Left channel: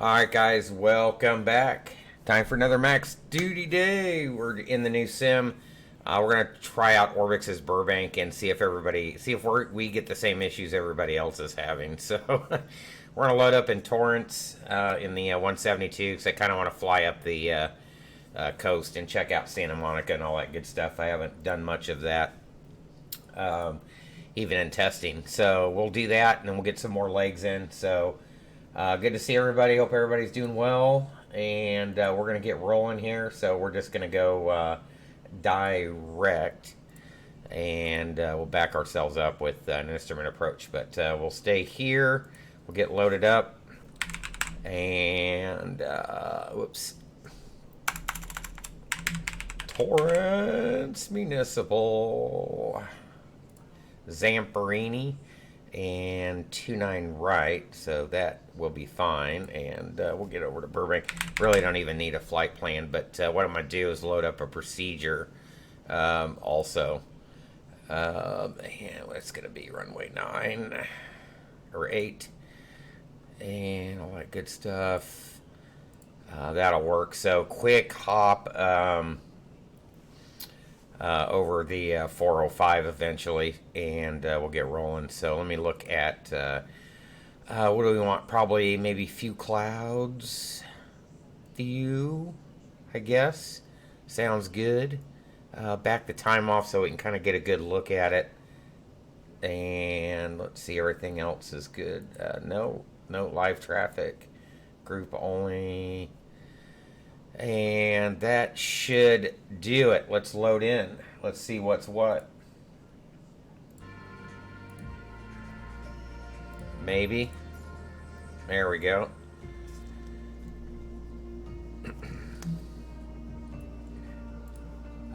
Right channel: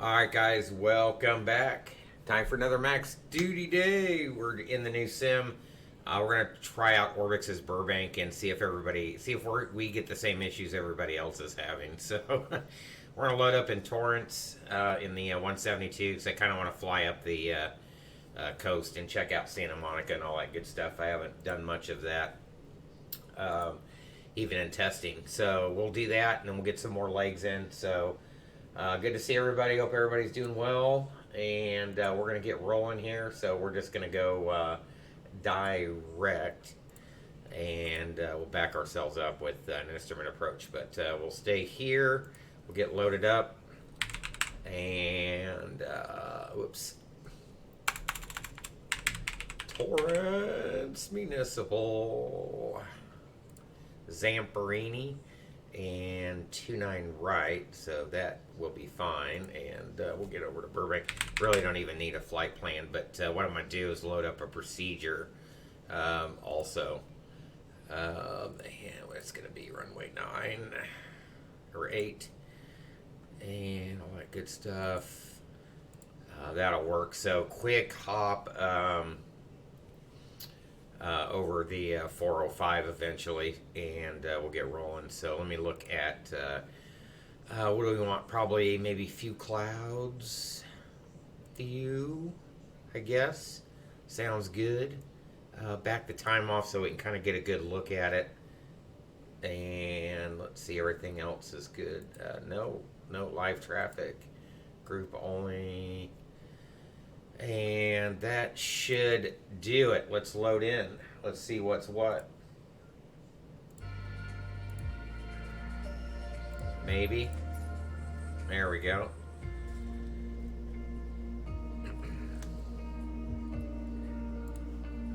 Alright guys, welcome back. Time for another max duty day. We're in the new sim. We're gonna try out Orbx's Burbank and see if we get the same issues everybody else is having. So we're gonna load up in Torrance in the 172 because I kind of want to fly up the coast and check out Santa Monica and all that good stuff. I haven't done much of that, even in testing. So we'll do that and then we'll get some more legs in. So. Good to see everybody. Hope everybody's doing well. And we're going to get rolling here. So we're just going to go direct. And we'll back ourselves up with an instrument approach. But we'll stay here. We'll get loaded up. And, whoops. Torrance Municipal. Zamperini. And 29 right, so that will be fine, and we'll get over to Burbank. Really don't even need a flight plan, but what I'm going to do is load up a procedure also. And it's going to be runway 9 or 8 and all that good stuff. That'll work. So quick hop over the 405 eventually, and we'll get rolling. So let me look at what do we want? Probably maybe few clouds view, I guess. Sounds good. Back the time off so we can kind of get a good look at it. And let's see, everything else is good. No live traffic, group only. And that should do it. Let's load in. Let's see what's what. Maybe. There we go.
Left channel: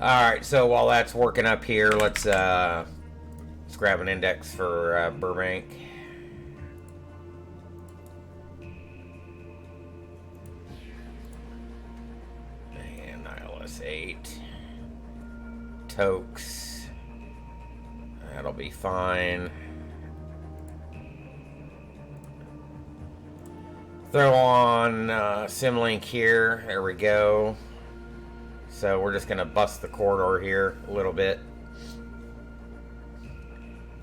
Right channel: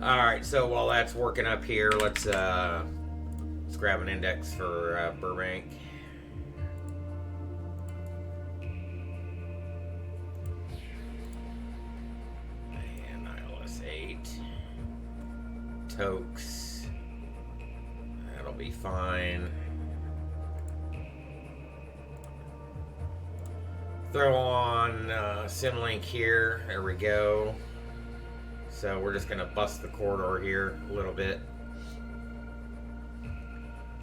Alright, so while that's working up here, let's grab an index for Burbank. And 8. Tokes. That'll be fine. Throw on Simlink here. There we go. So we're just going to bust the corridor here a little bit.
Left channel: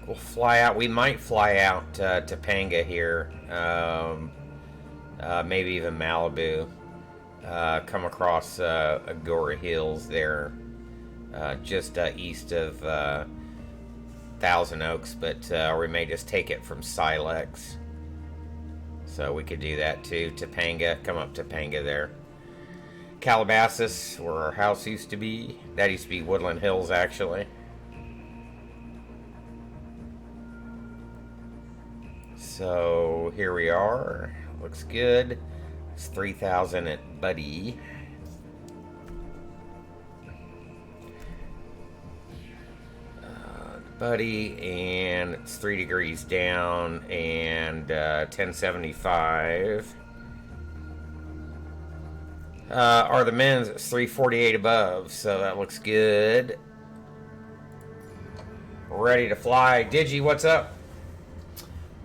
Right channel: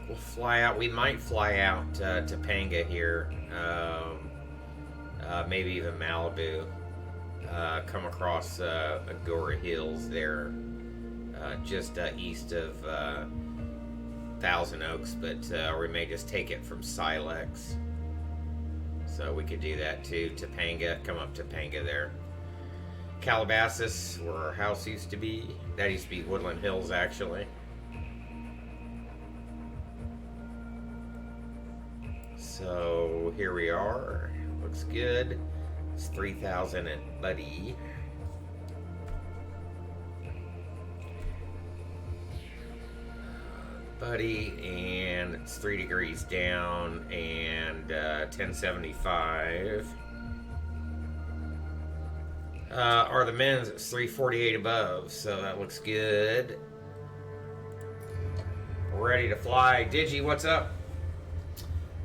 We'll fly out. We might fly out to Topanga here. Maybe even Malibu. Come across Agora Hills there, just east of Thousand Oaks, but we may just take it from Silex. So we could do that too. Topanga, come up Topanga there. Calabasas, where our house used to be. That used to be Woodland Hills, actually. So here we are. Looks good. It's 3,000 at Buddy. And it's 3 degrees down and 1075. Are the men's? It's 348 above, so that looks good. Ready to fly. Digi, what's up?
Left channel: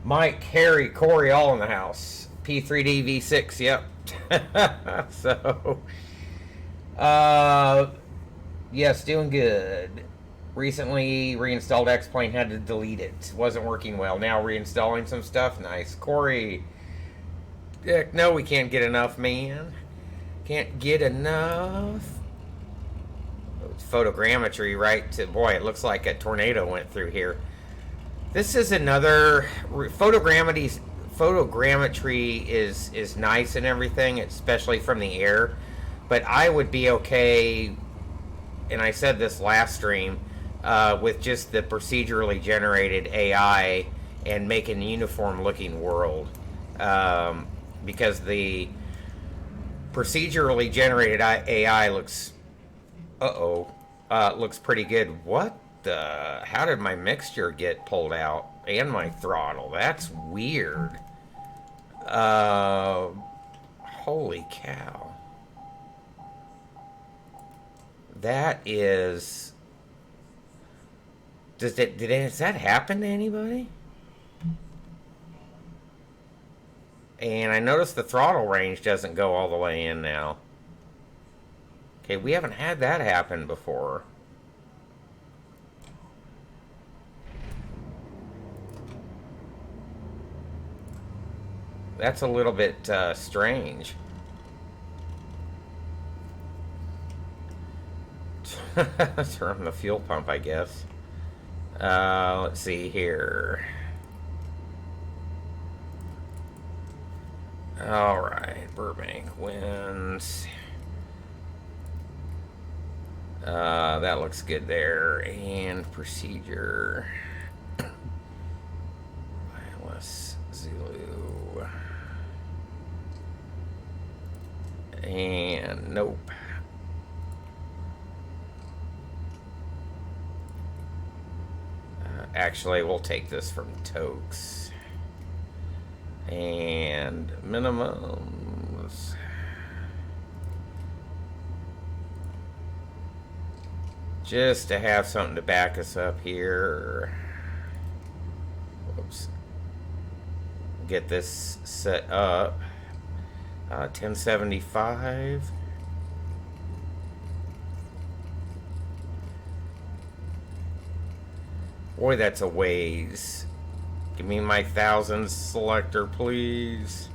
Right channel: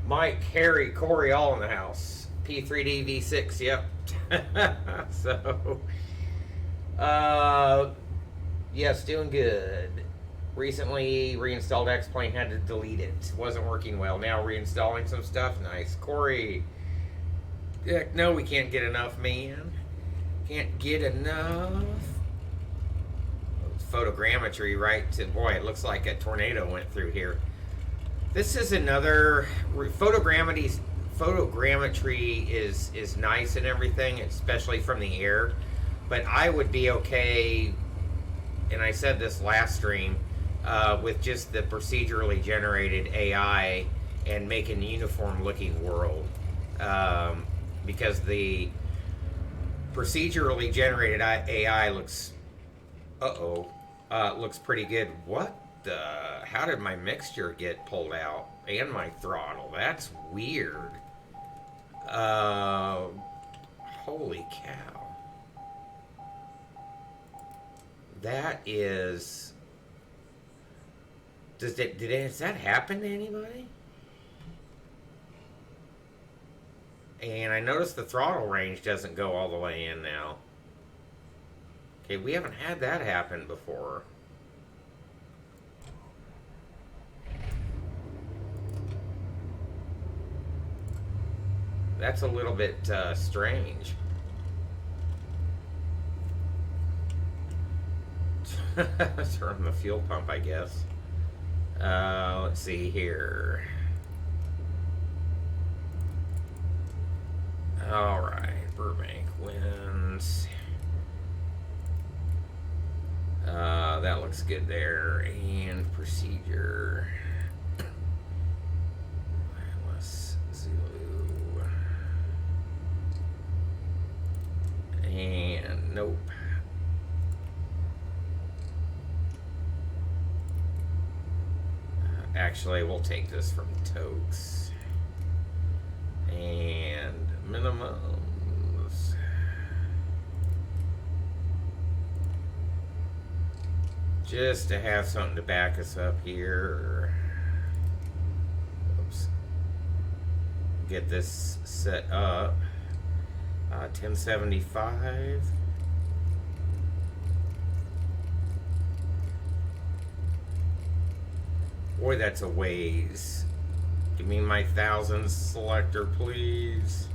Mike, Harry, Corey, all in the house. P3D V6, yep. So, yes, doing good. Recently reinstalled X-Plane, had to delete it. Wasn't working well. Now reinstalling some stuff. Nice. Corey, heck no, we can't get enough, man. Can't get enough. Photogrammetry, right? Boy, it looks like a tornado went through here. This is another photogrammetry is nice and everything, especially from the air. But I would be okay, and I said this last stream, with just the procedurally generated AI and making a uniform looking world. Because the procedurally generated AI looks, looks pretty good. What the? How did my mixture get pulled out? And my throttle? That's weird. Holy cow. That is... Does that happen to anybody? And I noticed the throttle range doesn't go all the way in now. Okay, we haven't had that happen before. That's a little bit strange. Turn the fuel pump, I guess. Let's see here. Alright, Burbank winds. That looks good there. And procedure. Wireless Zulu. And nope. Actually, we'll take this from Tokes. And minimums. Just to have something to back us up here. Oops. Get this set up. 1075. Boy, that's a ways. Give me my 1000 selector, please.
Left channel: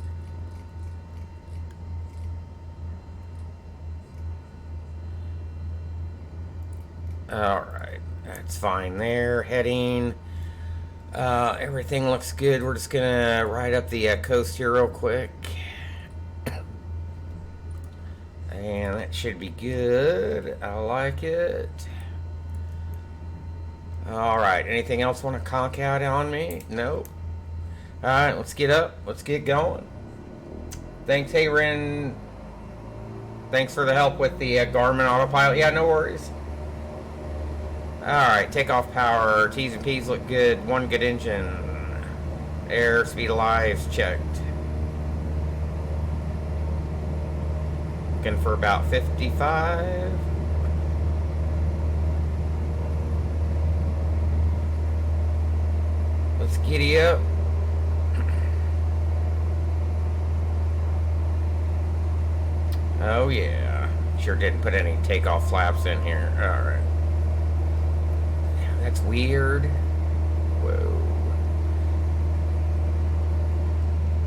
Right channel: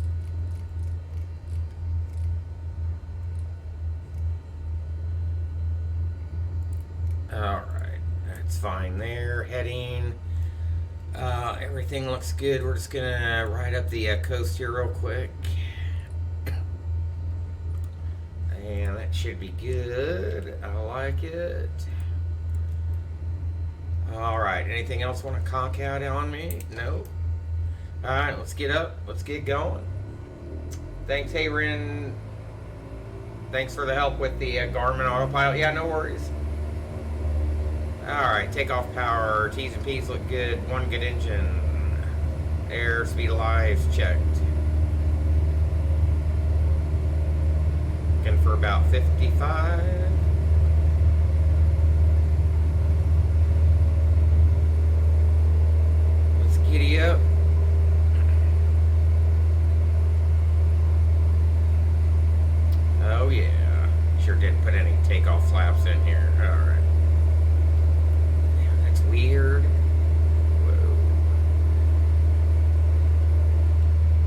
Alright, that's fine there. Heading. Everything looks good. We're just gonna ride up the coast here real quick. And that should be good. I like it. Alright, anything else want to conk out on me? Nope. Alright, let's get up. Let's get going. Thanks, hey, Ren. Thanks for the help with the Garmin autopilot. Yeah, no worries. Alright, takeoff power. T's and P's look good. One good engine. Air, speed of lives checked. Looking for about 55. Let's giddy up. Oh yeah. Sure didn't put any takeoff flaps in here. Alright. That's weird. Whoa.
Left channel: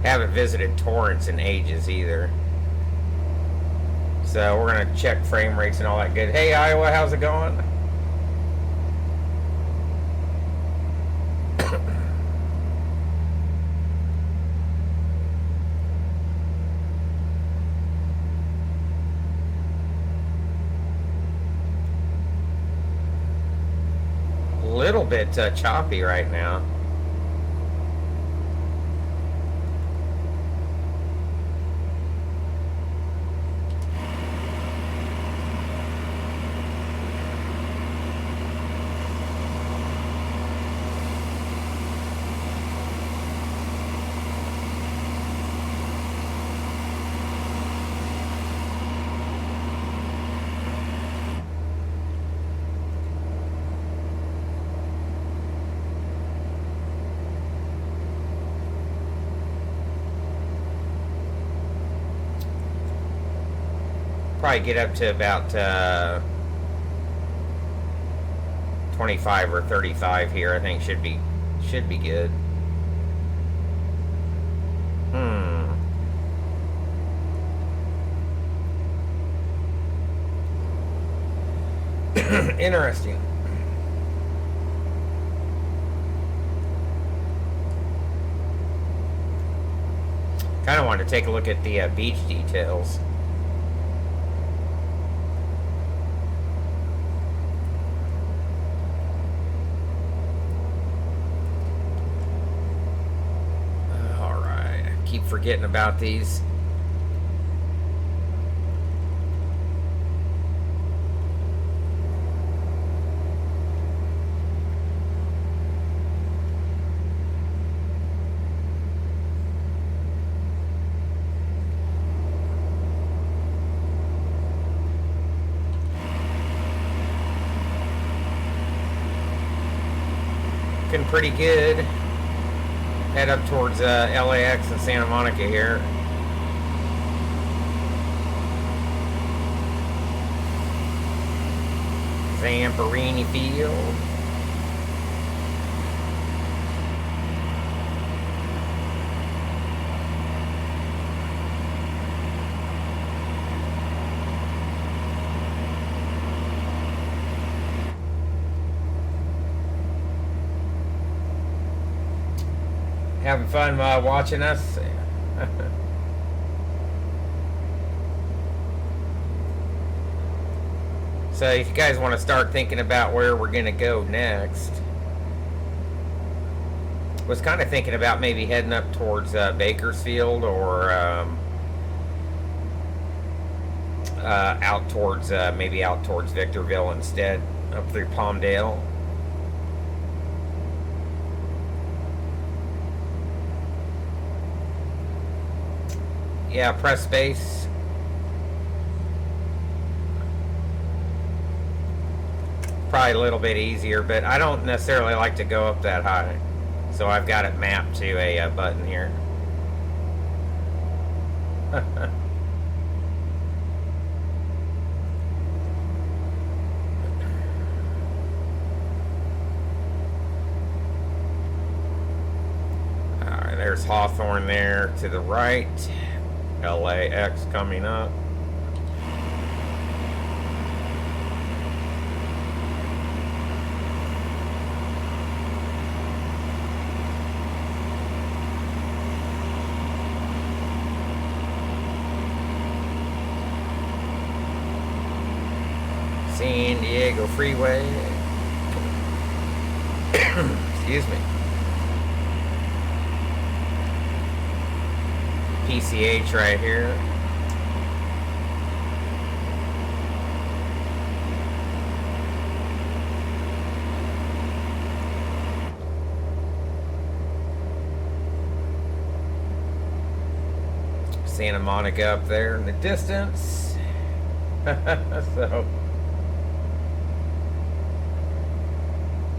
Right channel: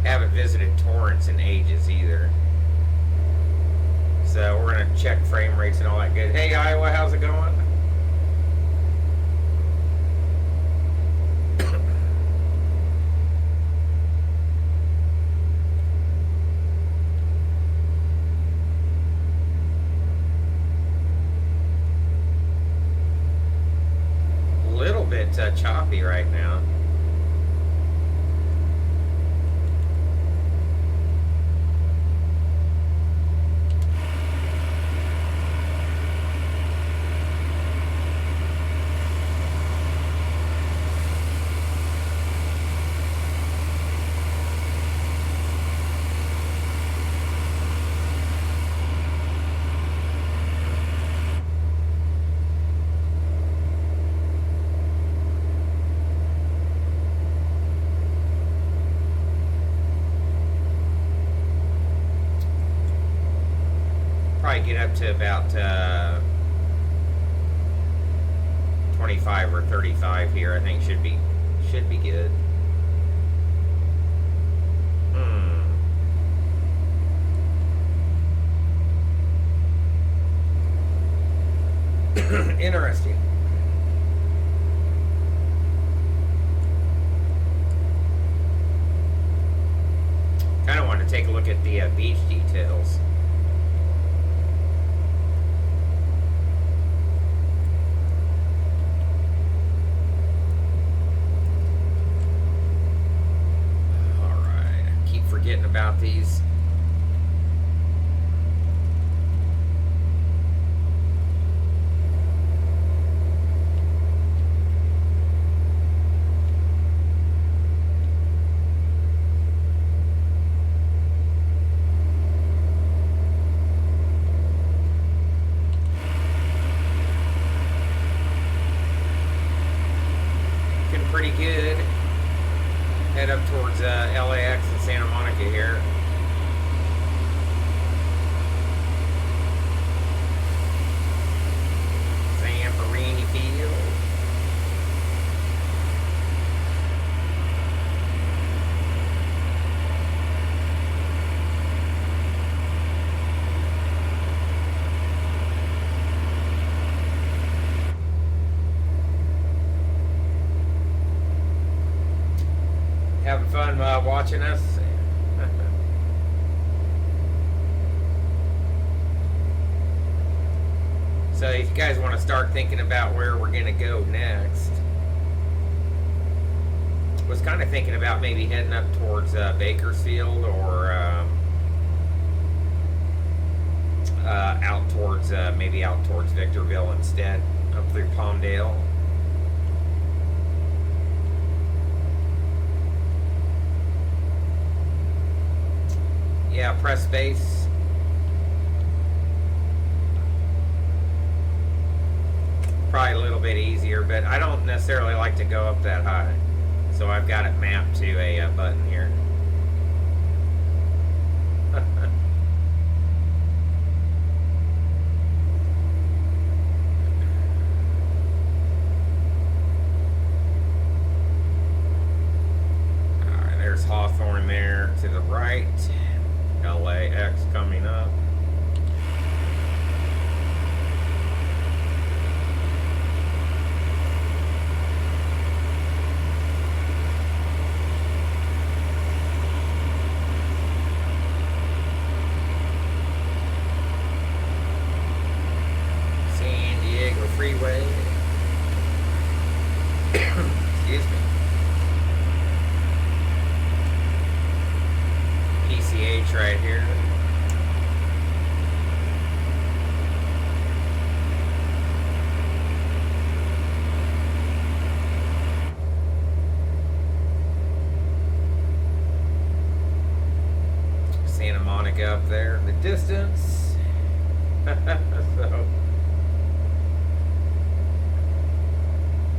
Haven't visited Torrance in ages either. So we're gonna check frame rates and all that good. Hey Iowa, how's it going? A little bit choppy right now. Get up to about 25 or 35 here. I think should be good. Interesting. Kind of want to take a look at the beach details. Forgetting about these. Looking pretty good. head up towards LAX and Santa Monica here. Zamperini Field. Having fun watching us? So if you guys want to start thinking about where we're going to go next, was kind of thinking about maybe heading up towards Bakersfield or maybe out towards Victorville instead, up through Palmdale. Yeah, press space. Probably a little bit easier, but I don't necessarily like to go up that high. So I've got it mapped to a button here. Alright, there's Hawthorne there to the right. LAX coming up. San Diego Freeway. Excuse me. PCH right here. Santa Monica up there in the distance. So,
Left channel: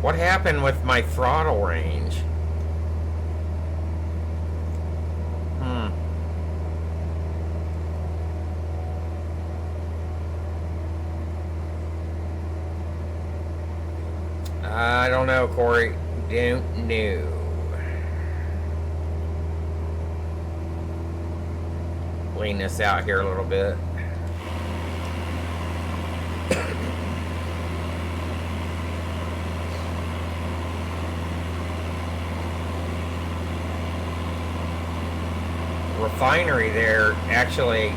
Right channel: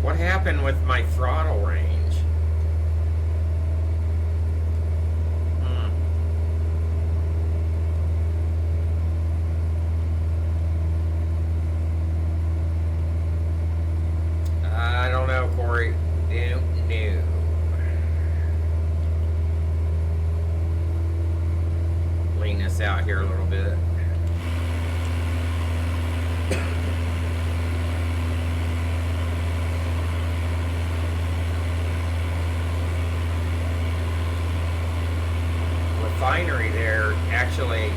what happened with my throttle range? I don't know, Corey. Don't know. Lean this out here a little bit. Refinery there actually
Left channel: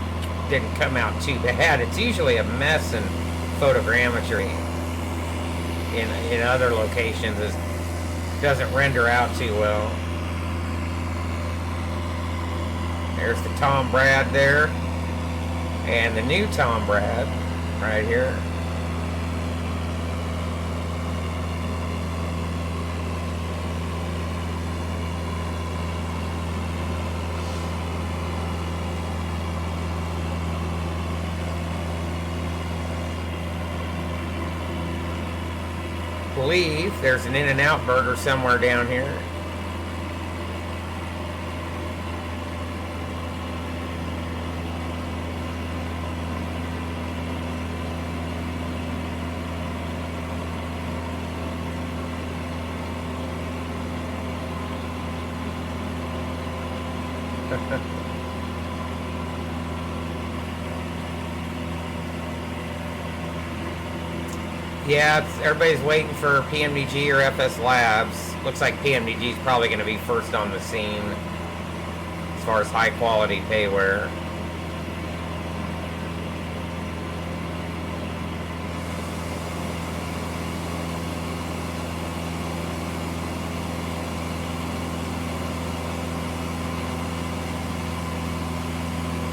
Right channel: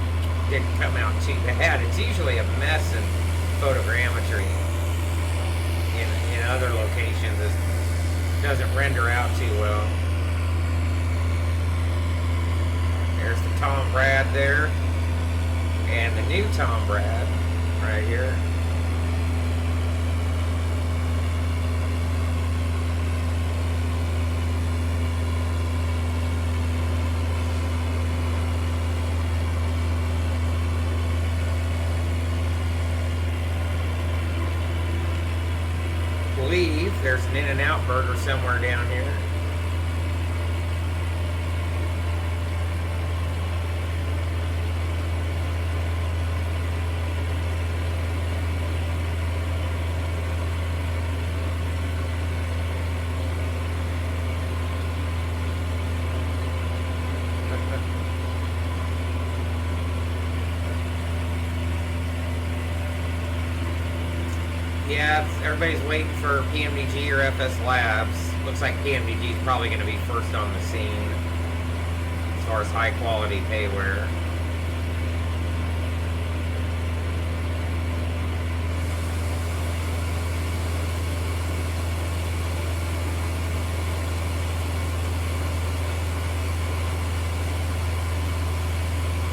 didn't come out too bad. It's usually a mess in photogrammetry. In other locations, it doesn't render out too well. There's the Tom Brad there, and the new Tom Brad right here. I believe there's an In-N-Out burger somewhere down here. Yeah, everybody's waiting for PMDG or FS Labs. Looks like PMDG is probably going to be first on the scene as far as high quality payware.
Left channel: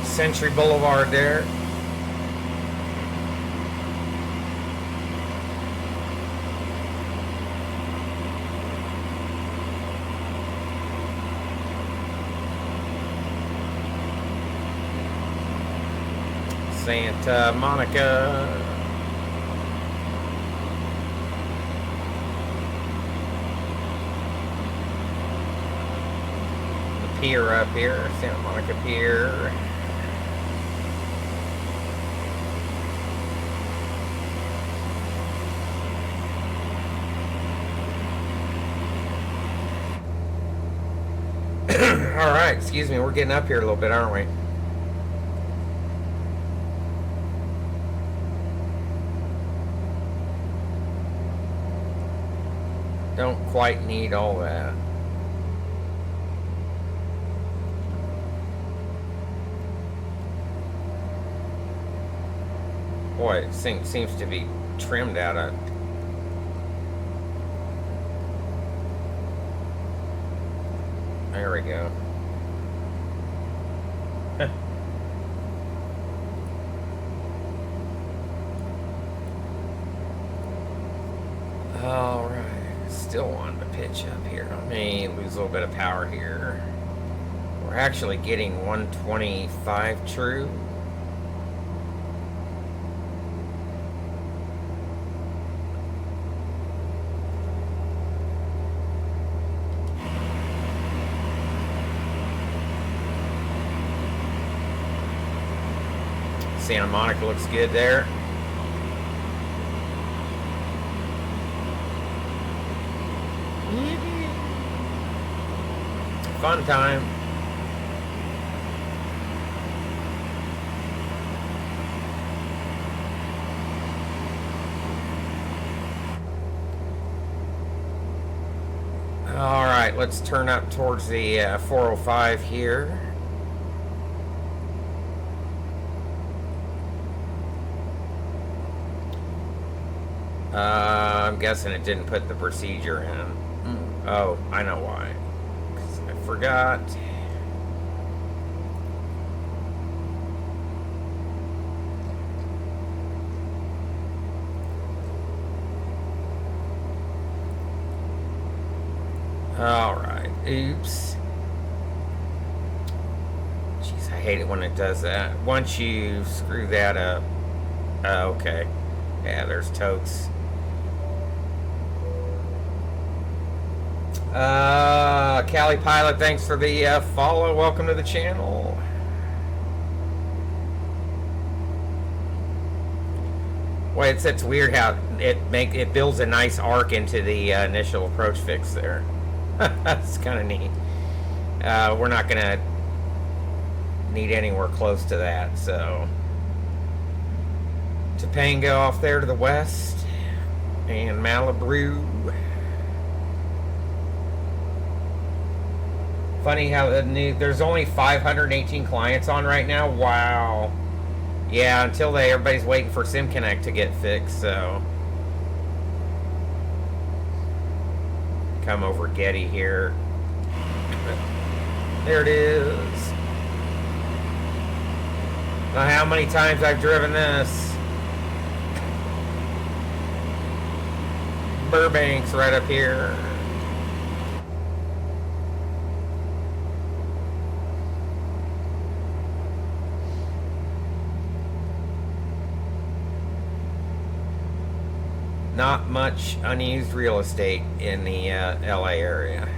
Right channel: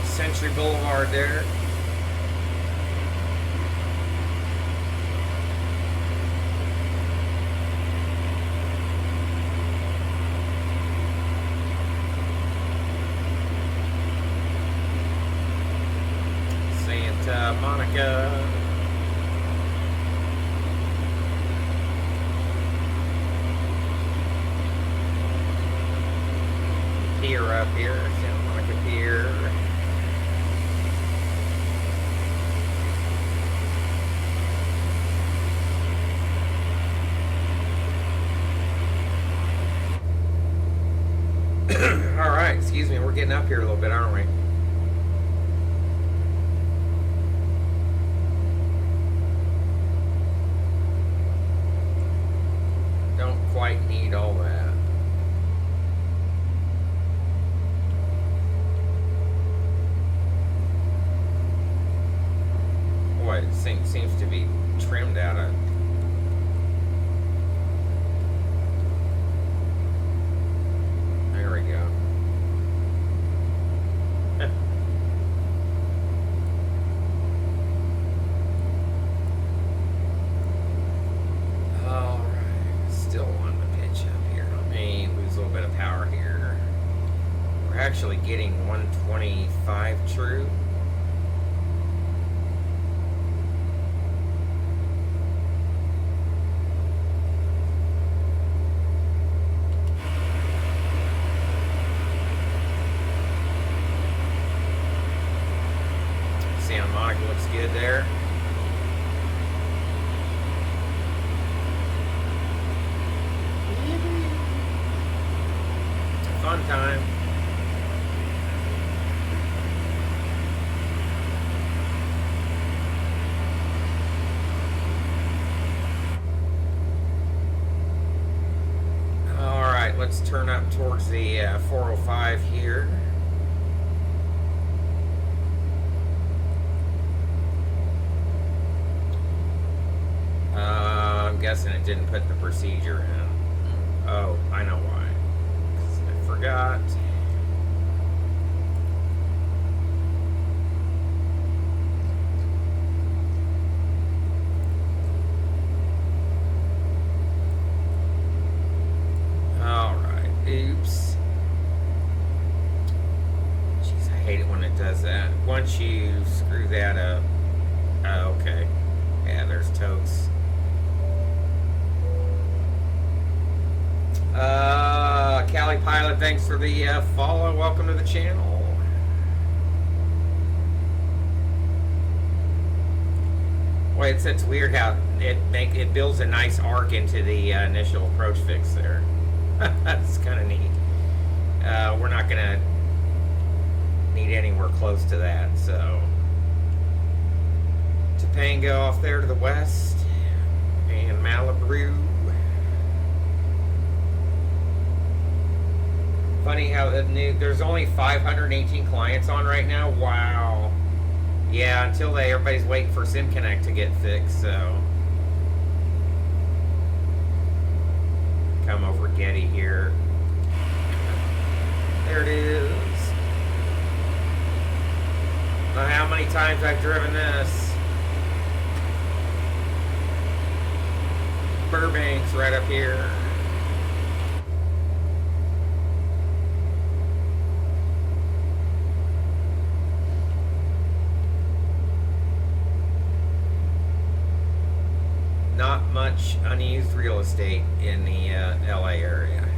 Century Boulevard there. Santa Monica. Pier up here, Santa Monica Pier. Alright, excuse me, we're getting up here a little bit, aren't we? Don't quite need all that. Boy, it seems to be trimmed out of. There we go. Alright, still wanting to pitch up here. Let me lose a little bit of power here. We're actually getting 125 true. Santa Monica looks good there. Fun time. All right, let's turn up towards the 405 here. I'm guessing it didn't put the procedure in. Oh, I know why. 'Cause I forgot. Alright, oops. Jeez, I hate it when it does that. Once you screw that up. Oh, okay. Yeah, there's totes. Cali Pilot, thanks for the follow. Welcome to the channel. Well, it's weird how it builds a nice arc into the initial approach fix there. That's kind of neat. We're not gonna need anywhere close to that, so Topanga off there to the west, and Malibu. Funny how there's only 518 clients on right now. Wow. Yeah, until everybody's waiting for SimConnect to get fixed, so. Come over Getty here. There it is. Now how many times I've driven this. Burbank's right up here. Not much unused real estate in the LA area.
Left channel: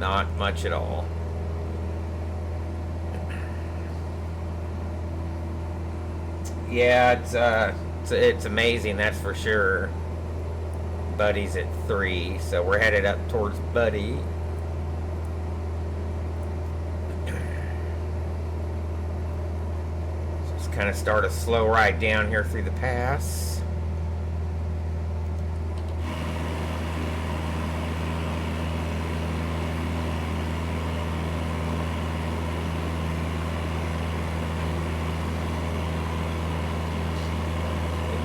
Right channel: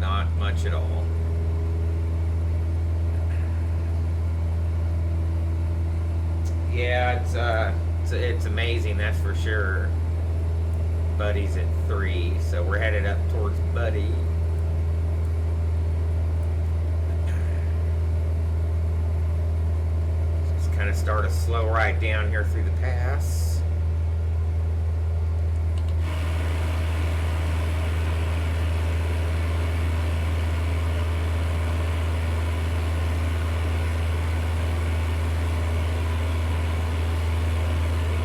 Not much at all. Yeah, it's amazing, that's for sure. Buddy's at 3, so we're headed up towards Buddy. Just kind of start a slow ride down here through the pass.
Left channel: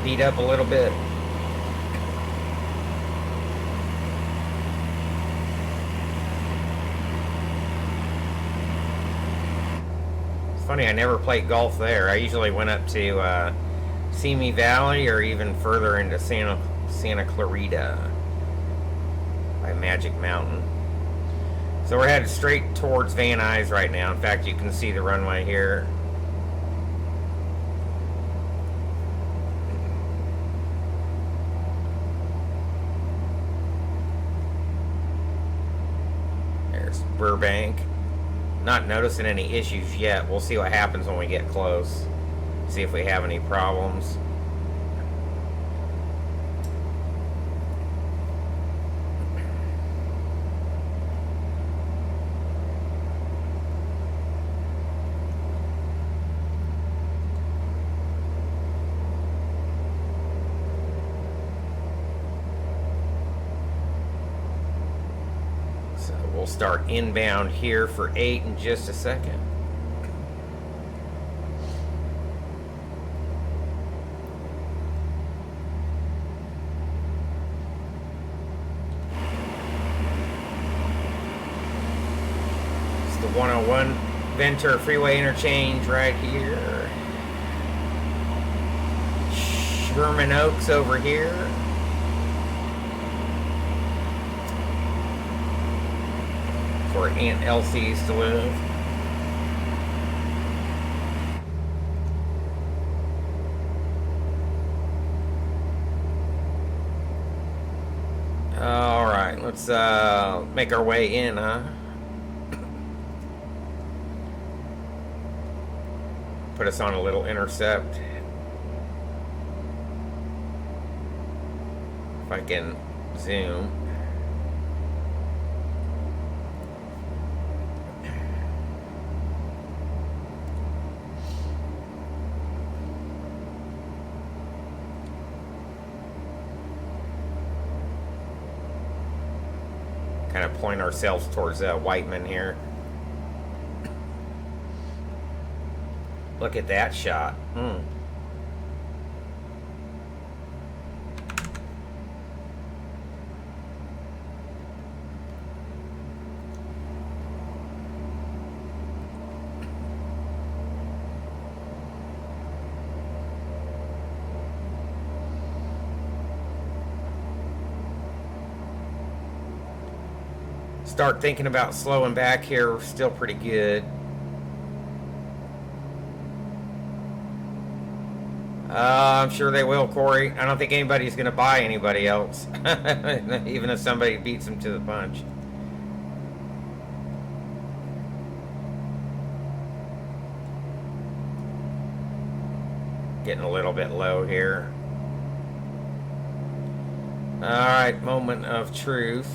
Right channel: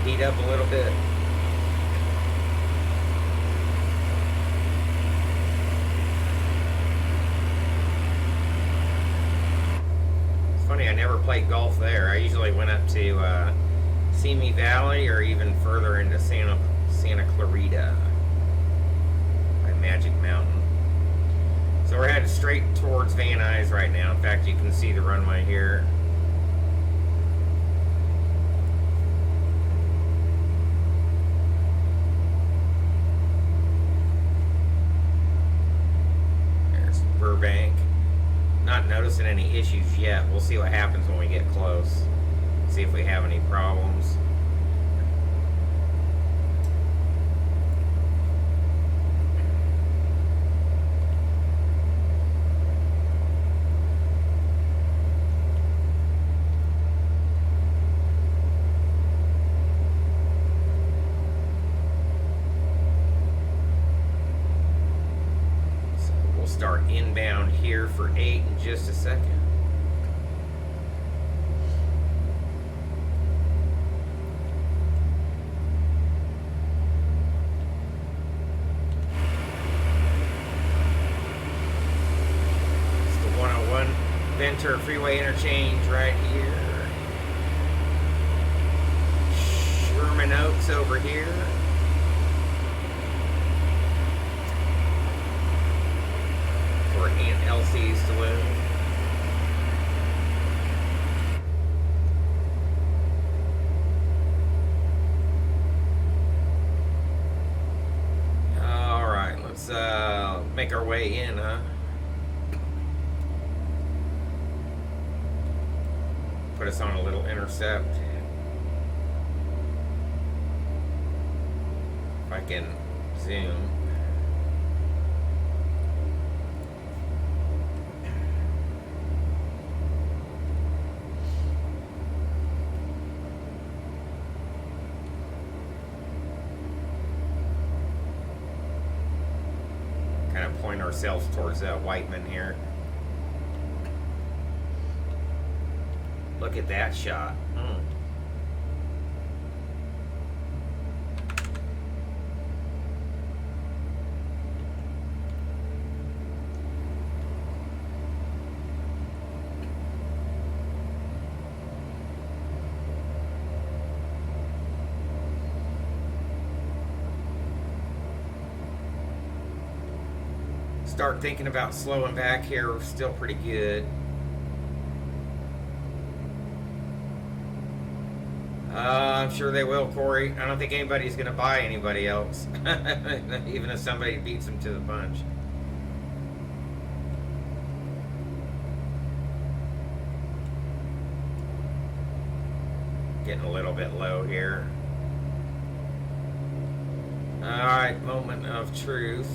Beat up a little bit. It's funny, I never played golf there. I usually went up to Simi Valley or even further into Santa Clarita by Magic Mountain. So we're headed straight towards Van Nuys right now. In fact, you can see the runway here. not noticing any issues yet. We'll see what happens when we get close. See if we have any problems. Start inbound here for 8 in just a second. It's the 101 Ventura Freeway Interchange right here. Sherman Oaks over here. Where Aunt Elsie used to live. Alright, let's make our way in, huh? Put us on a little intercept. If I can zoom. Point ourselves towards Whiteman here. Look at that shot. Start thinking about slowing back here. We're still pretty good. I'm sure they will, Corey. I don't think anybody's going to buy anybody else, even if somebody beats them to the punch. Getting a little bit low here. All right, moment of truth.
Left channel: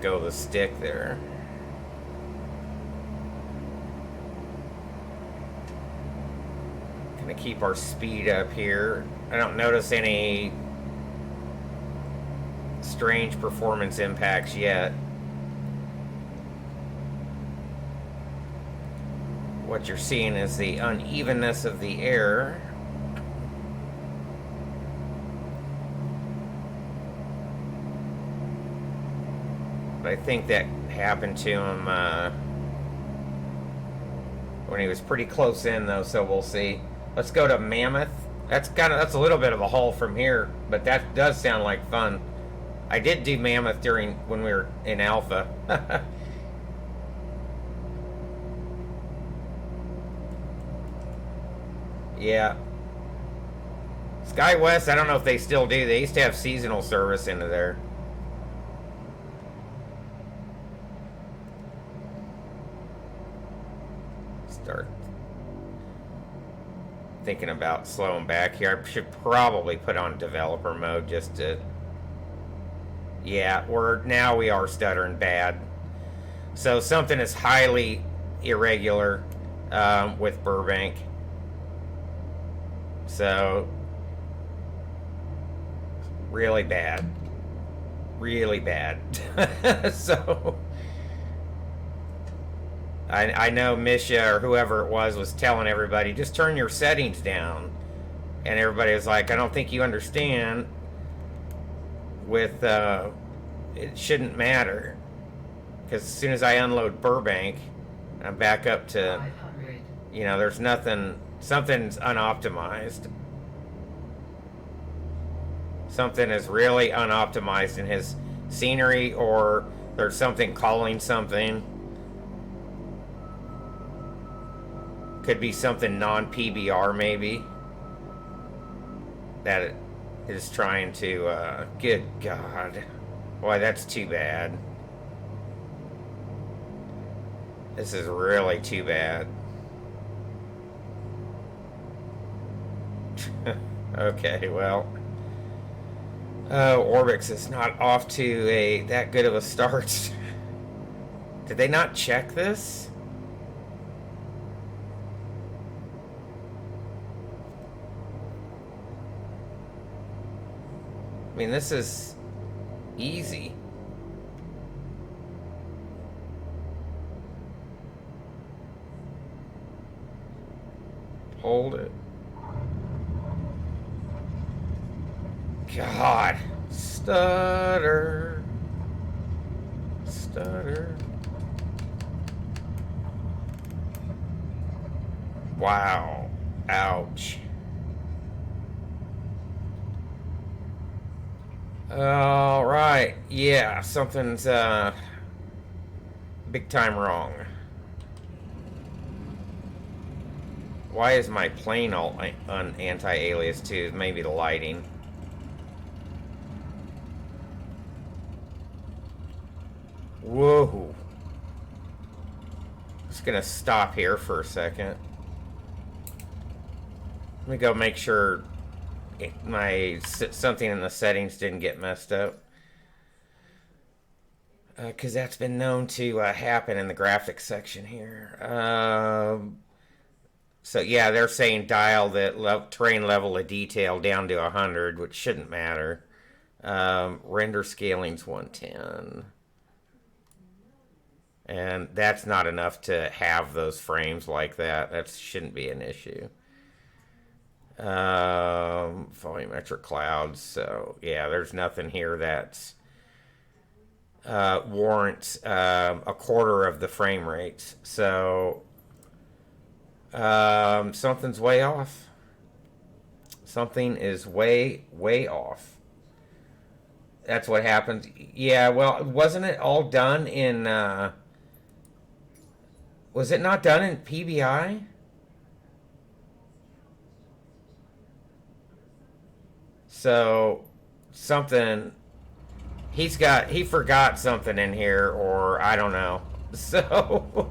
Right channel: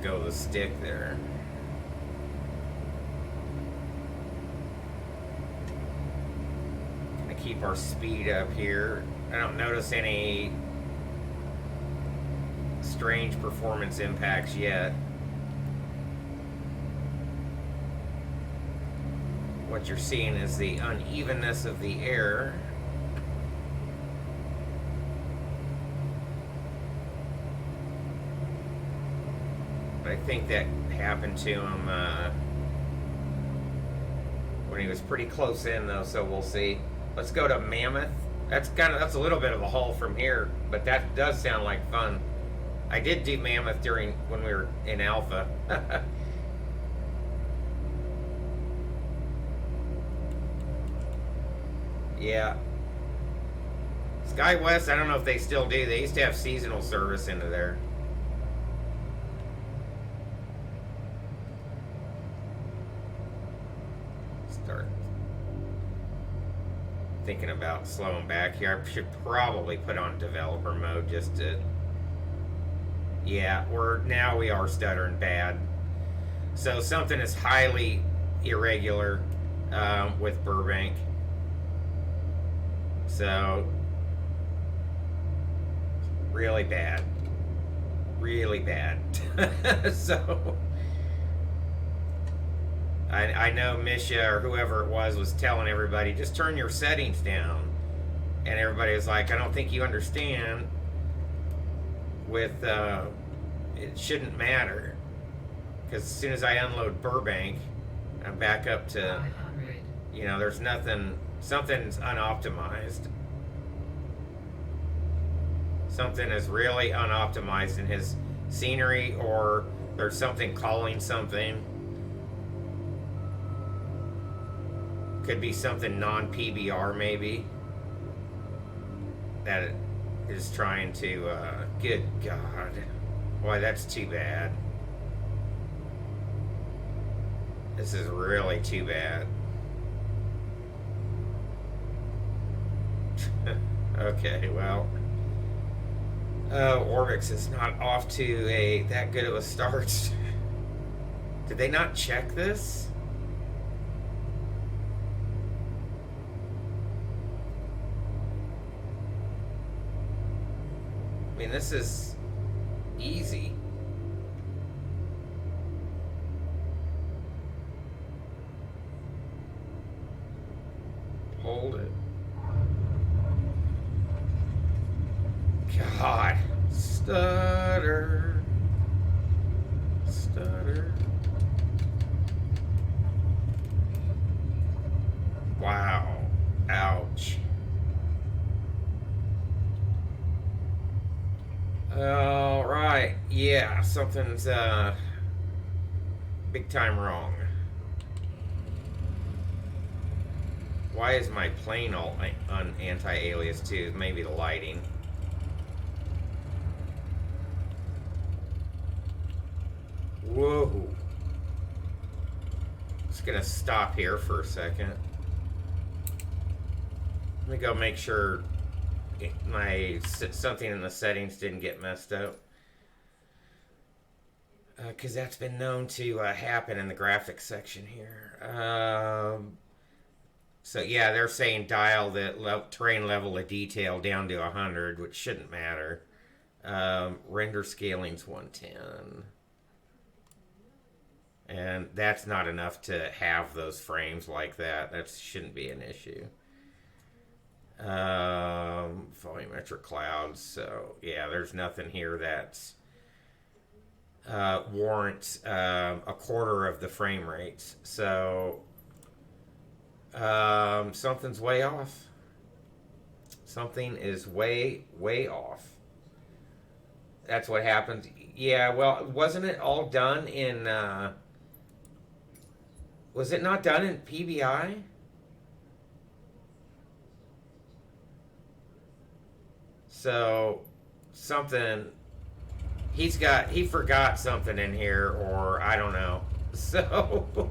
Go the stick there. Gonna keep our speed up here. I don't notice any strange performance impacts yet. What you're seeing is the unevenness of the air. I think that happened to him when he was pretty close in, though. So we'll see. Let's go to Mammoth. That's a little bit of a haul from here, but that does sound like fun. I did do Mammoth when we were in Alpha. Yeah. SkyWest, I don't know if they still do. They used to have seasonal service into there. Start thinking about slowing back here. I should probably put on developer mode just to... Yeah, we are stuttering bad. So something is highly irregular with Burbank. So really bad. Really bad. So I know Misha or whoever it was telling everybody, just turn your settings down. And everybody was like, I don't think you understand. With it shouldn't matter, because as soon as I unload Burbank, I'm back up to, there's nothing, something's unoptimized. Something is really unoptimized in his scenery, or there's something calling something. Could be something non-PBR maybe. That it is trying to, good God. Boy, that's too bad. This is really too bad. Okay, well. Orbx is not off to that good of a start. Did they not check this? I mean, this is easy. Hold it. God. Stutter. Stutter. Wow. Ouch. All right. Yeah, something's big time wrong. Why is my plane all on anti-alias too? Maybe the lighting. Whoa. Just gonna stop here for a second. Let me go make sure something in the settings didn't get messed up. Because that's been known to happen in the graphics section here. So yeah, they're saying dial the terrain level of detail down to 100, which shouldn't matter. Render scaling's 110. And that's not enough to have those frames like that. That shouldn't be an issue. Volumetric clouds. So yeah, there's nothing here that's warrants a quarter of the frame rates. So something's way off. Something is way off. That's what happens. Yeah, well, wasn't it all done in was it not done in PBI? So something he forgot something in here, or I don't know. So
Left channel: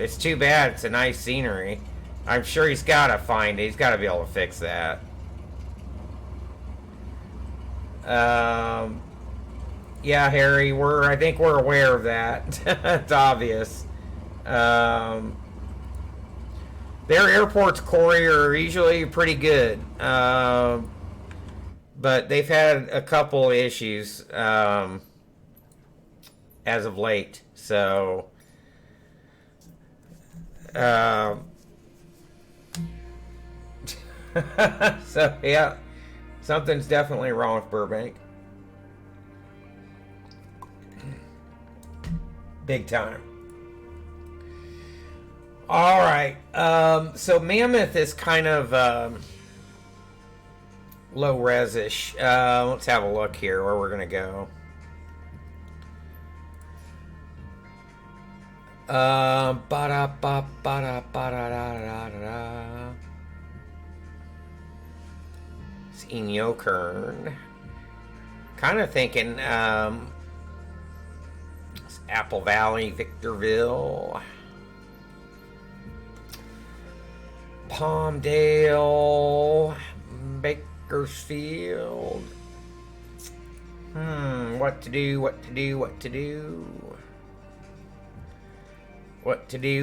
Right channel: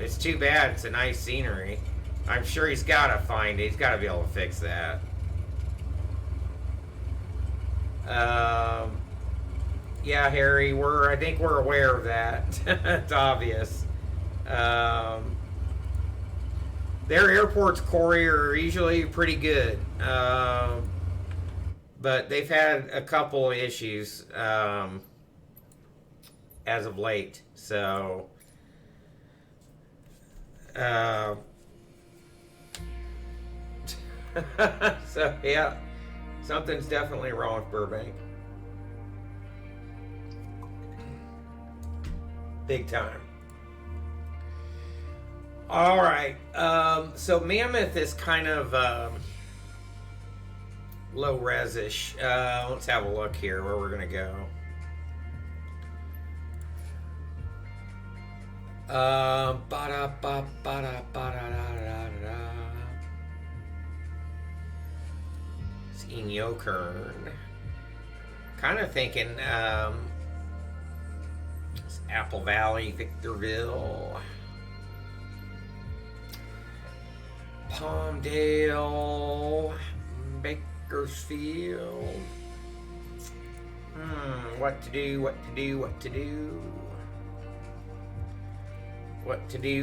it's too bad. It's a nice scenery. I'm sure he's got to find it. He's got to be able to fix that. Yeah, Harry, I think we're aware of that. It's obvious. Their airports, Corey, are usually pretty good. But they've had a couple issues as of late. So so yeah, something's definitely wrong with Burbank. Big time. All right. So Mammoth is kind of low res-ish. Let's have a look here where we're gonna go. It's Inyokern. Kind of thinking it's Apple Valley, Victorville, Palmdale, Bakersfield. What to do,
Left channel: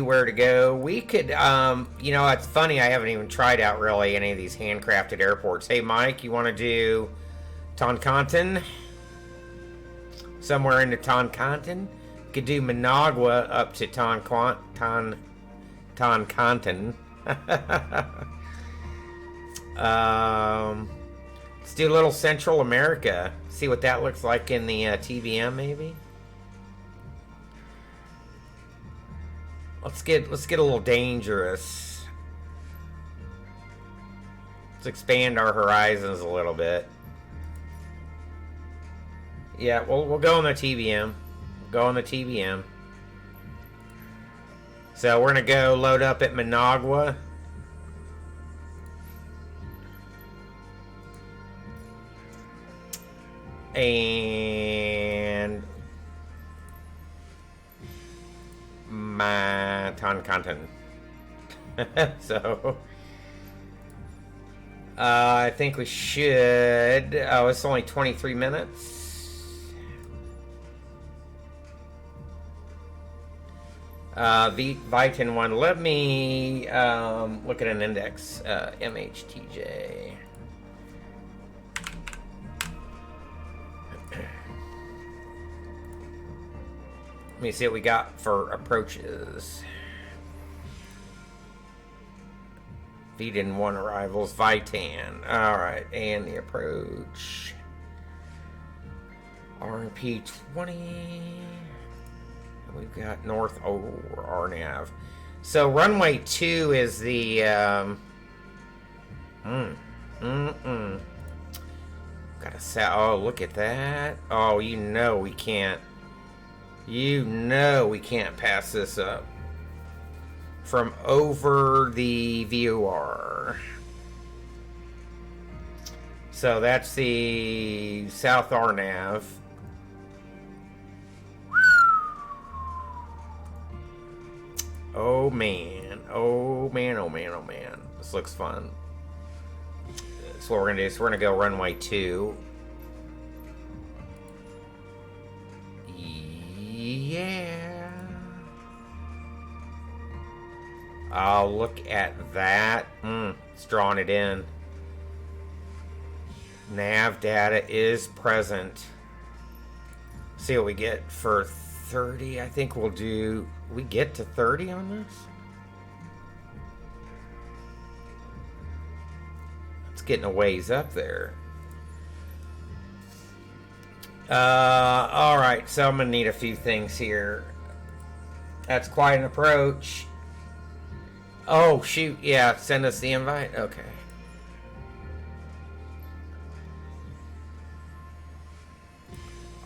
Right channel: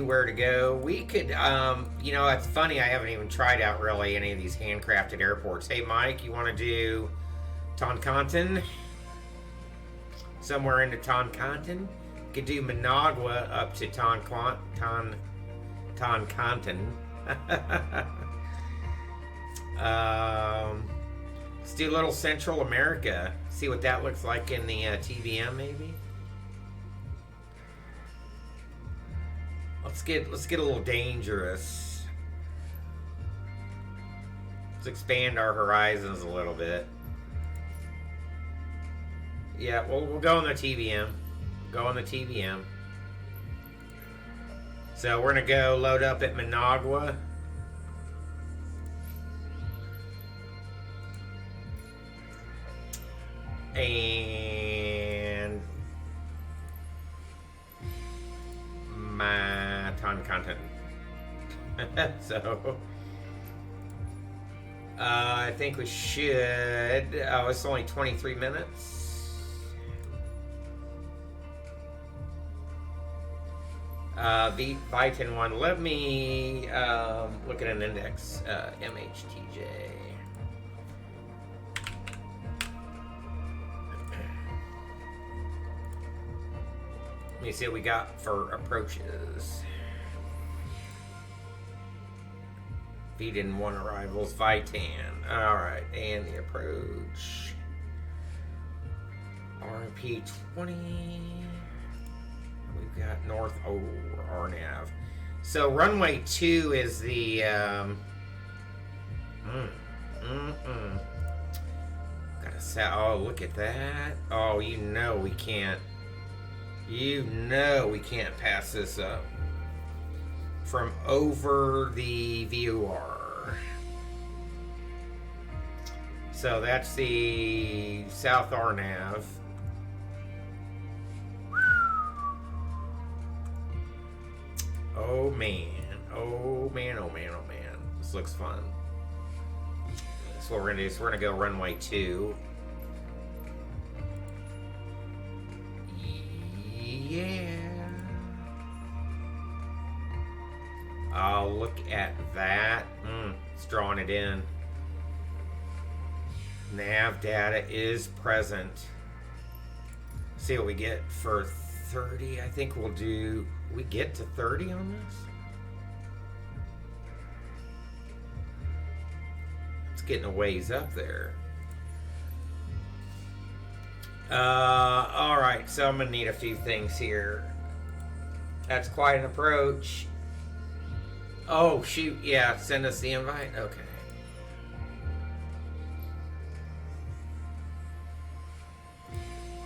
where to go. We could, it's funny, I haven't even tried out really any of these handcrafted airports. Hey, Mike, you want to do Toncontin? Somewhere into Toncontin? Could do Managua up to Toncontin. Let's do a little Central America. See what that looks like in the TVM, maybe. Let's get a little dangerous. Let's expand our horizons a little bit. Yeah, we'll go on the TVM. So we're going to go load up at Managua. And my ton content. So I think we should. Oh, it's only 23 minutes. The Vitan one. Let me look at an index. MHTJ. Let me see what we got for approaches. Feed-in 1 arrivals. Vitan. Alright, and the approach. RP 20. We've got north over RNAV. So runway 2 is the gotta say, oh, look at that. Oh, you know we can't pass this up from over the VOR. So that's the South RNAV. Oh man, oh man, oh man, oh man. This looks fun. So what we're gonna do is we're gonna go runway 2. Yeah. Oh, look at that. It's drawing it in. Nav data is present. See what we get for 30. I think we'll do. We get to 30 on this? It's getting a ways up there. Alright, so I'm gonna need a few things here. That's quite an approach. Oh, shoot, yeah, send us the invite? Okay.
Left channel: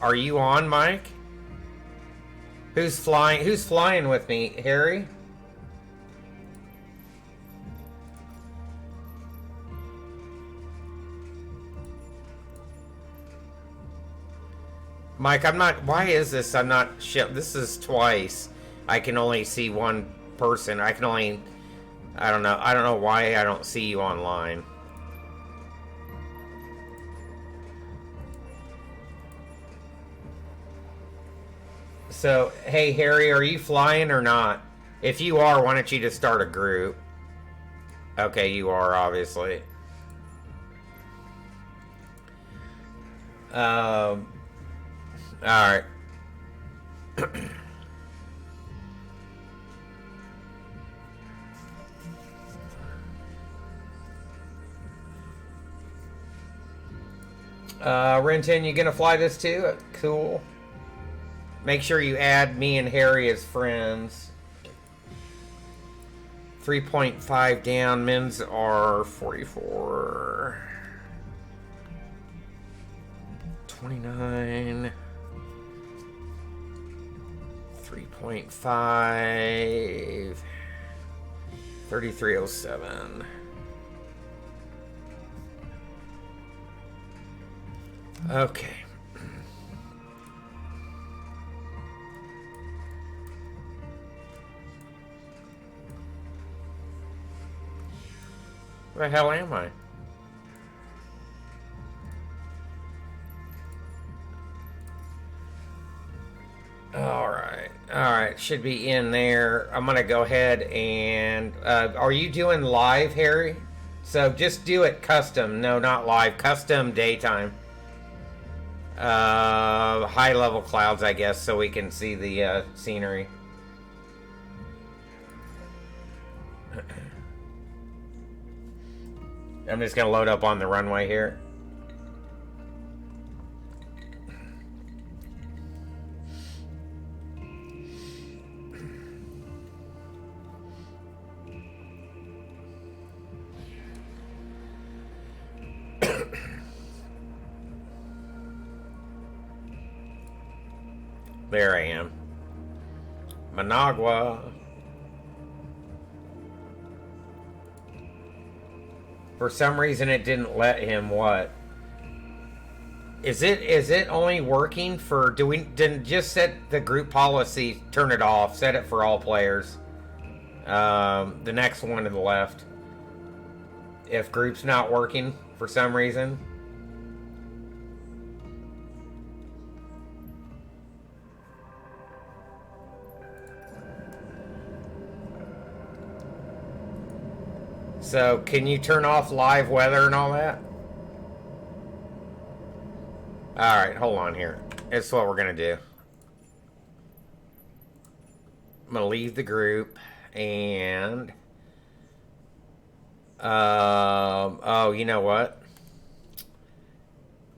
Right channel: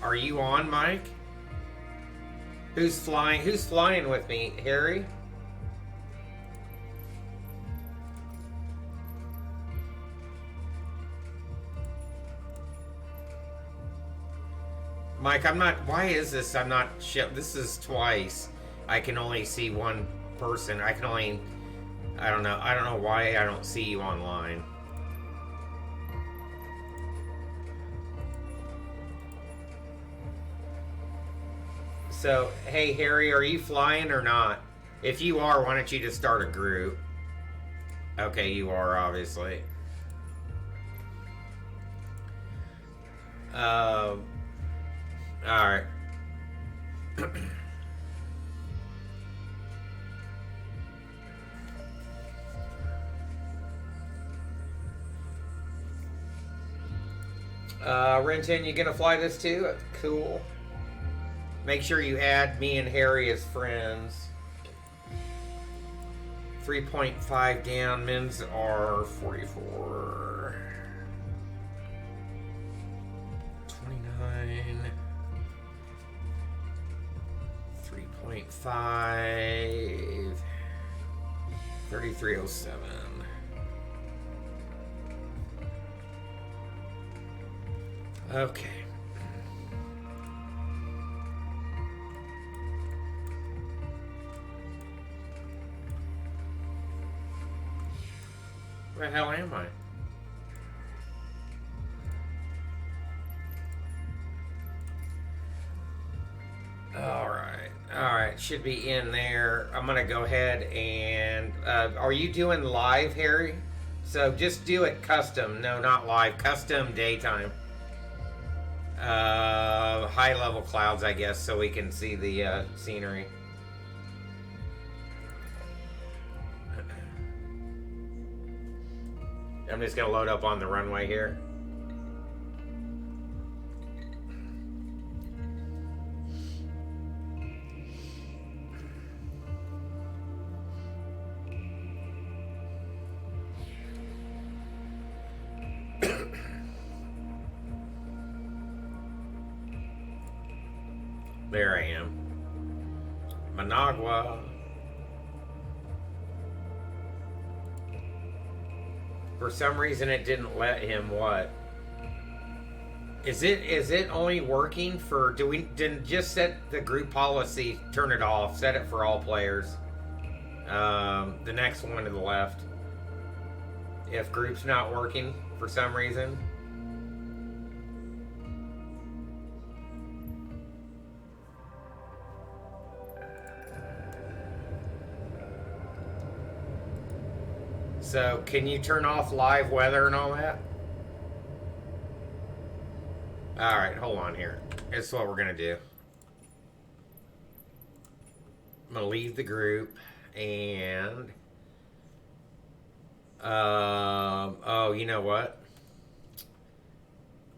Are you on, Mike? Who's flying? Who's flying with me? Harry? Mike, I'm not. Why is this? I'm not. This is twice. I can only see one person. I can only. I don't know. I don't know why I don't see you online. So, hey, Harry, are you flying or not? If you are, why don't you just start a group? Okay, you are, obviously. Alright. Renton, you gonna fly this too? Cool. Make sure you add me and Harry as friends. 3.5 down. Men's are 44. 29. 3.5. 3307. Okay. Where the hell am I? Alright, should be in there. I'm gonna go ahead and are you doing live, Harry? So just do it custom. No, not live. Custom daytime. High level clouds, I guess, so we can see the scenery. I'm just gonna load up on the runway here. There I am. Managua. For some reason, it didn't let him what? Is it only working for? Didn't just set the group policy? Turn it off. Set it for all players. The next one to the left. If group's not working for some reason. So, can you turn off live weather and all that? Alright, hold on here. This is what we're going to do. I'm going to leave the group and... oh, you know what?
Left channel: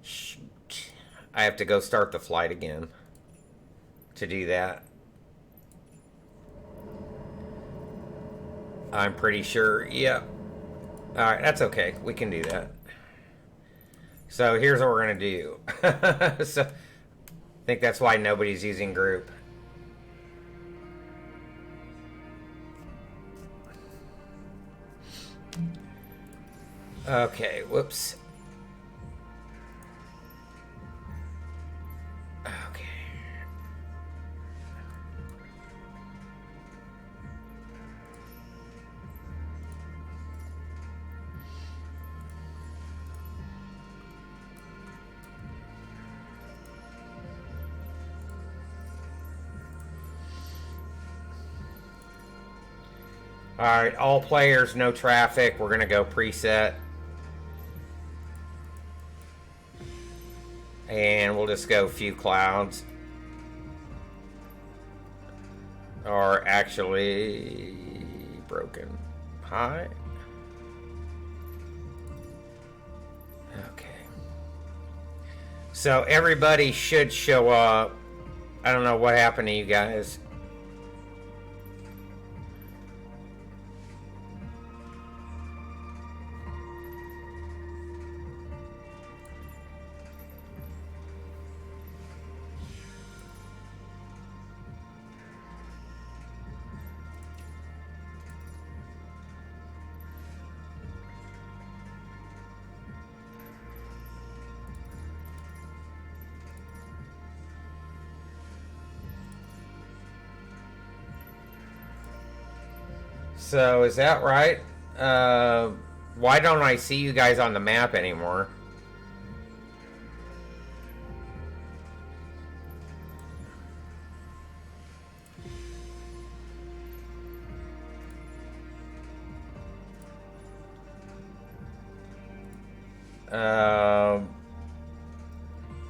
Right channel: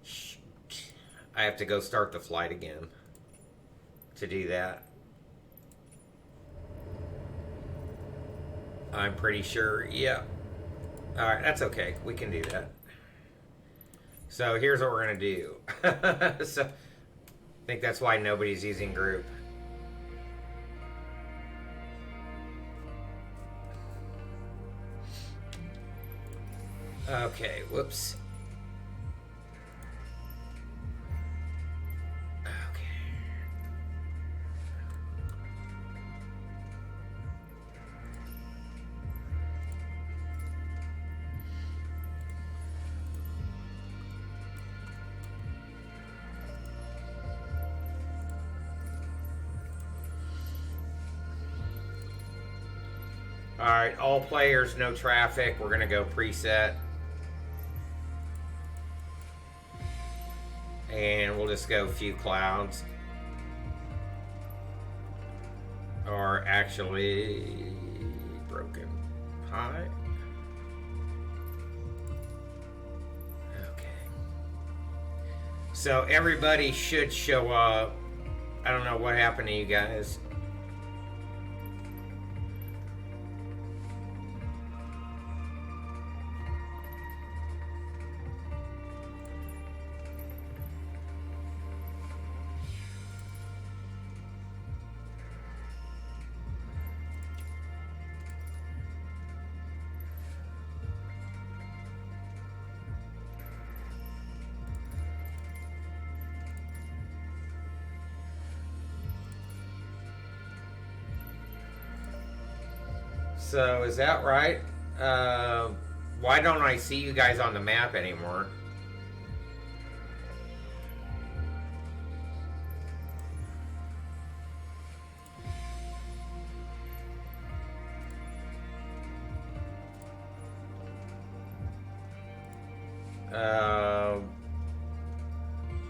Shoot. I have to go start the flight again to do that. I'm pretty sure, yeah. Alright, that's okay. We can do that. So here's what we're going to do. So, I think that's why nobody's using group. Okay, whoops. Okay. Alright, all players, no traffic. We're going to go preset. And we'll just go few clouds. Or actually, broken high. Okay. So everybody should show up. I don't know what happened to you guys. So, is that right? Why don't I see you guys on the map anymore?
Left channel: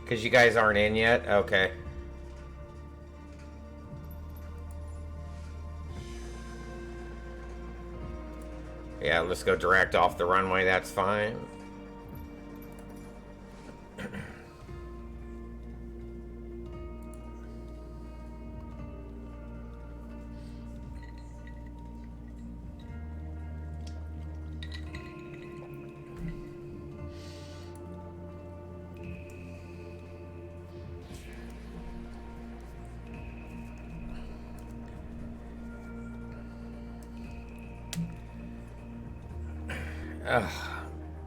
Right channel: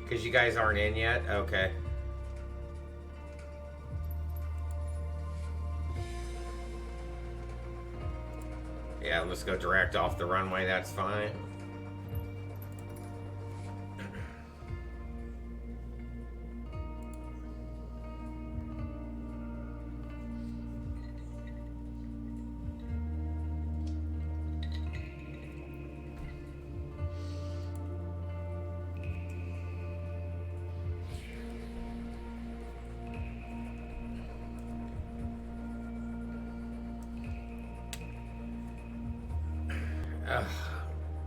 Because you guys aren't in yet? Okay. Yeah, let's go direct off the runway, that's fine.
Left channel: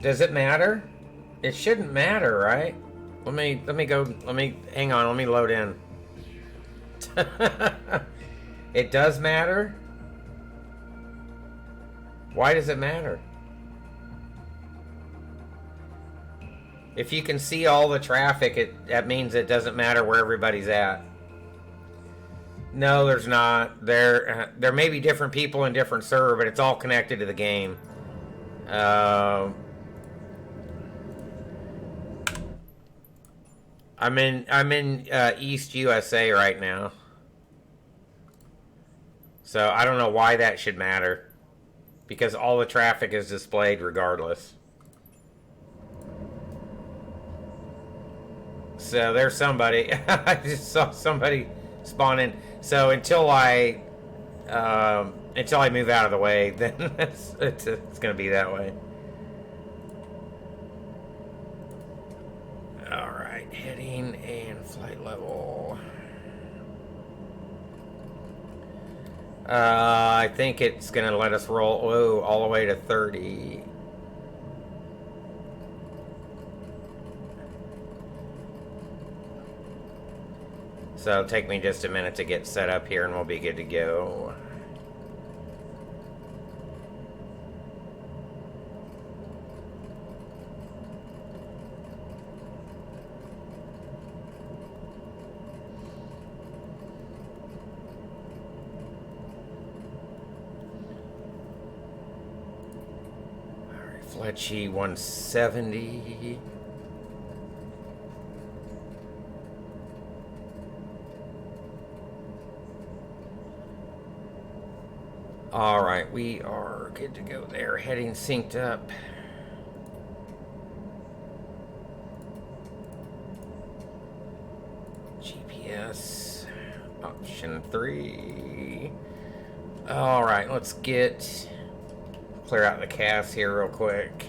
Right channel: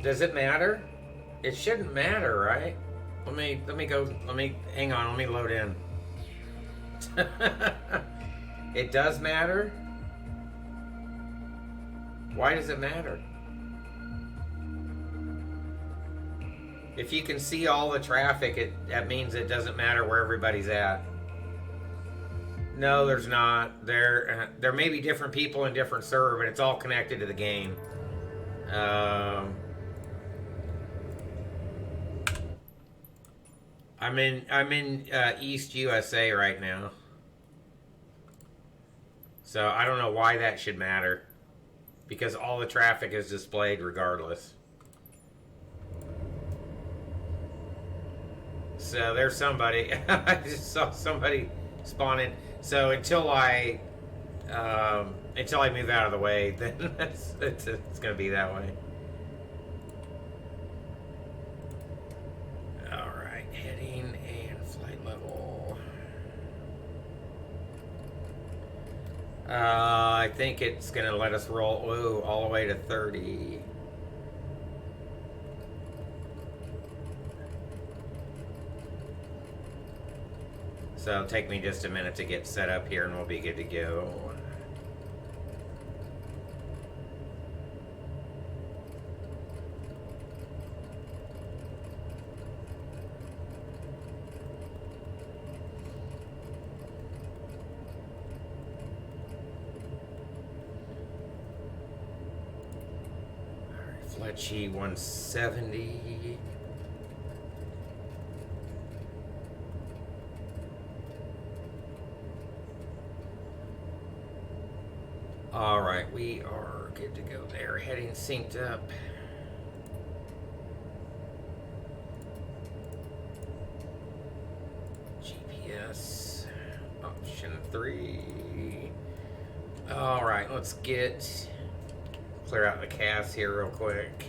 Does it matter? It shouldn't matter, right? Let me hang on, let me load in. It does matter? Why does it matter? If you can see all the traffic, that means it doesn't matter where everybody's at. No, there's not. There may be different people in different server, but it's all connected to the game. I'm in East USA right now, so I don't know why that should matter, because all the traffic is displayed regardless. So there's somebody. I just saw somebody spawn in. So until I move out of the way, then it's gonna be that way. Alright, heading and flight level. I think it's gonna let us roll all the way to 30. So it'll take me just a minute to get set up here and we'll be good to go. Fletchy 170. Alright, we are good to go there. Heading synced up. GPS option 3. Alright, let's clear out the cast here real quick.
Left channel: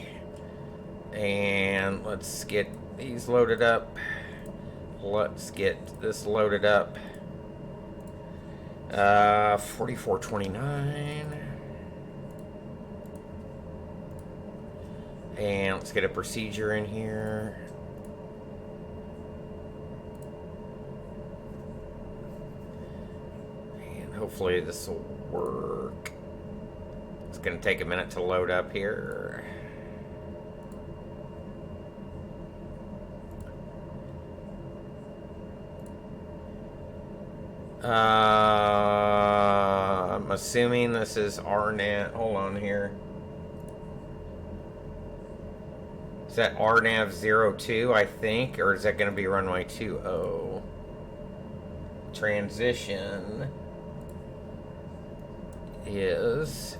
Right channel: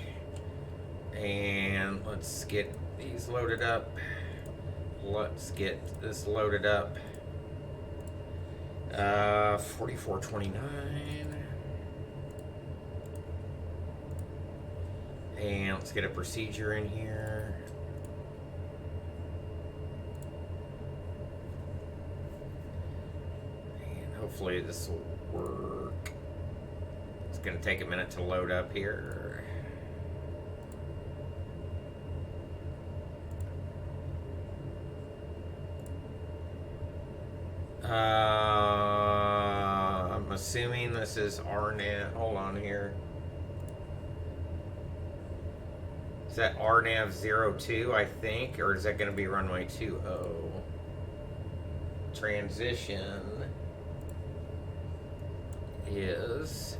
And let's get these loaded up. Let's get this loaded up. 4429. And let's get a procedure in here. And hopefully this will work. It's going to take a minute to load up here. I'm assuming this is RNAV. Hold on here. Is that RNAV 02, I think? Or is that going to be runway 20? Transition is...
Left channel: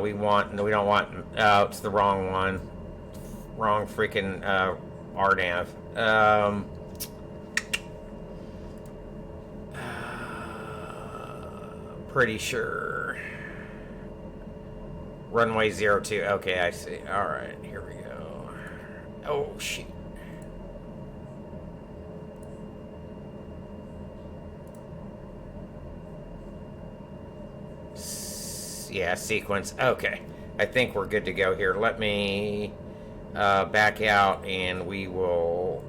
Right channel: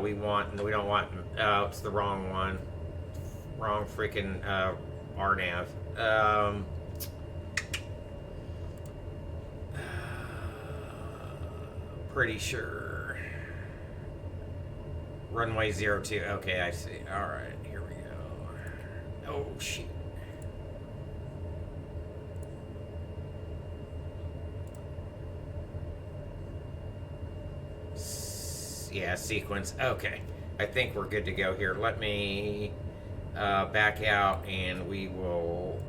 we don't want, it's the wrong one. Wrong freaking, RNAV. Pretty sure. Runway 02. Okay, I see. Alright, here we go. Oh, shoot. Yeah, sequence. Okay. I think we're good to go here. Let me back out and we will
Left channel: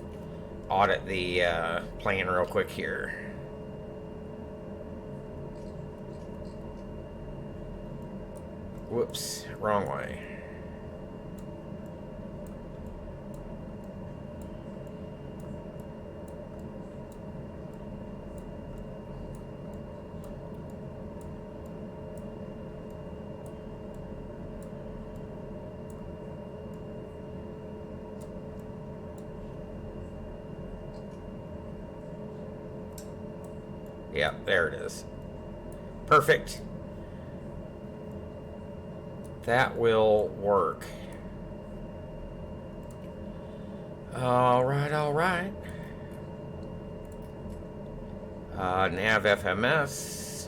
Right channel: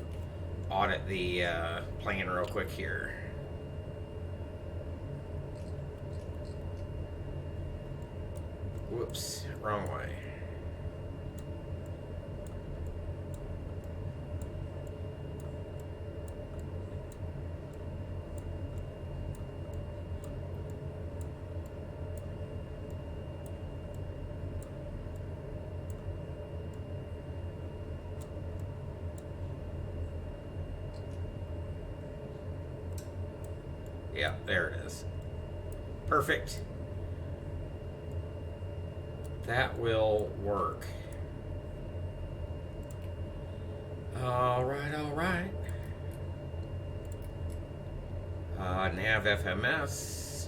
audit the plan real quick here. Whoops, wrong way. Yeah, there it is. Perfect. That will work. All right, all right. Nav FMS.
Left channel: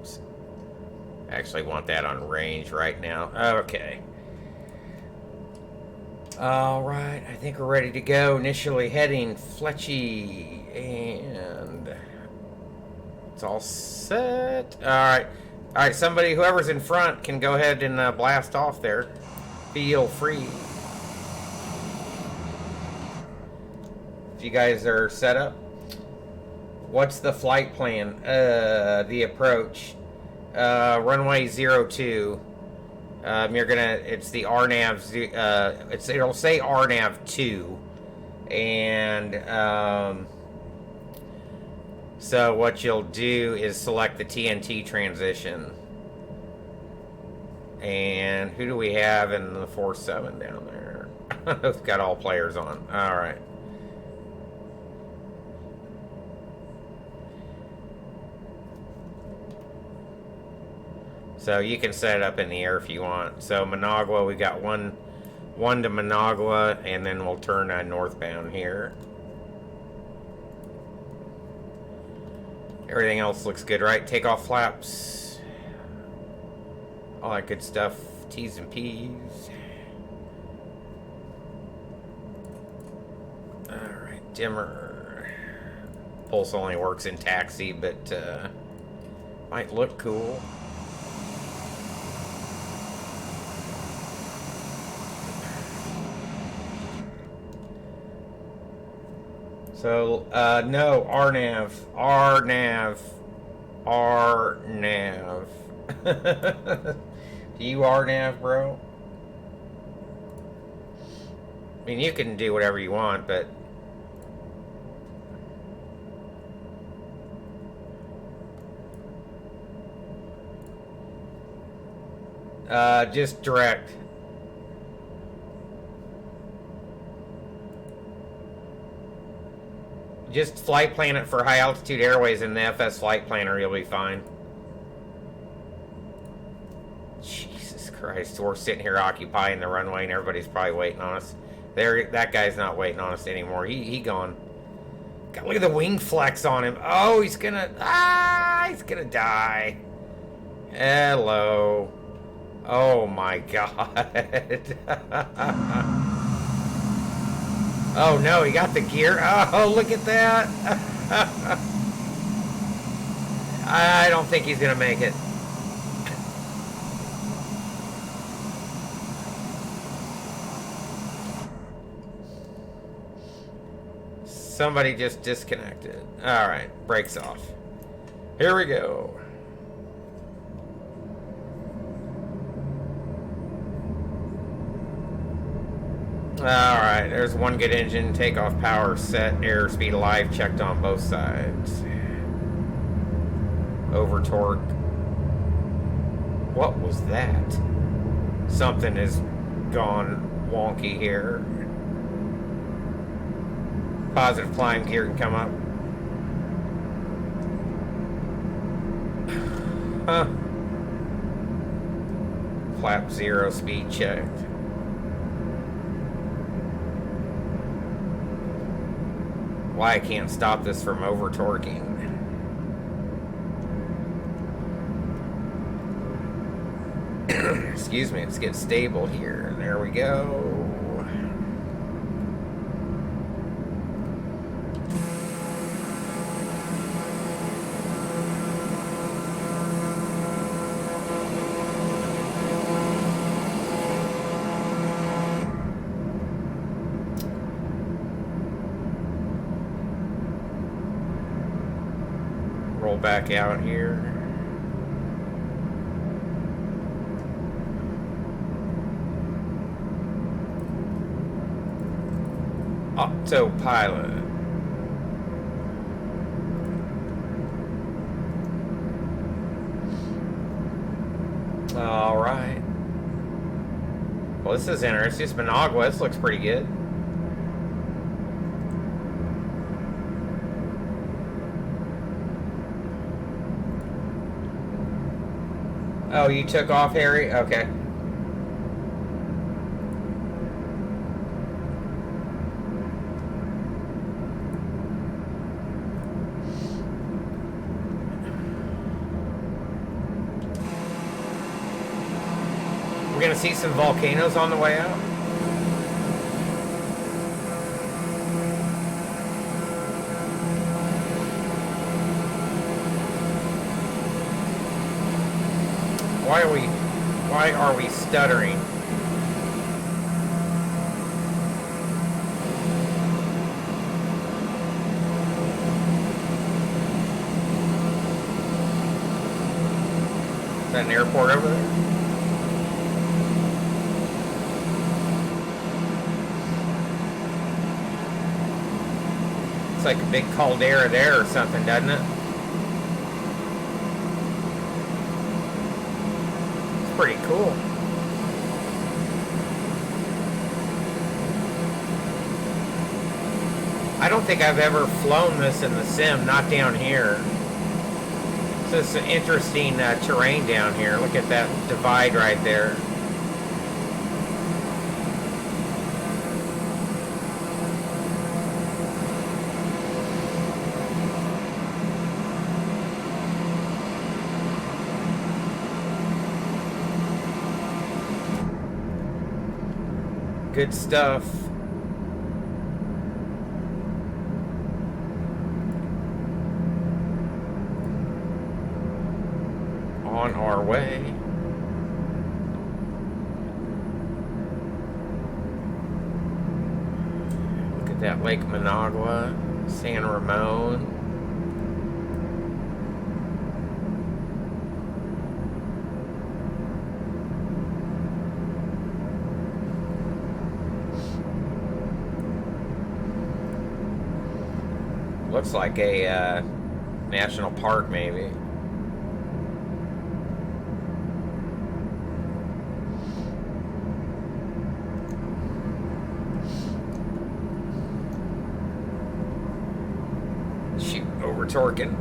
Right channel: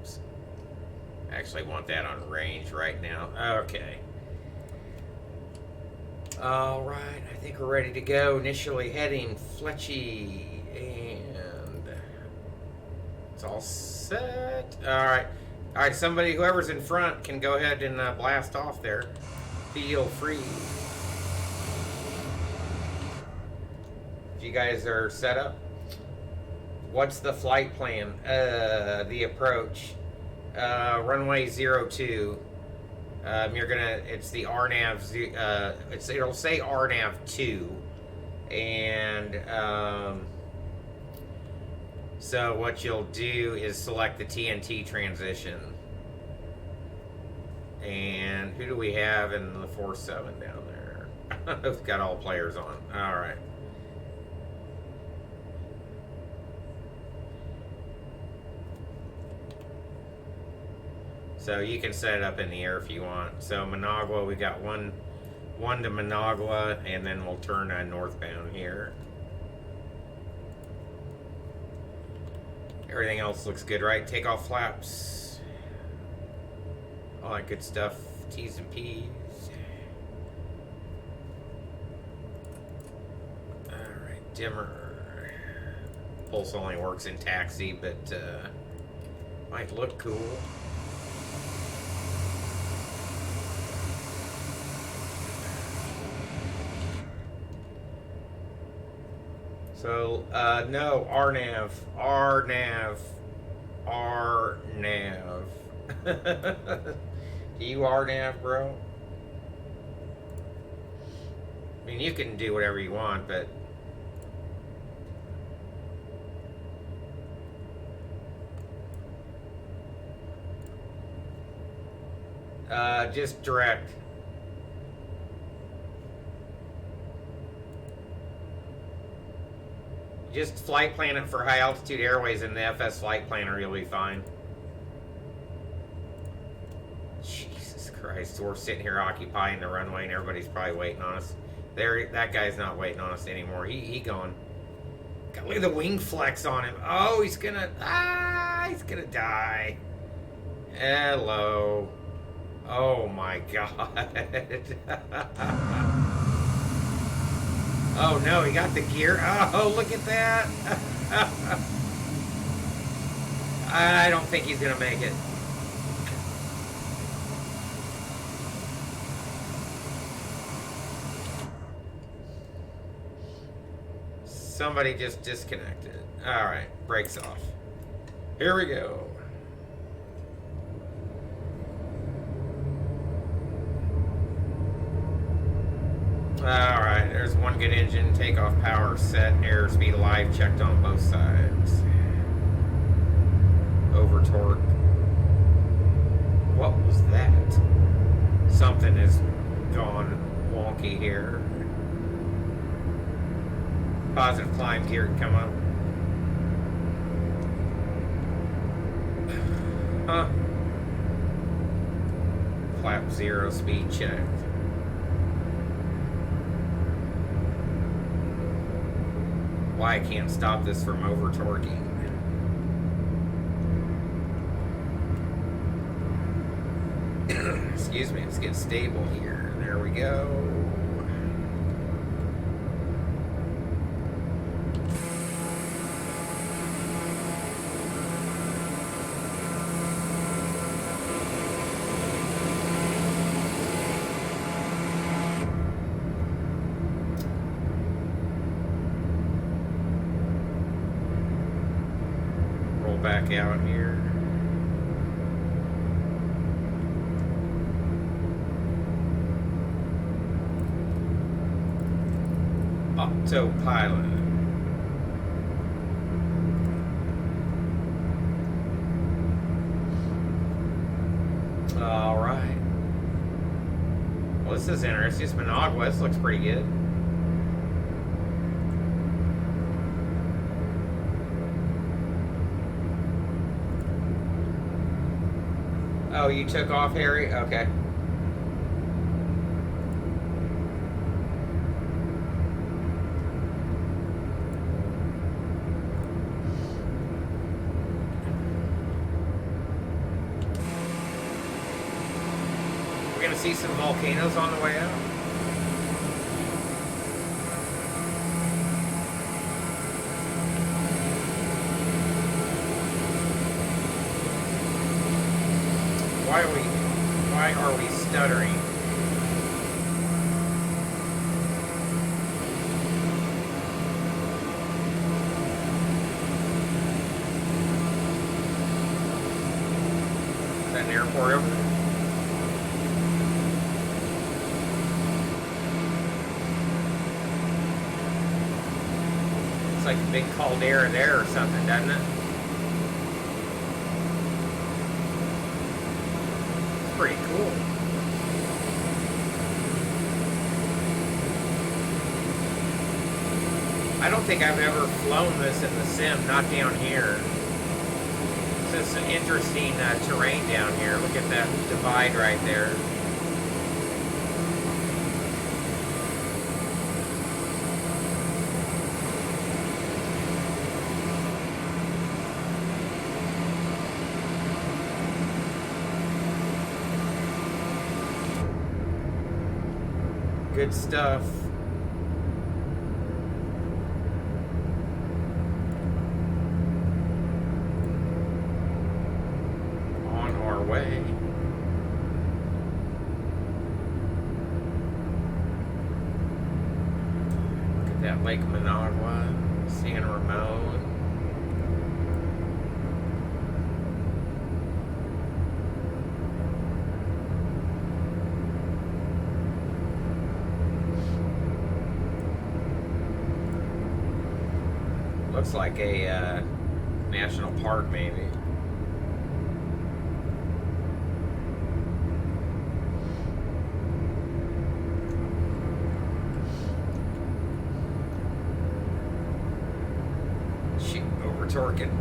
Oops. I actually want that on range right now. Okay. All right, I think we're ready to go. Initially heading Fletchy, and it's all set. All right, somebody, whoever's in front, can go ahead and blast off there. Feel free. If you guys are set up, what's the flight plan? The approach, runway 02. It's the RNAV, it'll say RNAV 2, and, so what you'll do is select the TNT transition. And who do we have in the 47 down there? It's got all players on. Alright. So you can set it up in the air if you want. So Managua, we got one to Managua, and then we'll turn northbound here. Everything else looks good, right? Takeoff flaps. All that good stuff. T's and P's. Alright, dimmer. Pulse only works in taxi, but might look cool. So, no, RNAV. RNAV. RNAV. Do you RNAV, bro? I mean, you can do whatever you want, but... just direct. Just flight plan it for high altitude airways in the FS flight planner, you'll be fine. Jesus Christ, we're sitting here occupying the runway and everybody's probably waiting on us. That guy's not waiting on us anymore. He gone. God, look at the wing flex on him. Oh, he's gonna die. Hello. Oh my God. Oh no, he got the gear. Oh, look at that. I don't think he's gonna make it. Somebody just disconnected. Alright, brakes off. Here we go. Alright, there's one good engine. Takeoff power set. Airspeed alive. Checked on both sides. Over torque. What was that? Something has gone wonky here. Positive climb gear can come up. Huh. Flap 0 speed checked. Why I can't stop this from over torquing. Excuse me, let's get stable here. There we go. Roll back out here. Autopilot. All right. Well, this is interesting. It's Managua. This looks pretty good. Oh, you took off, Harry? Okay. We're gonna see some volcanoes on the way out. Why are we stuttering? Is that an airport over there? It's like a big caldera there or something, doesn't it? Pretty cool. I don't think I've ever flown this in the sim, not down here. This is an interesting terrain down here. Look at that divide right there. Good stuff. On our way. Look at that Lake Managua. San Ramon. Looks like a national park, maybe. Shoot, over torquing.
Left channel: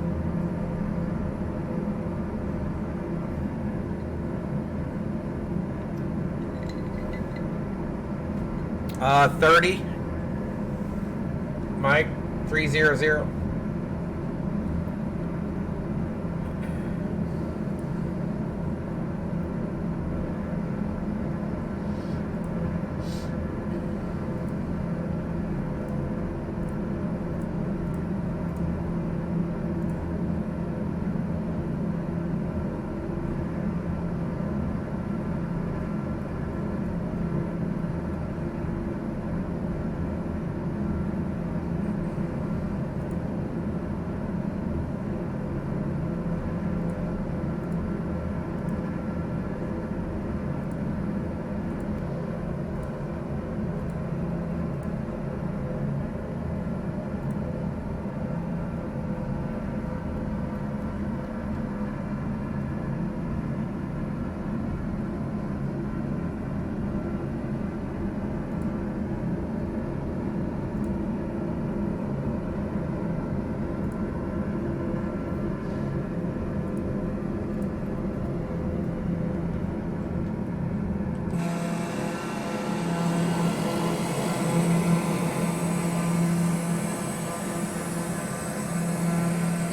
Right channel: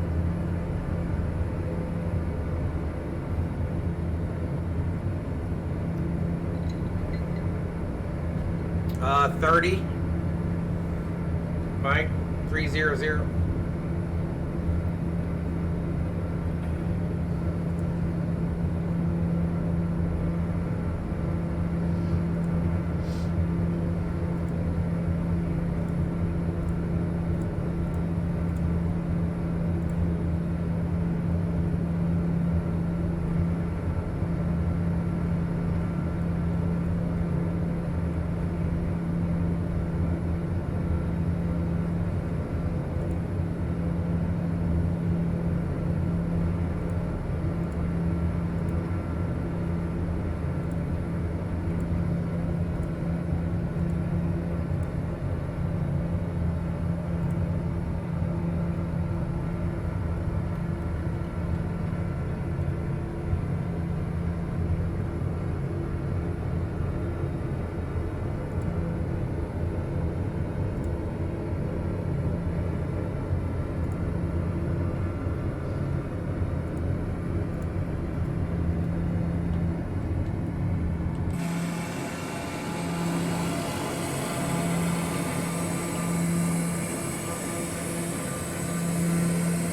Uh, 30. Mike, 300.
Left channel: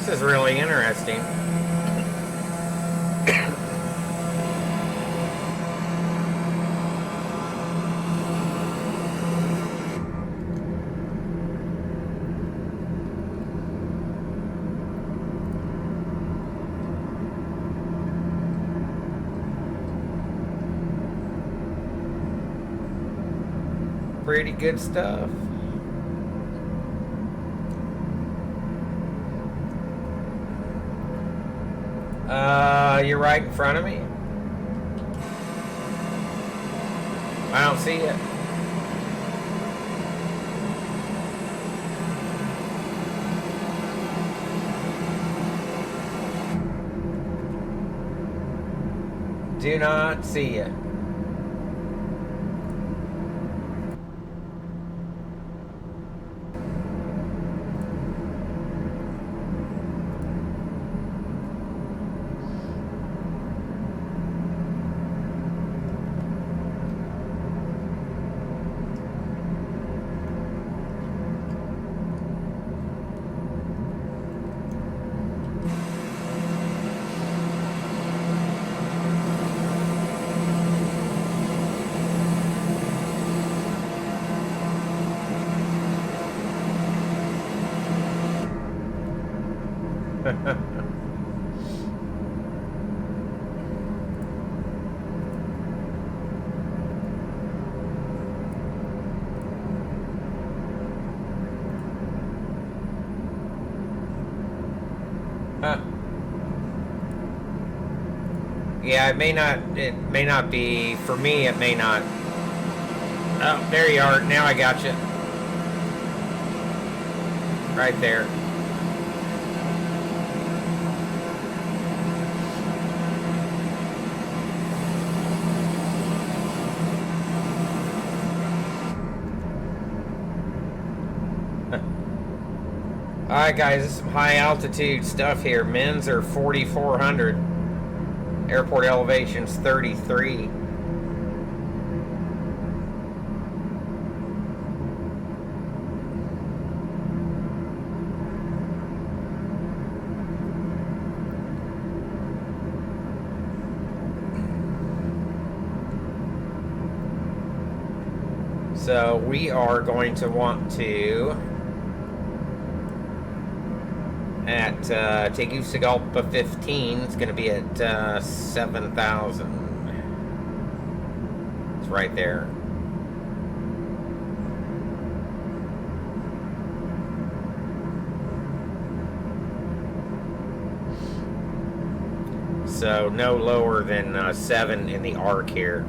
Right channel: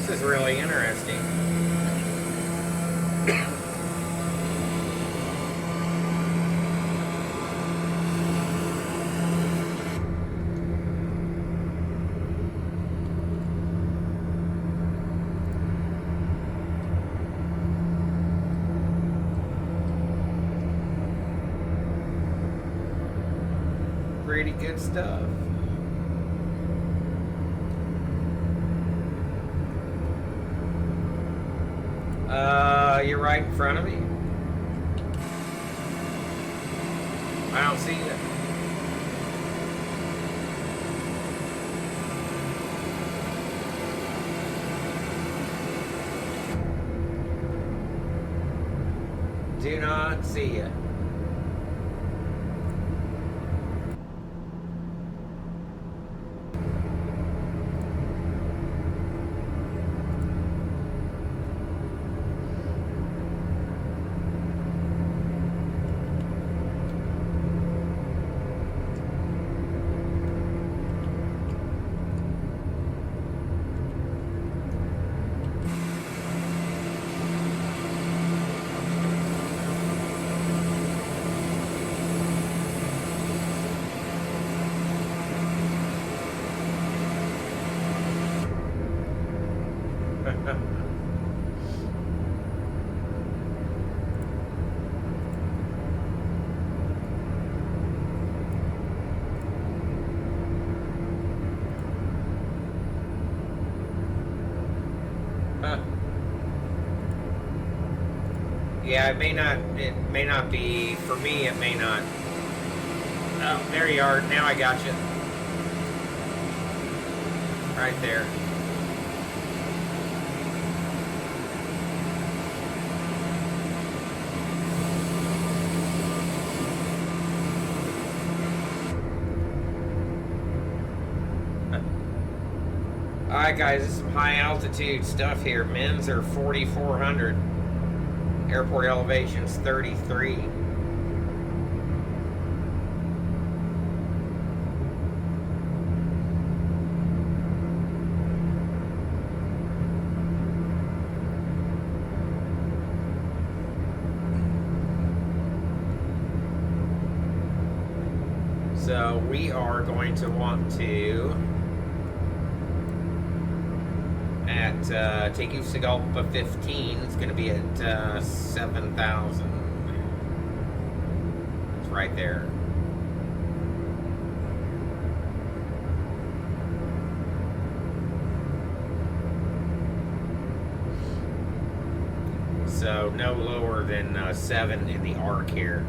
This is really interesting. Pretty good stuff. You're right in front of me. I don't see it. Do not see it. Yeah, it may not be, for me, it may not. Oh, there you are. Now I got you. Right there. Alright guys, this is some high altitude stuff here. Men's are 4,400. Airport elevation's 33. So we are going to want to at Tegucigalpa 15, it's going to be at 7,000. It's right there. So no lower than 7 in the arc here.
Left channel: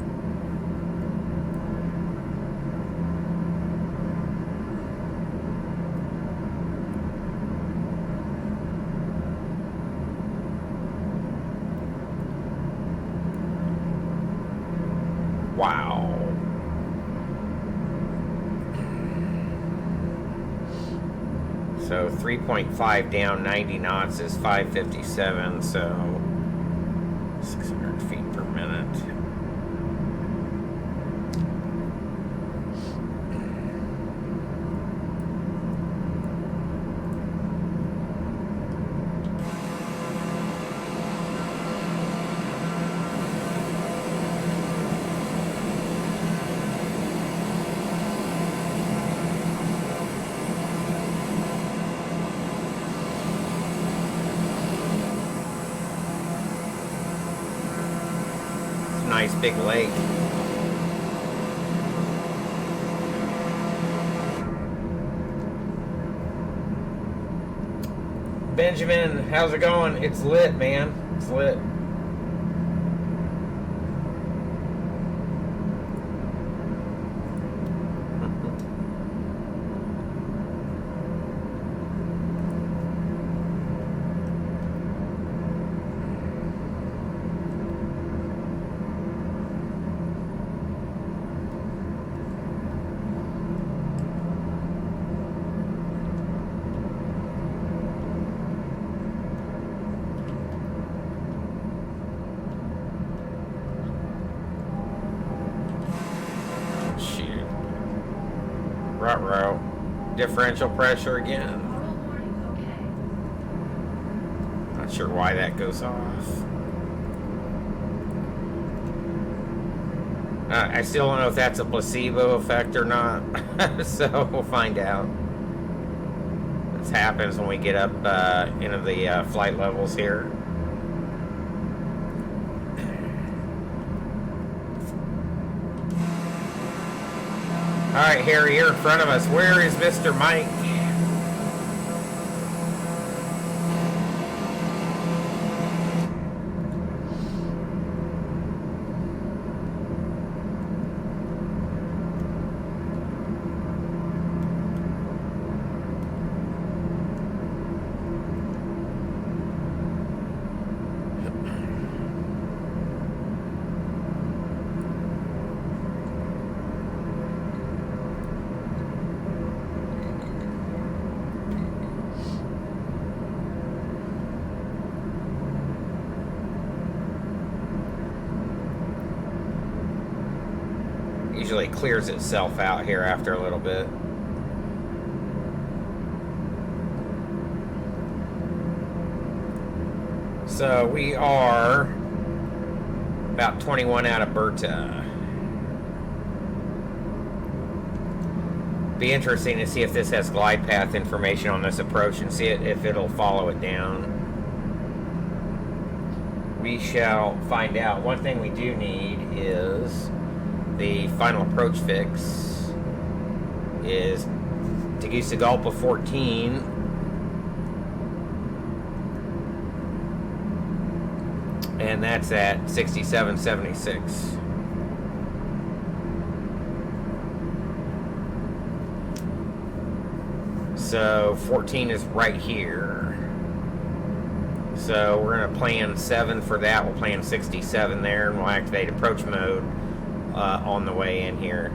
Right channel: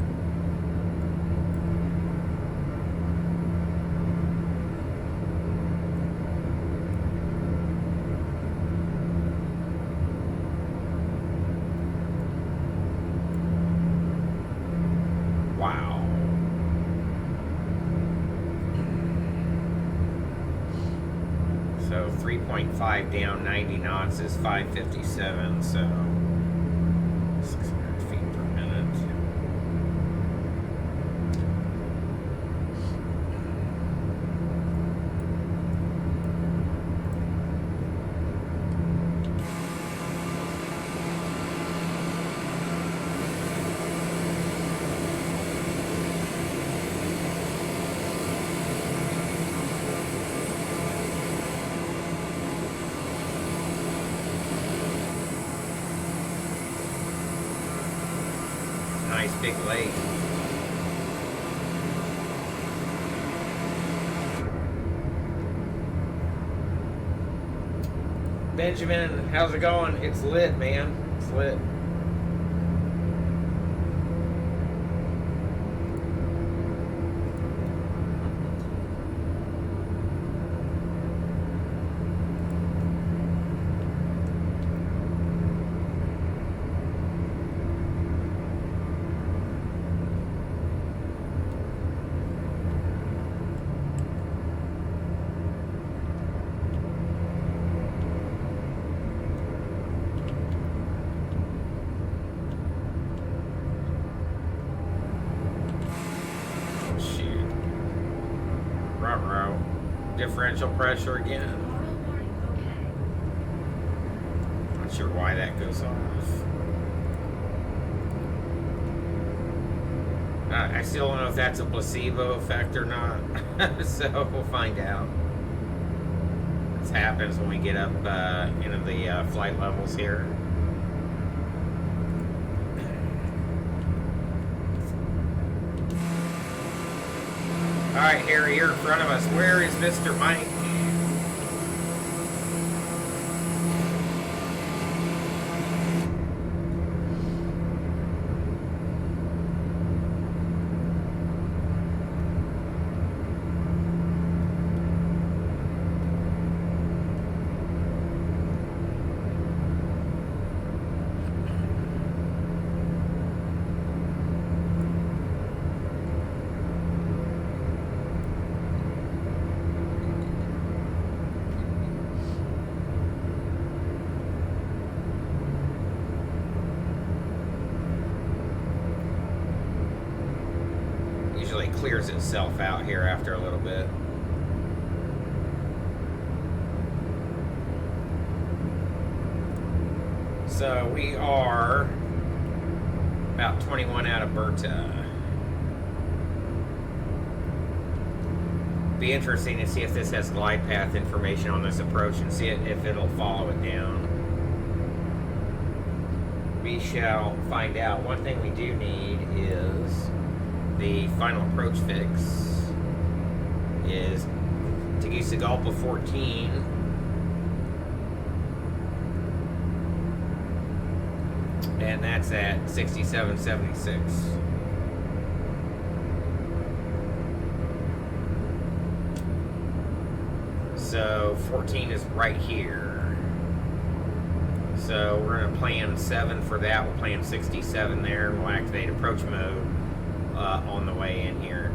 Wow. So 3.5 down, 90 knots is 557, so 600 feet per minute. Nice big lake. Benjamin, how's it going? It's lit, man. It's lit. Ruh-roh. Differential pressure again. Not sure why that goes off. I still don't know if that's a placebo effect or not. So we'll find out. This happens when we get up into the flight levels here. Alright, Harry, here in front of us. Where is Mr. Mike? Usually clears itself out here after a little bit. So we are about 21 out of Berta. Be interesting to see if this has glide path information on this approach and see if it'll follow it down. We shall find out. One thing we do need is the final approach fix is Tegucigalpa 14. And that's at 6776. So 14 is right here. So we're going to plan 7 for that. We'll plan 67 there, and we'll activate approach mode on the way in here.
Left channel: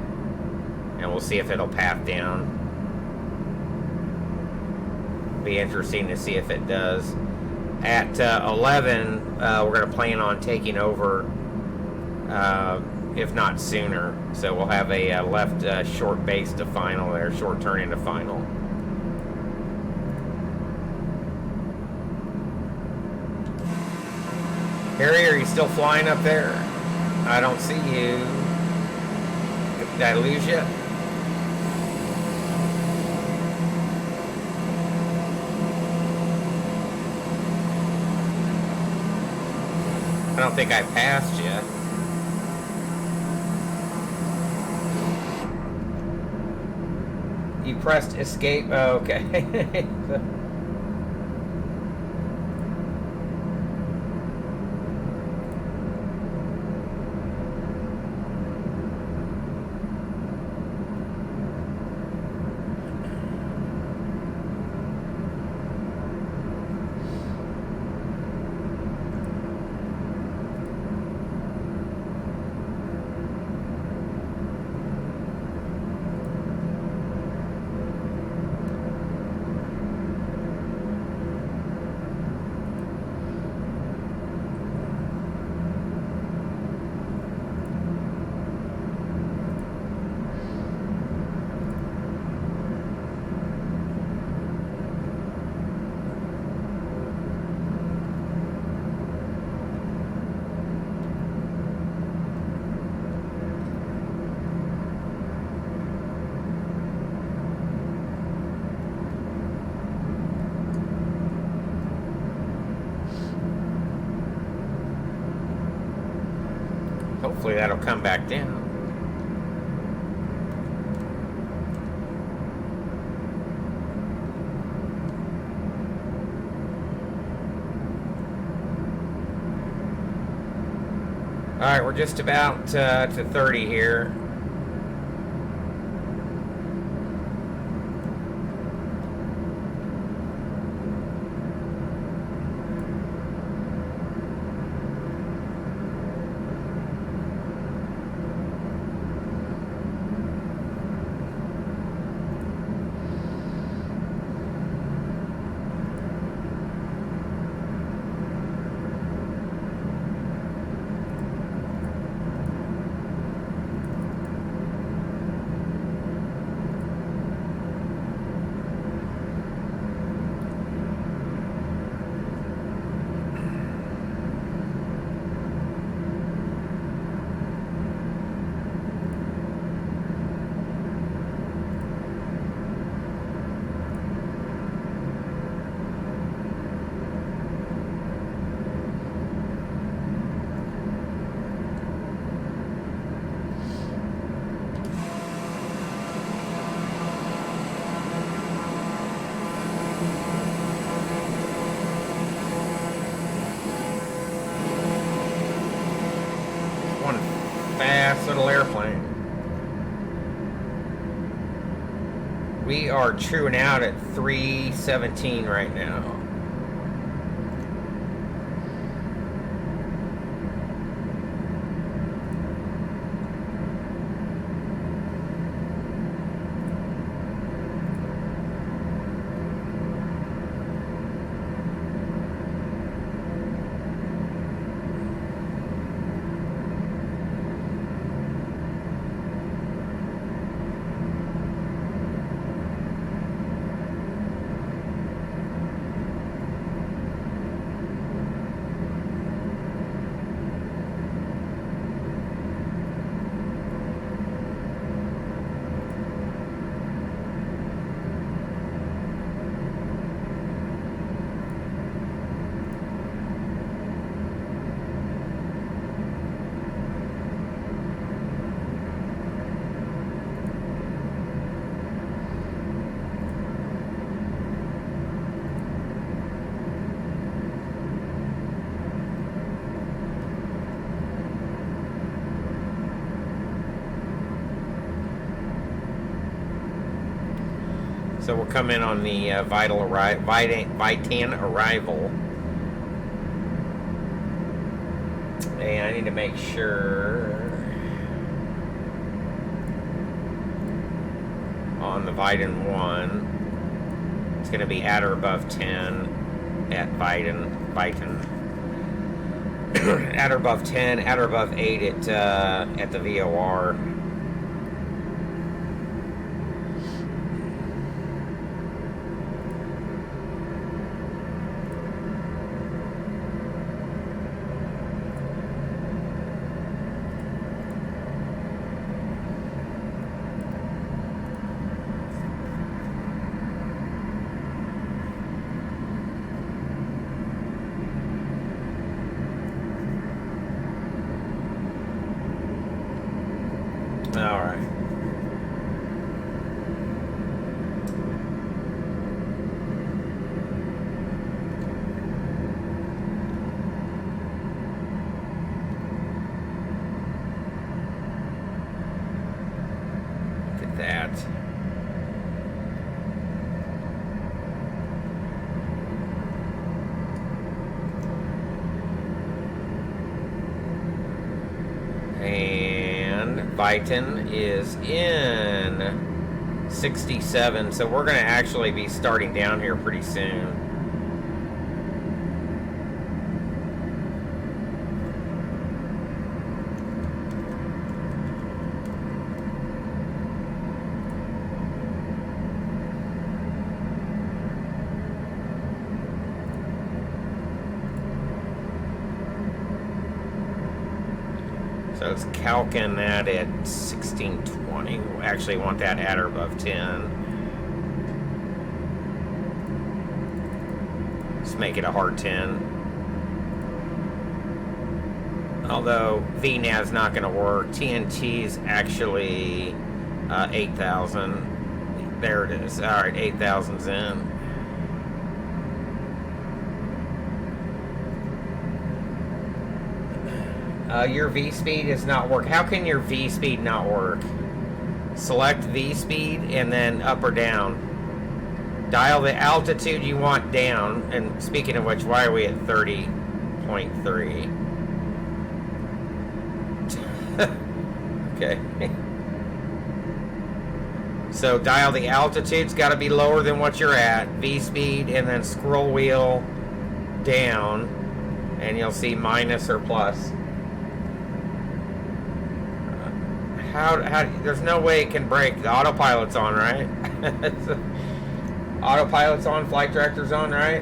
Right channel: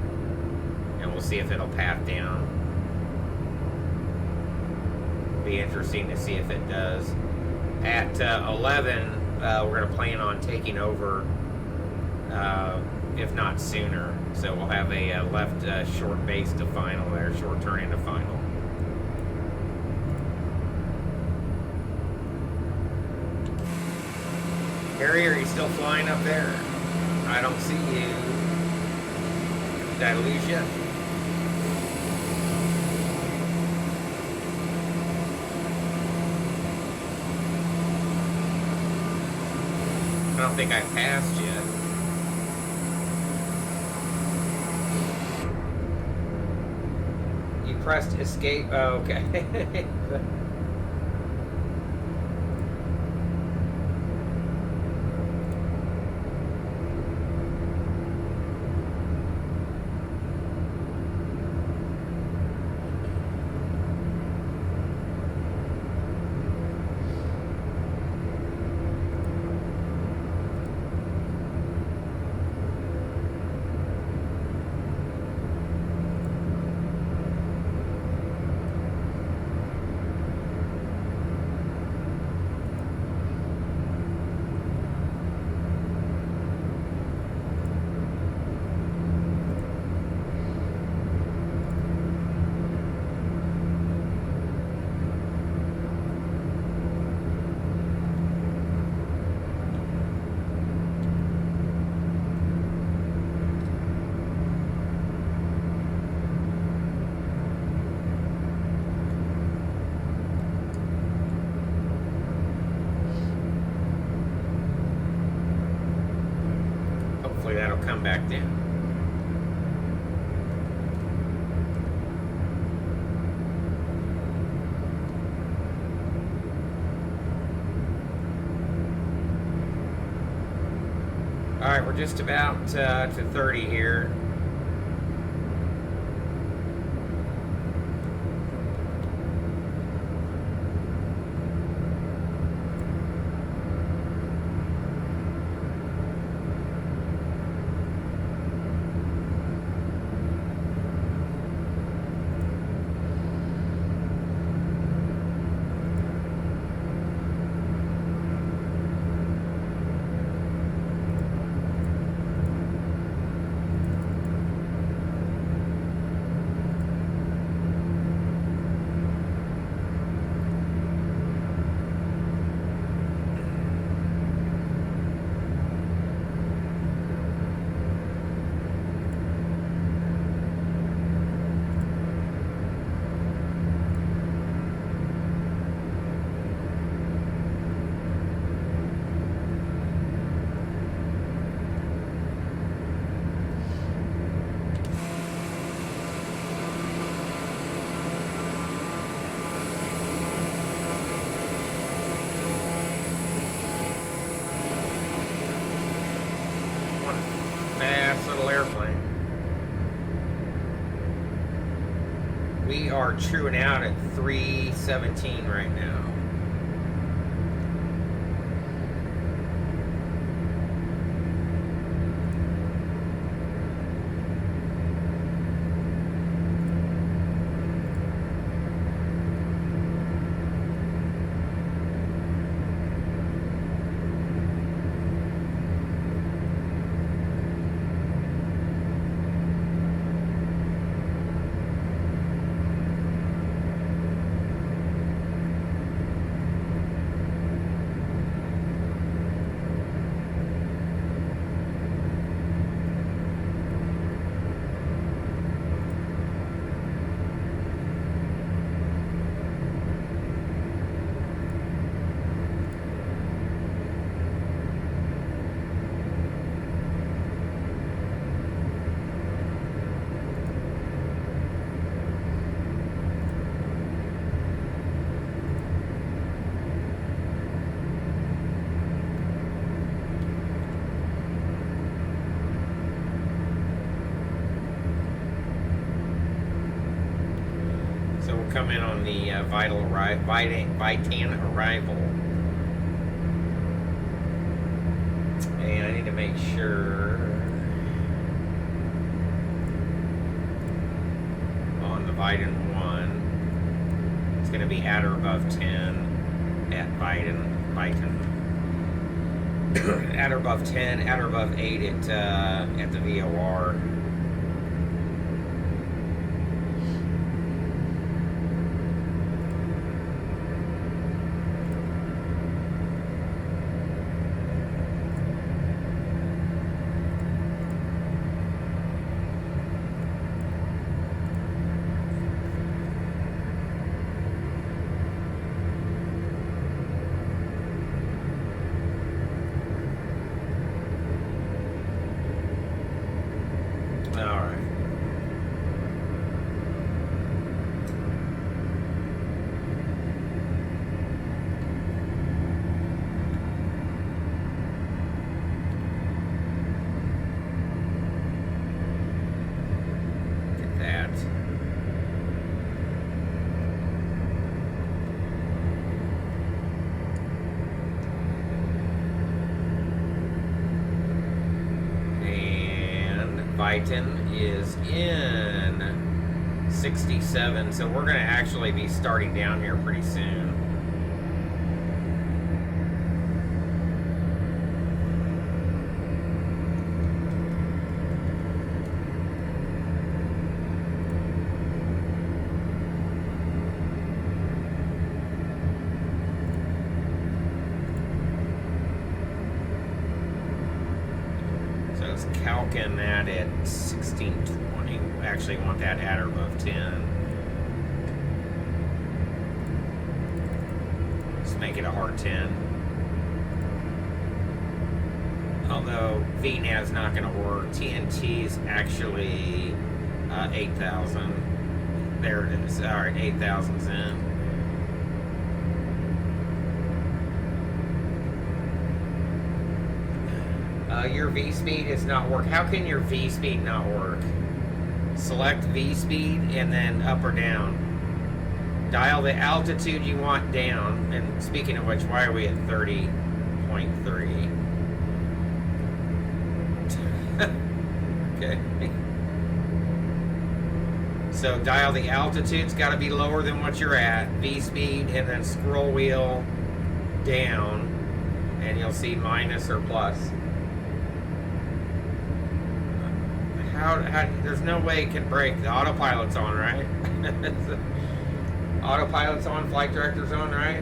And we'll see if it'll path down. Be interesting to see if it does. At 11, we're going to plan on taking over, if not sooner. So we'll have a left short base to final there, short turn into final. Harry, are you still flying up there? I don't see you. Did I lose you? I don't think I passed yet. You pressed escape? Oh, okay. hopefully that'll come back down. Alright, we're just about to 30 here. Little airplane. We are truing out at 317 right now. So we'll come in on the Vitan arrival. And I need to make sure on the Vitan 1, it's going to be at or above 10 at Vitan. At or above 10, at or above 8 at the VOR. Alright. Look at that. Vitan is in 67, so we're going to actually be starting down here pretty soon. So it's calcing that at 1620. We actually want that at or above 10. Let's make it a hard 10. Oh, although VNAV's not going to work. TNT's actually 8,000. There it is. All right, 8,000's in. Your V speed is not work. How can your V speed not work? Select V speed and then up or down. Dial the altitude you want down. And speaking of which, why are we at 30.3? Okay. So dial the altitude's got to be lower than what you're at. V speed and then scroll wheel down, and you'll see minus or plus. How there's no way it can break. The autopilot's on, right? Autopilot's on, flight director's on, right?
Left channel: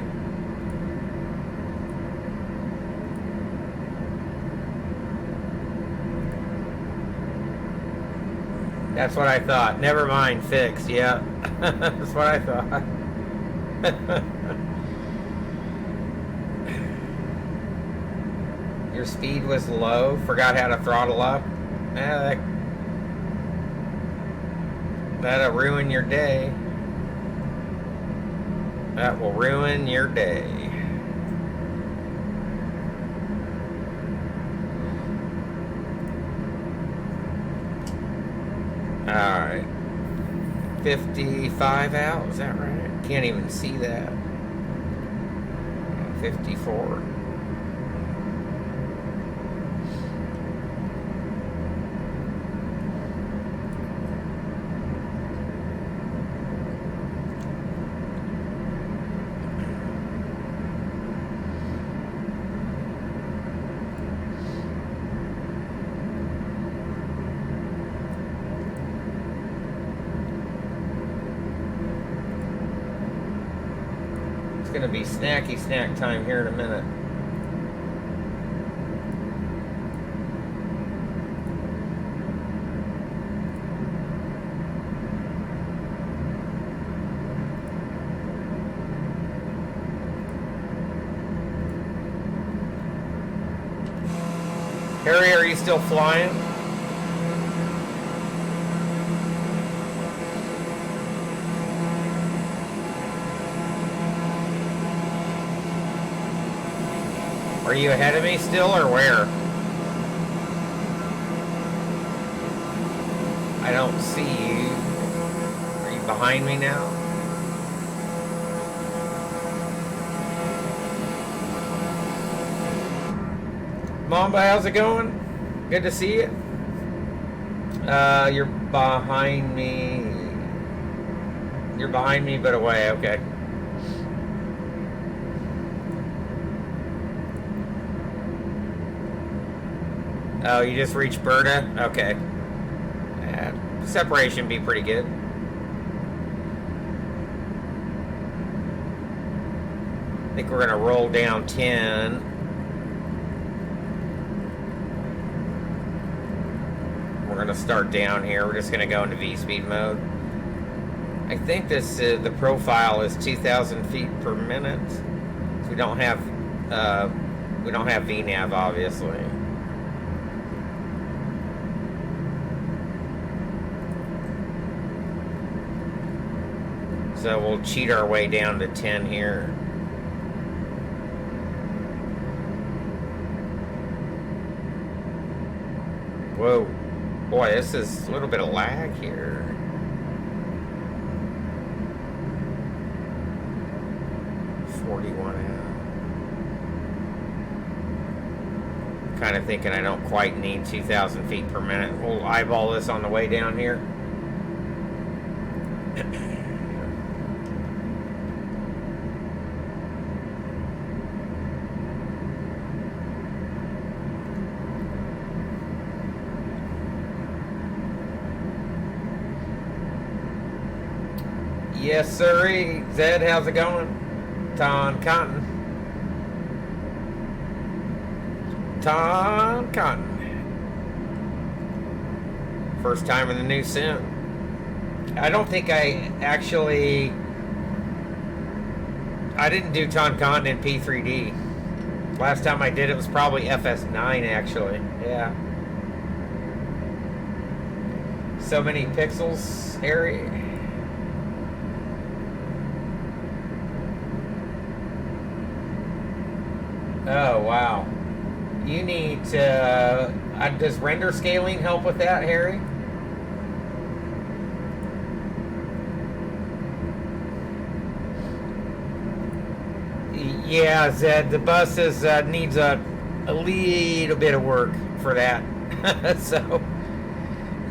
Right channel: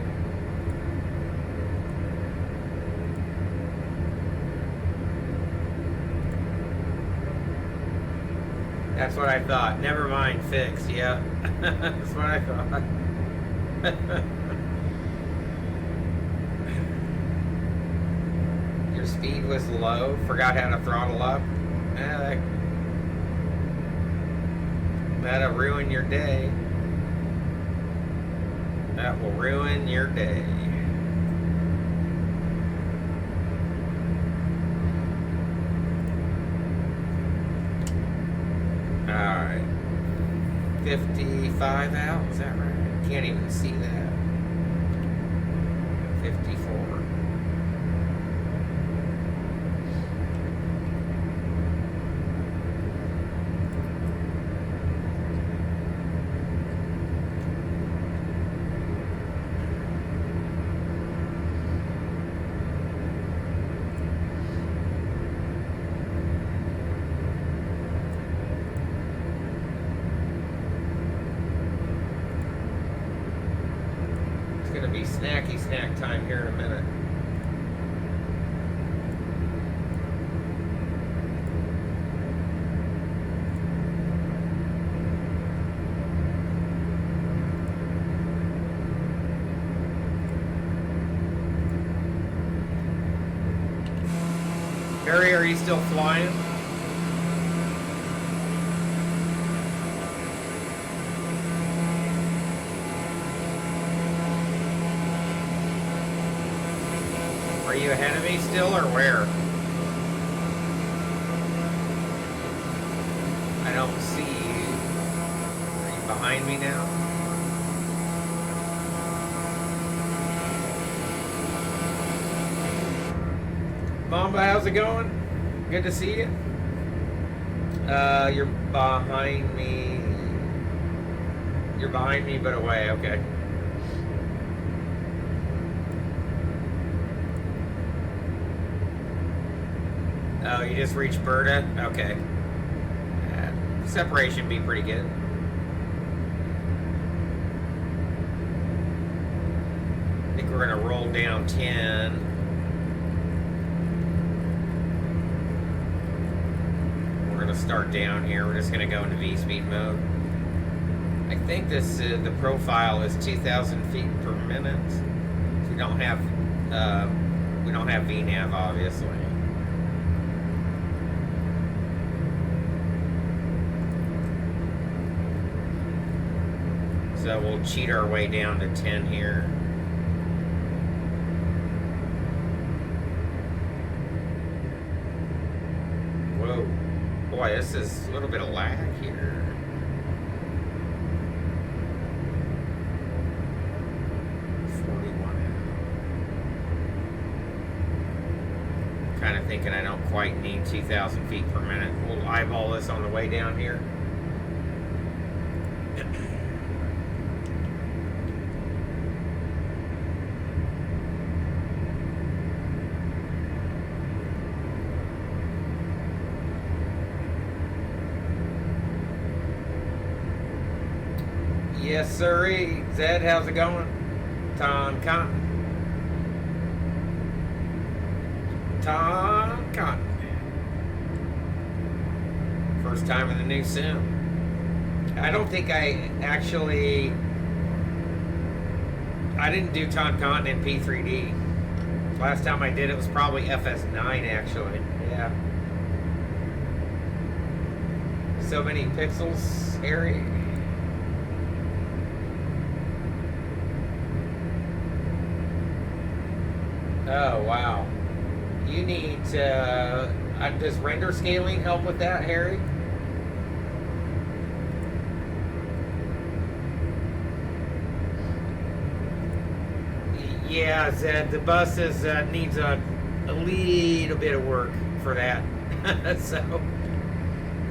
That's what I thought. Never mind, fixed. Yeah, that's what I thought. Your speed was low. Forgot how to throttle up. That'll ruin your day. That will ruin your day. Alright. 55 out, is that right? Can't even see that. 54. Gonna be snacky snack time here in a minute. Harry, are you still flying? Are you ahead of me still, or where? I don't see you. Are you behind me now? Mamba, how's it going? Good to see you. You're behind me. You're behind me, but away. Okay. Oh, you just reached Berta? Okay. Yeah, separation be pretty good. I think we're going to roll down 10. We're going to start down here. We're just going to go into V-speed mode. I think this the profile is 2,000 feet per minute. We don't have VNAV, obviously. So we'll cheat our way down to 10 here. Whoa. Boy, this is a little bit of lag here. Kind of thinking I don't quite need 2,000 feet per minute. We'll eyeball this on the way down here. Yes, sirree. Zed, how's it going? Tom Cotton. Tom Cotton. First time in the new sim. I don't think I didn't do Tom Cotton in P3D. Last time I did it was probably FS9 actually. Yeah. So many pixels, Harry. Oh wow. You need to. Does render scaling help with that, Harry? Yeah, Zed. The bus needs a little bit of work for that. So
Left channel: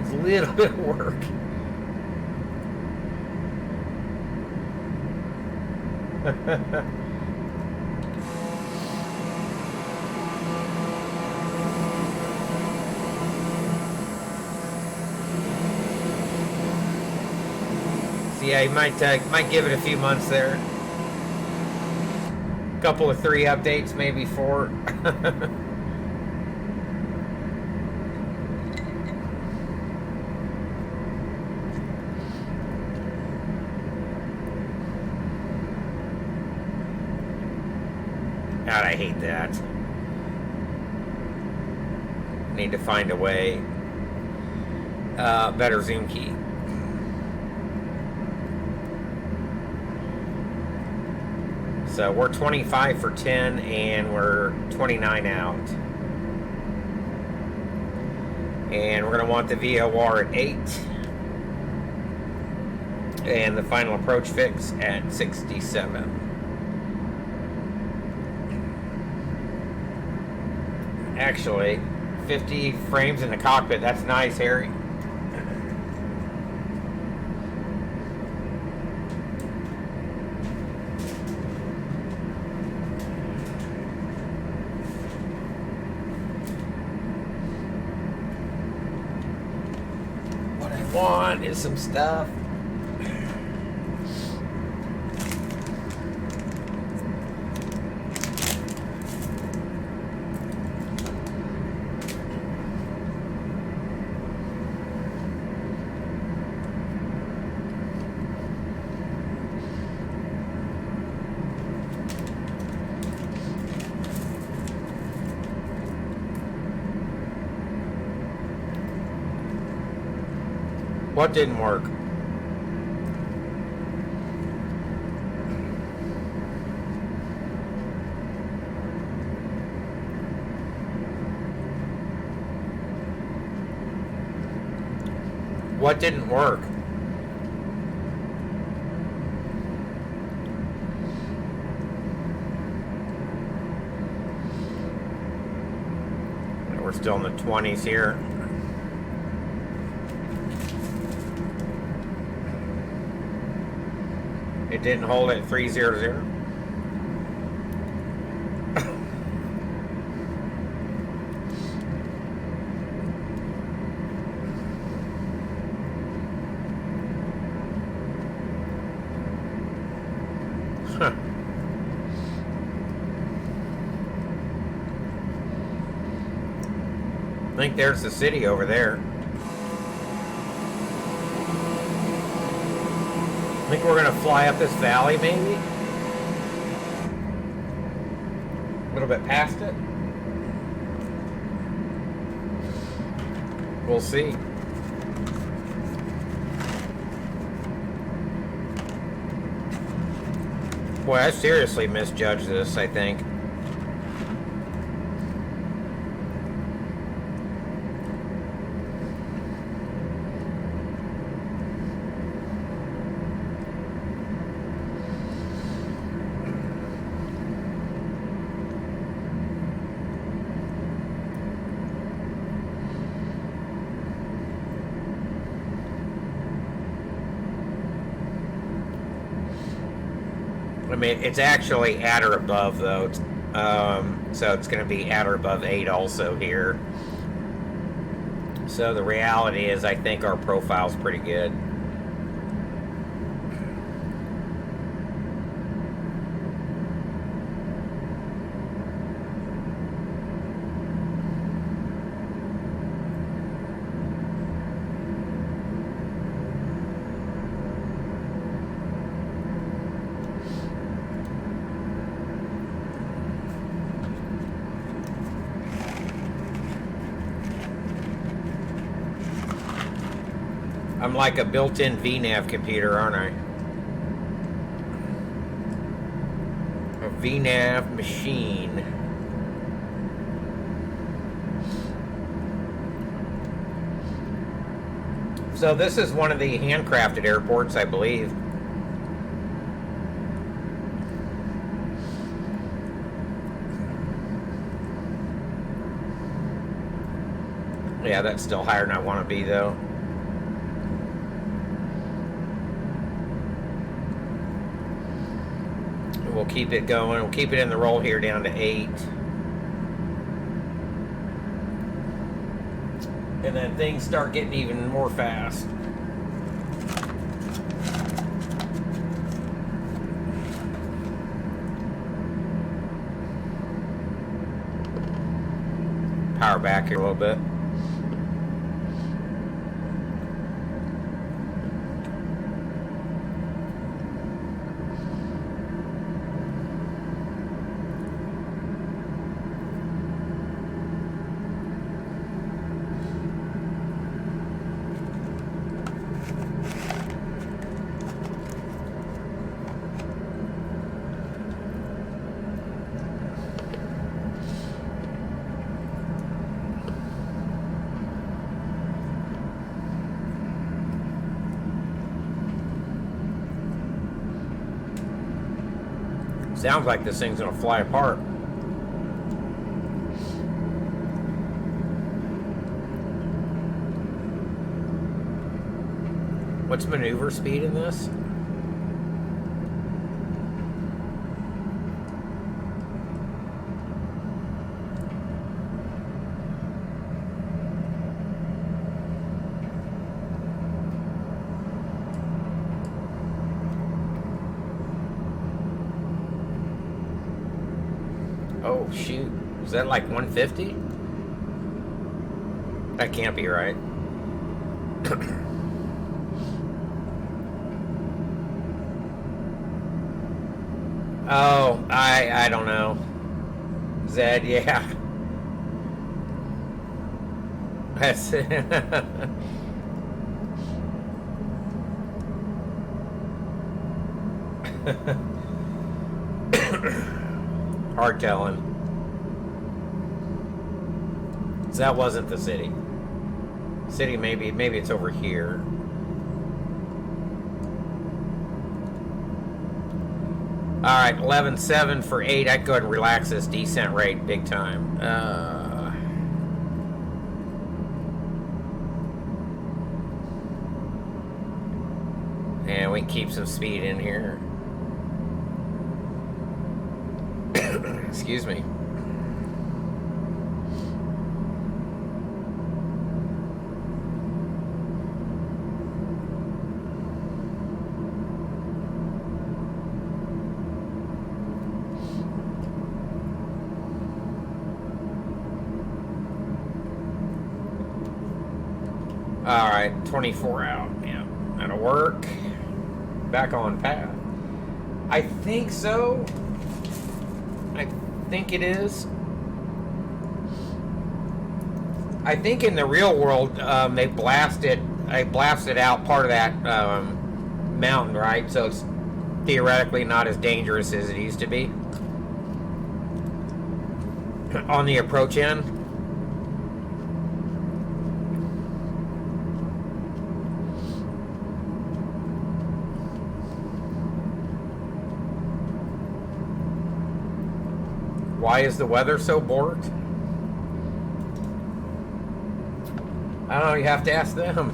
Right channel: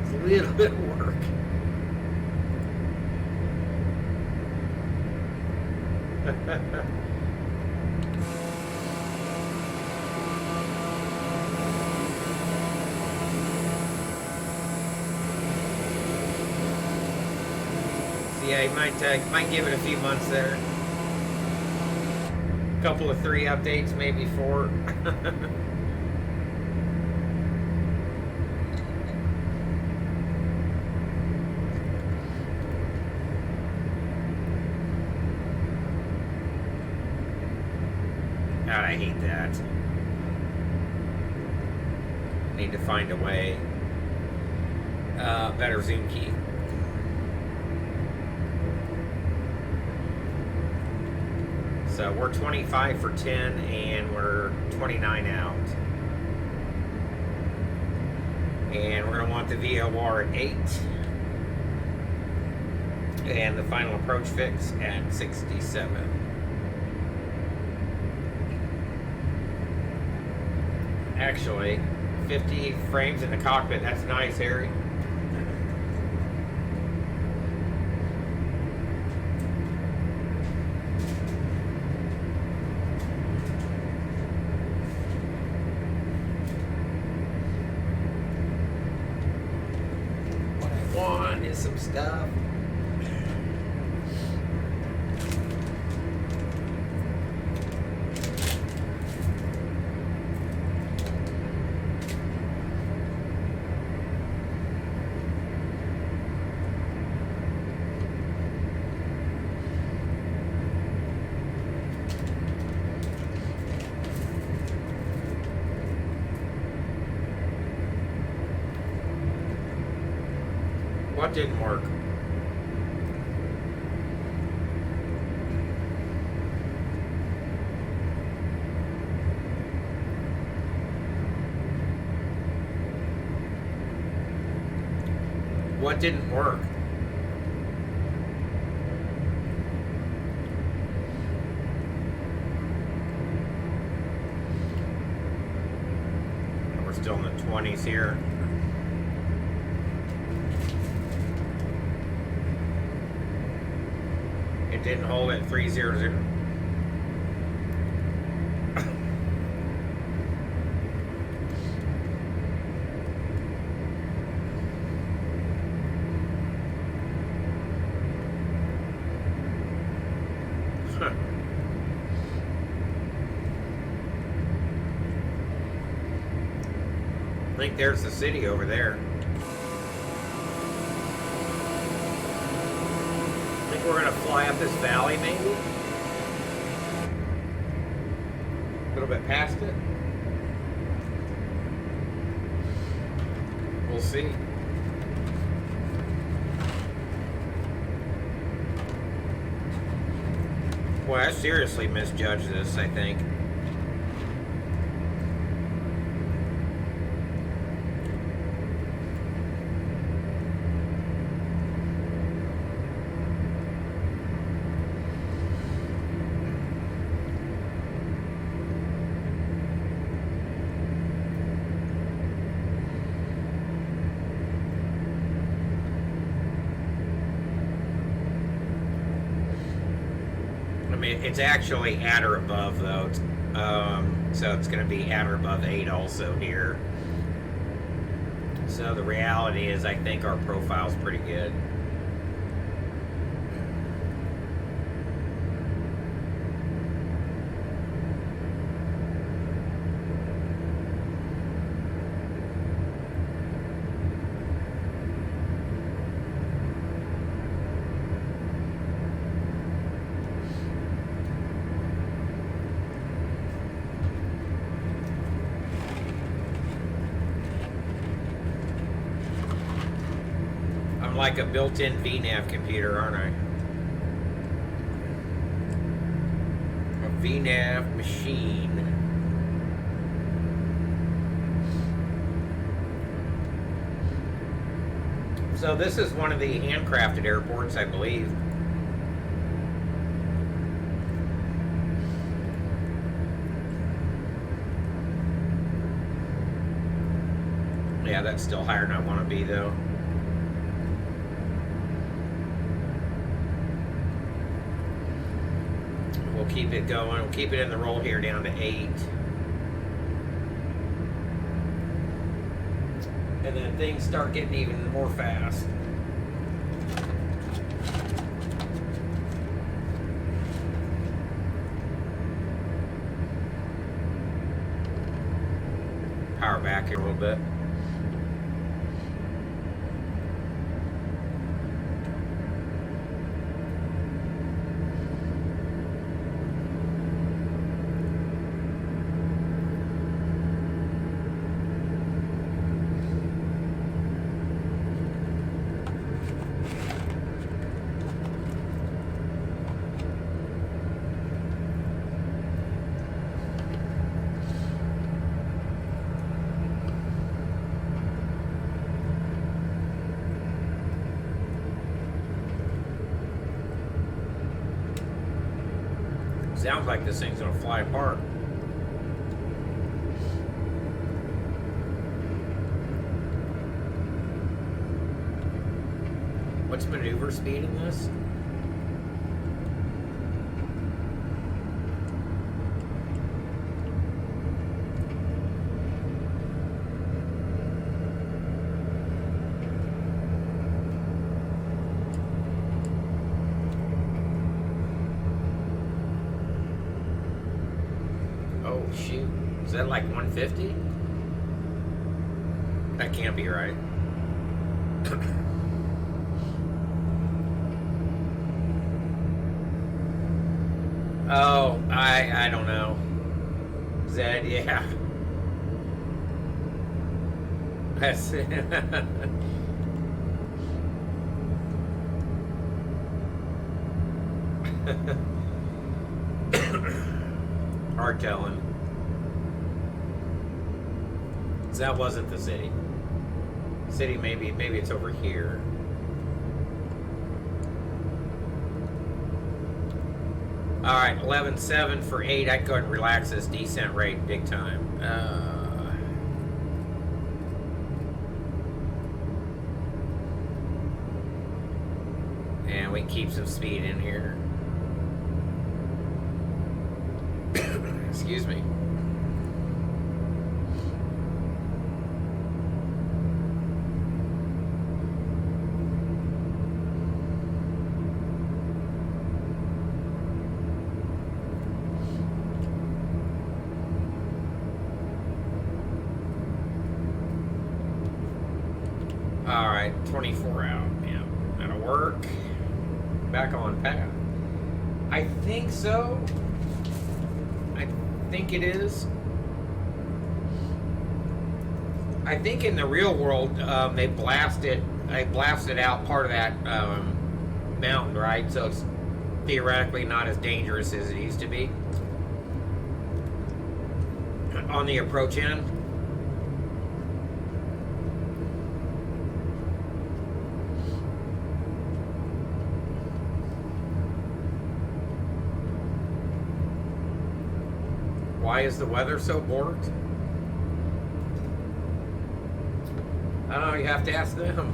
it's a little bit of work. Yeah, you might give it a few months there. Couple of 3 updates, maybe 4. God, I hate that. Need to find a way. Better zoom key. So we're 25 for 10 and we're 29 out. And we're going to want the VOR at 8. And the final approach fix at 67. Actually, 50 frames in the cockpit. That's nice, Harry. Is some stuff. What didn't work? What didn't work? We're still in the 20s here. It didn't hold at 300. I think there's the city over there. I think we're going to fly up this valley, maybe? A little bit past it? We'll see. Boy, I seriously misjudged this, I think. I mean, it's actually at or above, though. So it's going to be at or above 8 also here. So the reality is, I think our profile's pretty good. I'm like a built-in VNav computer, aren't I? A VNav machine. So this is one of the handcrafted airports, I believe. Yeah, that's still higher than I want to be, though. We'll keep it going. We'll keep it in the roll here down to 8. And then things start getting even more fast. Power back here a little bit. Sounds like this thing's gonna fly apart. What's maneuver speed in this? Oh, shoot. Is that like 150? That can't be right. Oh, I don't know. Zed, yeah. That's hard telling. That wasn't the city. City, maybe it's over here. All right, 11.7 for 8. I'd go ahead and relax this descent rate big time. And we can keep some speed in here. Excuse me. All right, 24 out. Yeah, that'll work. Back on path. I think so. I think it is. I think in the real world, they blasted out part of that mountain, right? So it's theoretically not as dangerous as it used to be on the approach end. Why is the weather so borked? I don't know, you have to ask them.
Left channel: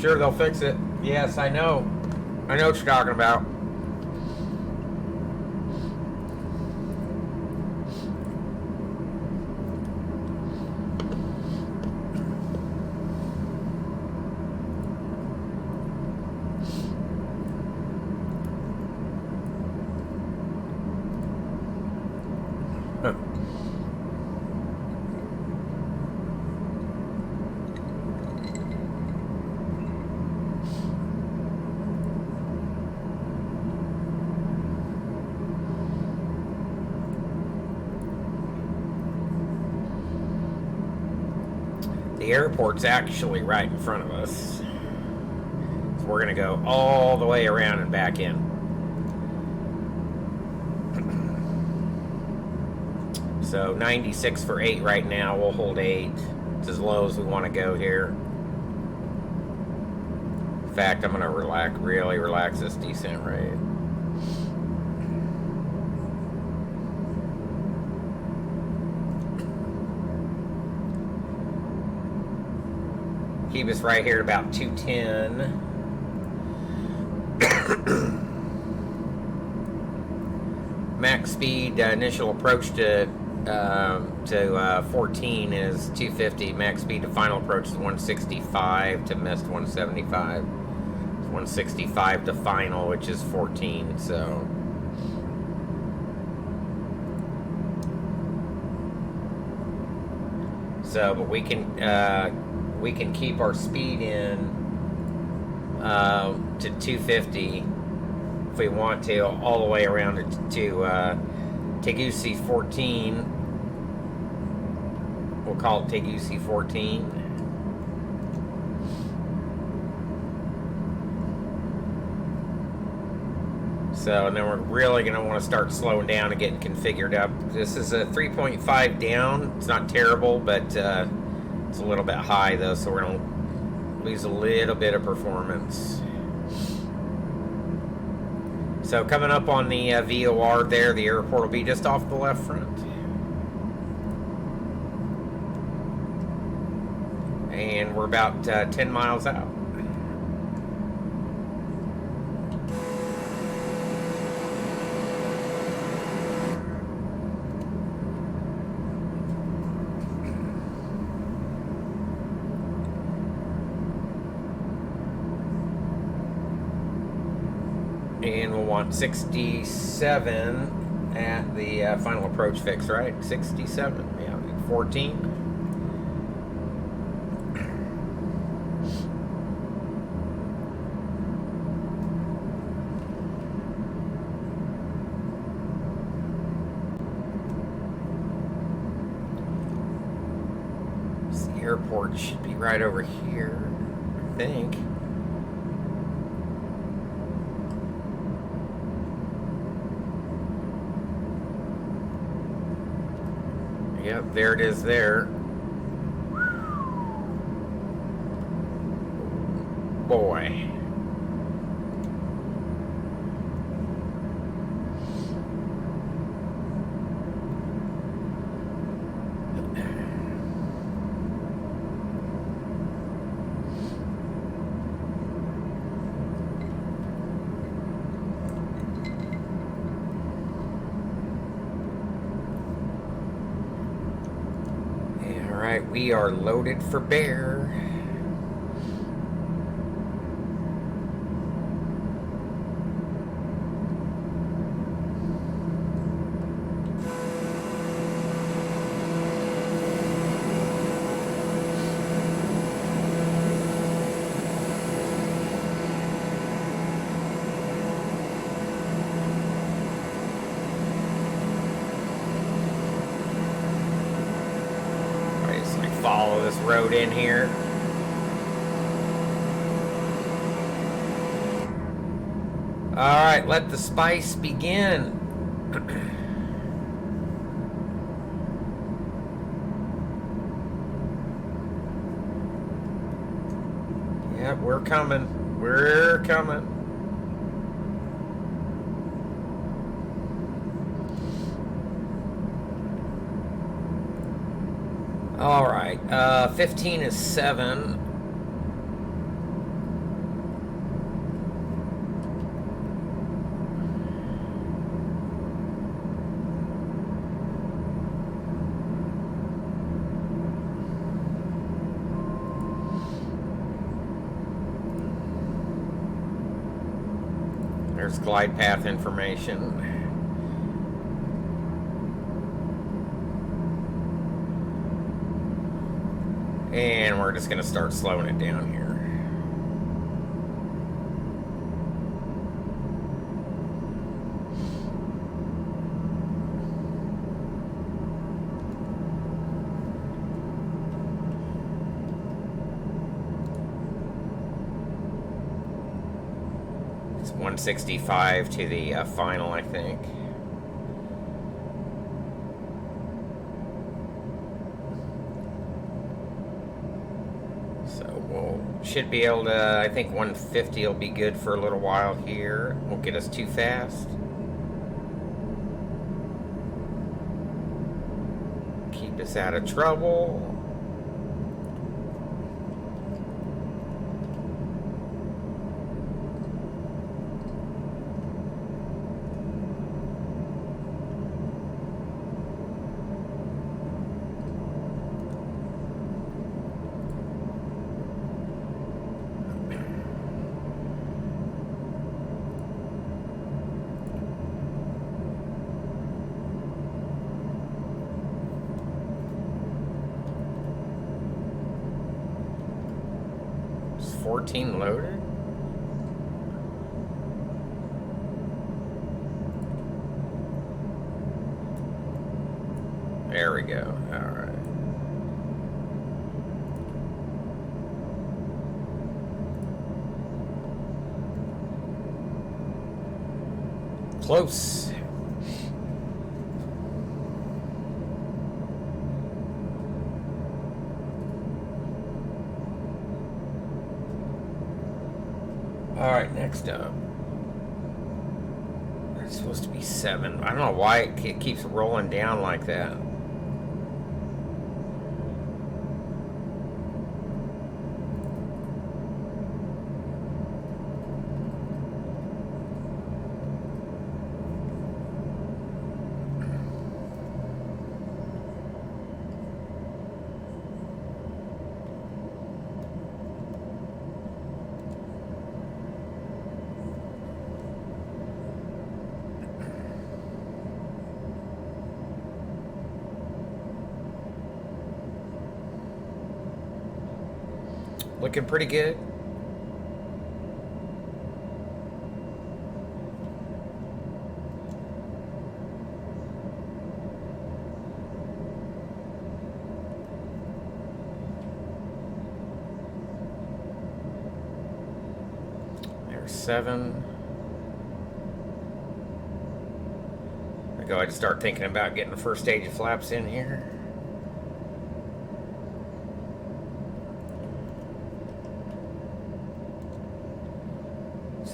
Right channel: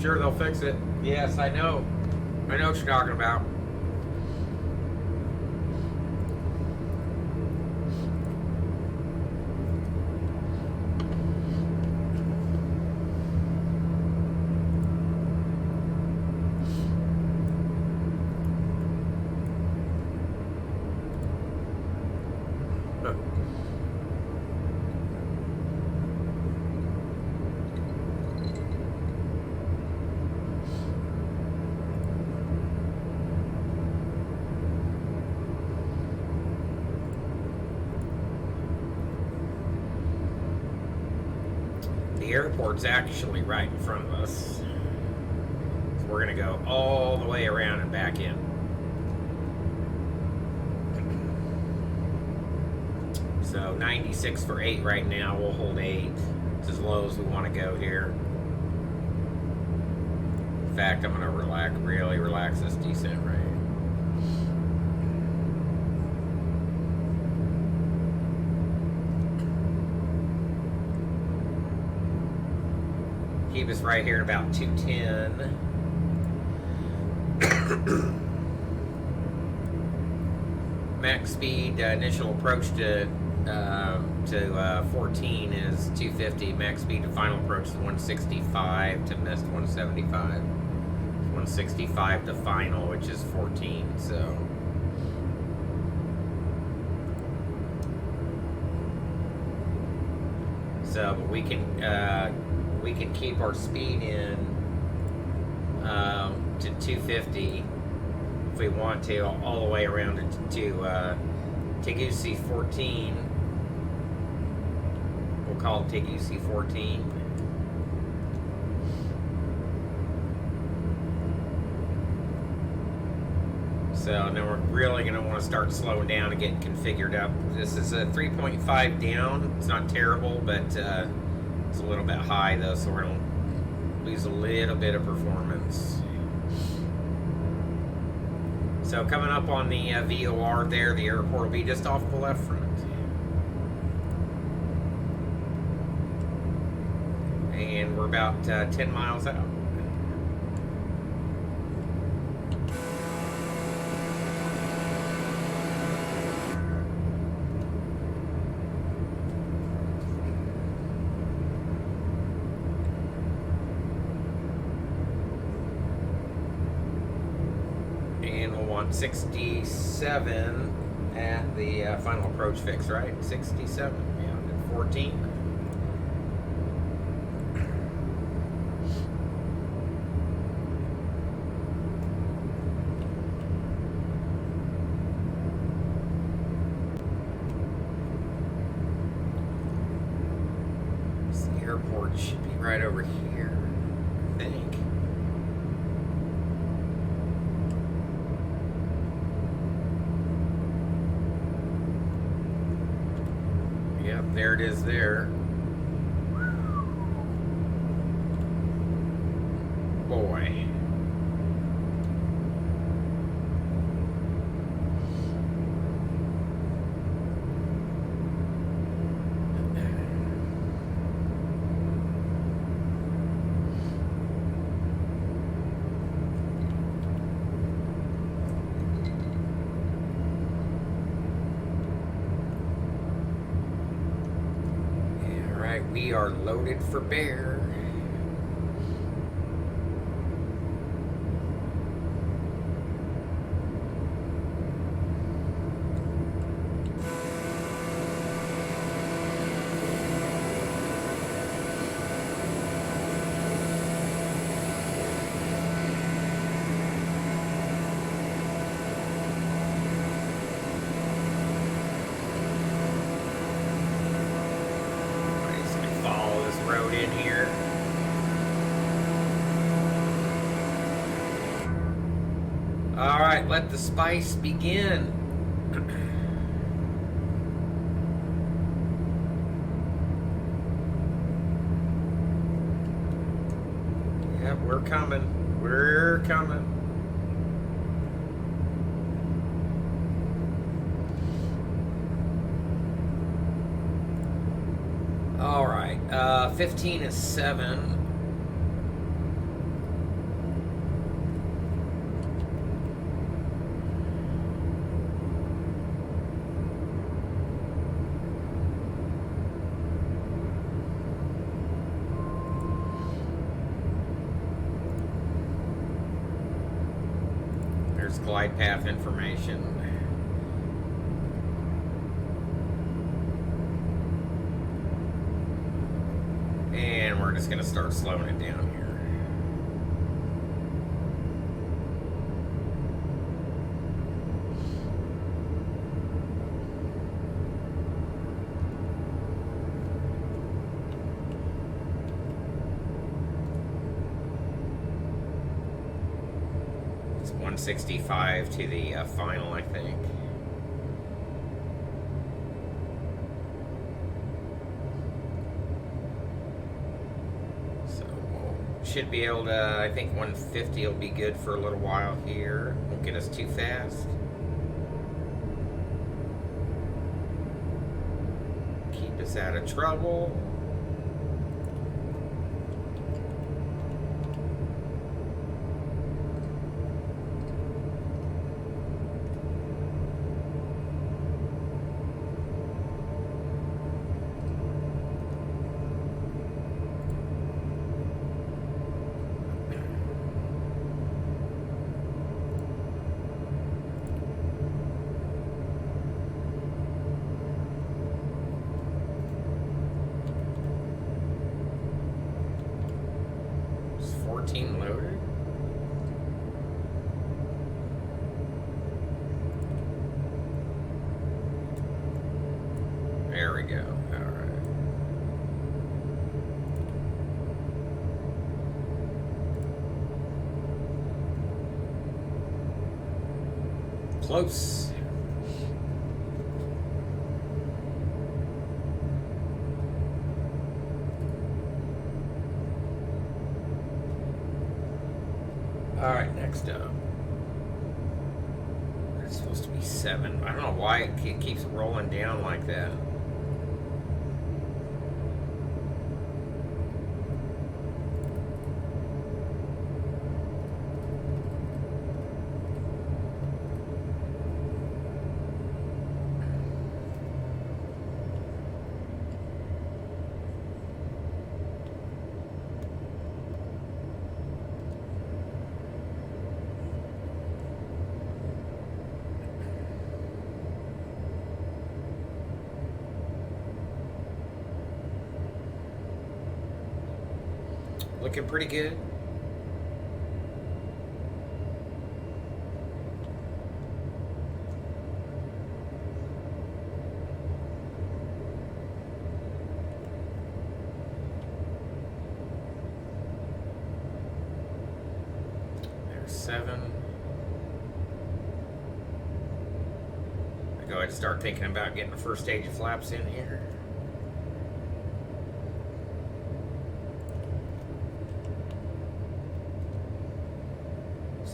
Sure, they'll fix it. Yes, I know. I know what you're talking about. the airport's actually right in front of us. So we're going to go all the way around and back in. So 96 for 8 right now. We'll hold 8. It's as low as we want to go here. In fact, I'm going to really relax this descent rate. Keep us right here at about 210. Max speed, initial approach to 14 is 250. Max speed to final approach is 165 to missed 175. 165 to final, which is 14. But we can keep our speed in to 250 if we want to, all the way around to Tegucigalpa 14. We'll call it Tegucigalpa 14. So, and then we're really going to want to start slowing down and getting configured up. This is a 3.5 down. It's not terrible, but it's a little bit high, though, so we're going to lose a little bit of performance. So coming up on the VOR there, the airport will be just off the left front. And we're about 10 miles out. And we'll want 67 at the final approach fix, right? 67, yeah, 14. So the airport should be right over here, I think. Yep, there it is there. Boy. We are loaded for bear. Road in here. All right, let the spice begin. Yep, we're coming. We're coming. All right, 15 is 7. There's glide path information. And we're just going to start slowing it down here. 165 to the final, I think. So should be able to, I think 150 will be good for a little while here. Won't get us too fast. Keep us out of trouble. Loaded. There we go. All right. Close. Alright, next up. It's supposed to be 7. I don't know why it keeps rolling down like that. Looking pretty good. There's 7. I go ahead and start thinking about getting the first stage of flaps in here.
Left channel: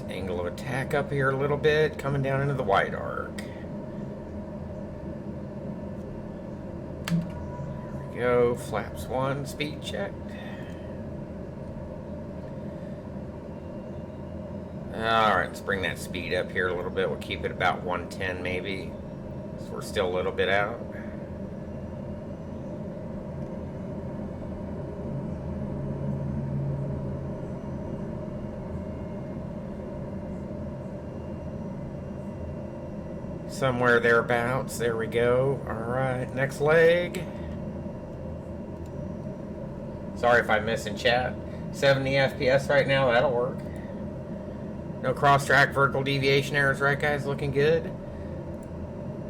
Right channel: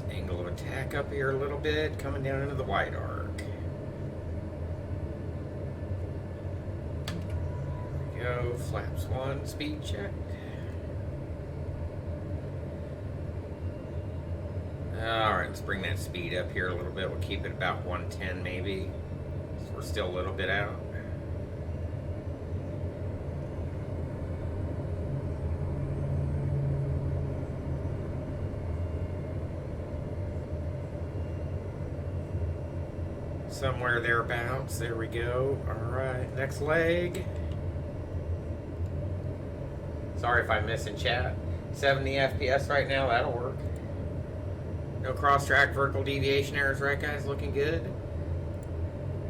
Angle of attack up here a little bit, coming down into the wide arc. There we go, flaps 1, speed check. Alright, let's bring that speed up here a little bit. We'll keep it about 110 maybe. So we're still a little bit out. Somewhere thereabouts. There we go. Alright, next leg. Sorry if I miss in chat. 70 FPS right now, that'll work. No cross-track vertical deviation errors, right guys? Looking good.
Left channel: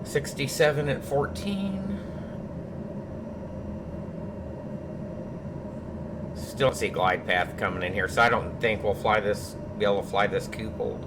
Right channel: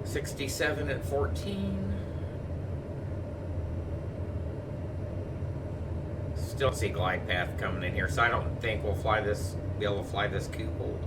67 at 14. Still see glide path coming in here, so I don't think we'll be able to fly this couple.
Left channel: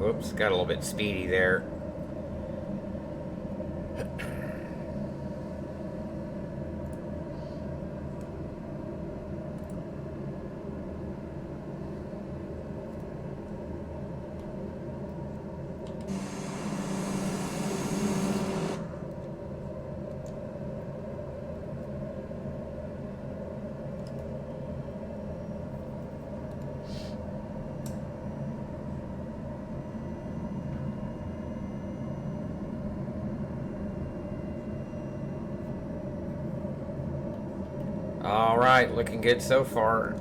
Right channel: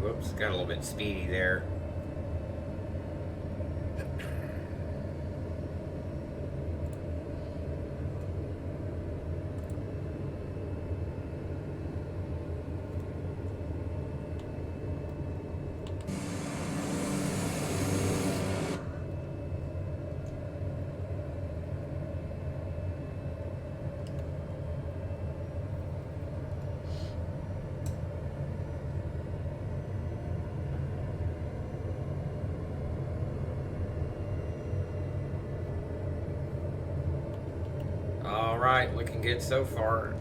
Whoops, got a little bit speedy there. Alright, looking good so far.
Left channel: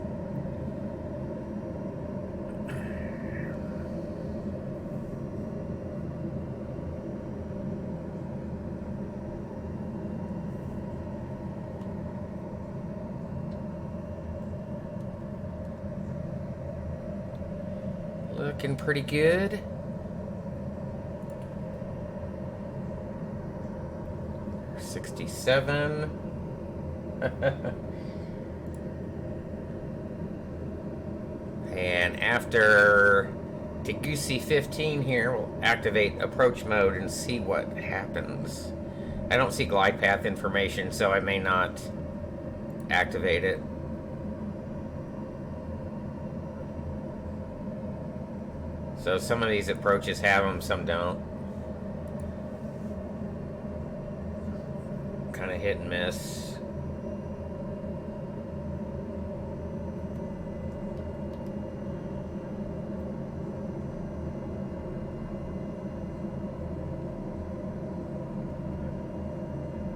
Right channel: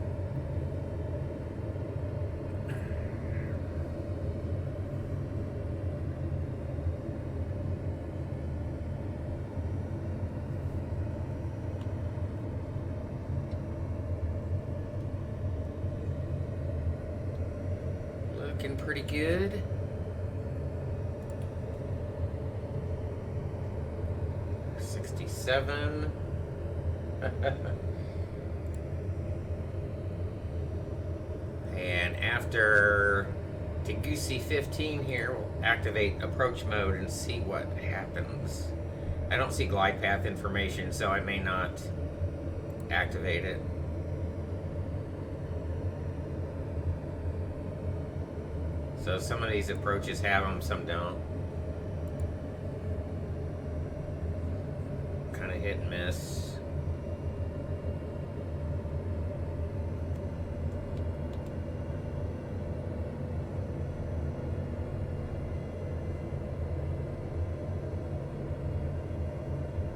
looking pretty good. $67. And after Tegusi 15 here, we'll activate approach mode and see what happens. I don't see glide path information, so I may not activate it. So some of these approaches have them, some don't. Kind of hit and miss.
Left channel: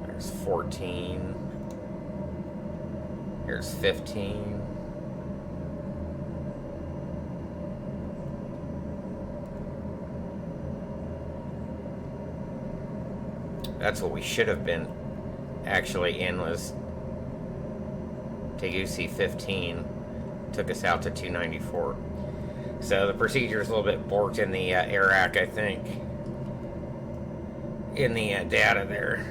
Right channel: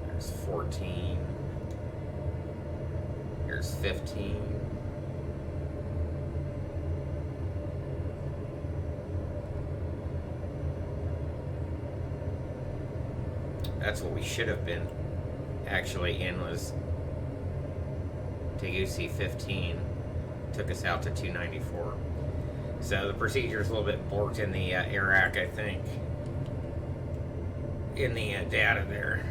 There's 14. Here's 15. That's what we should have been actually in, was Tegusi 15. Took us out to 294. So the procedure is a little bit borked in the AIRAC, I think, in the data there.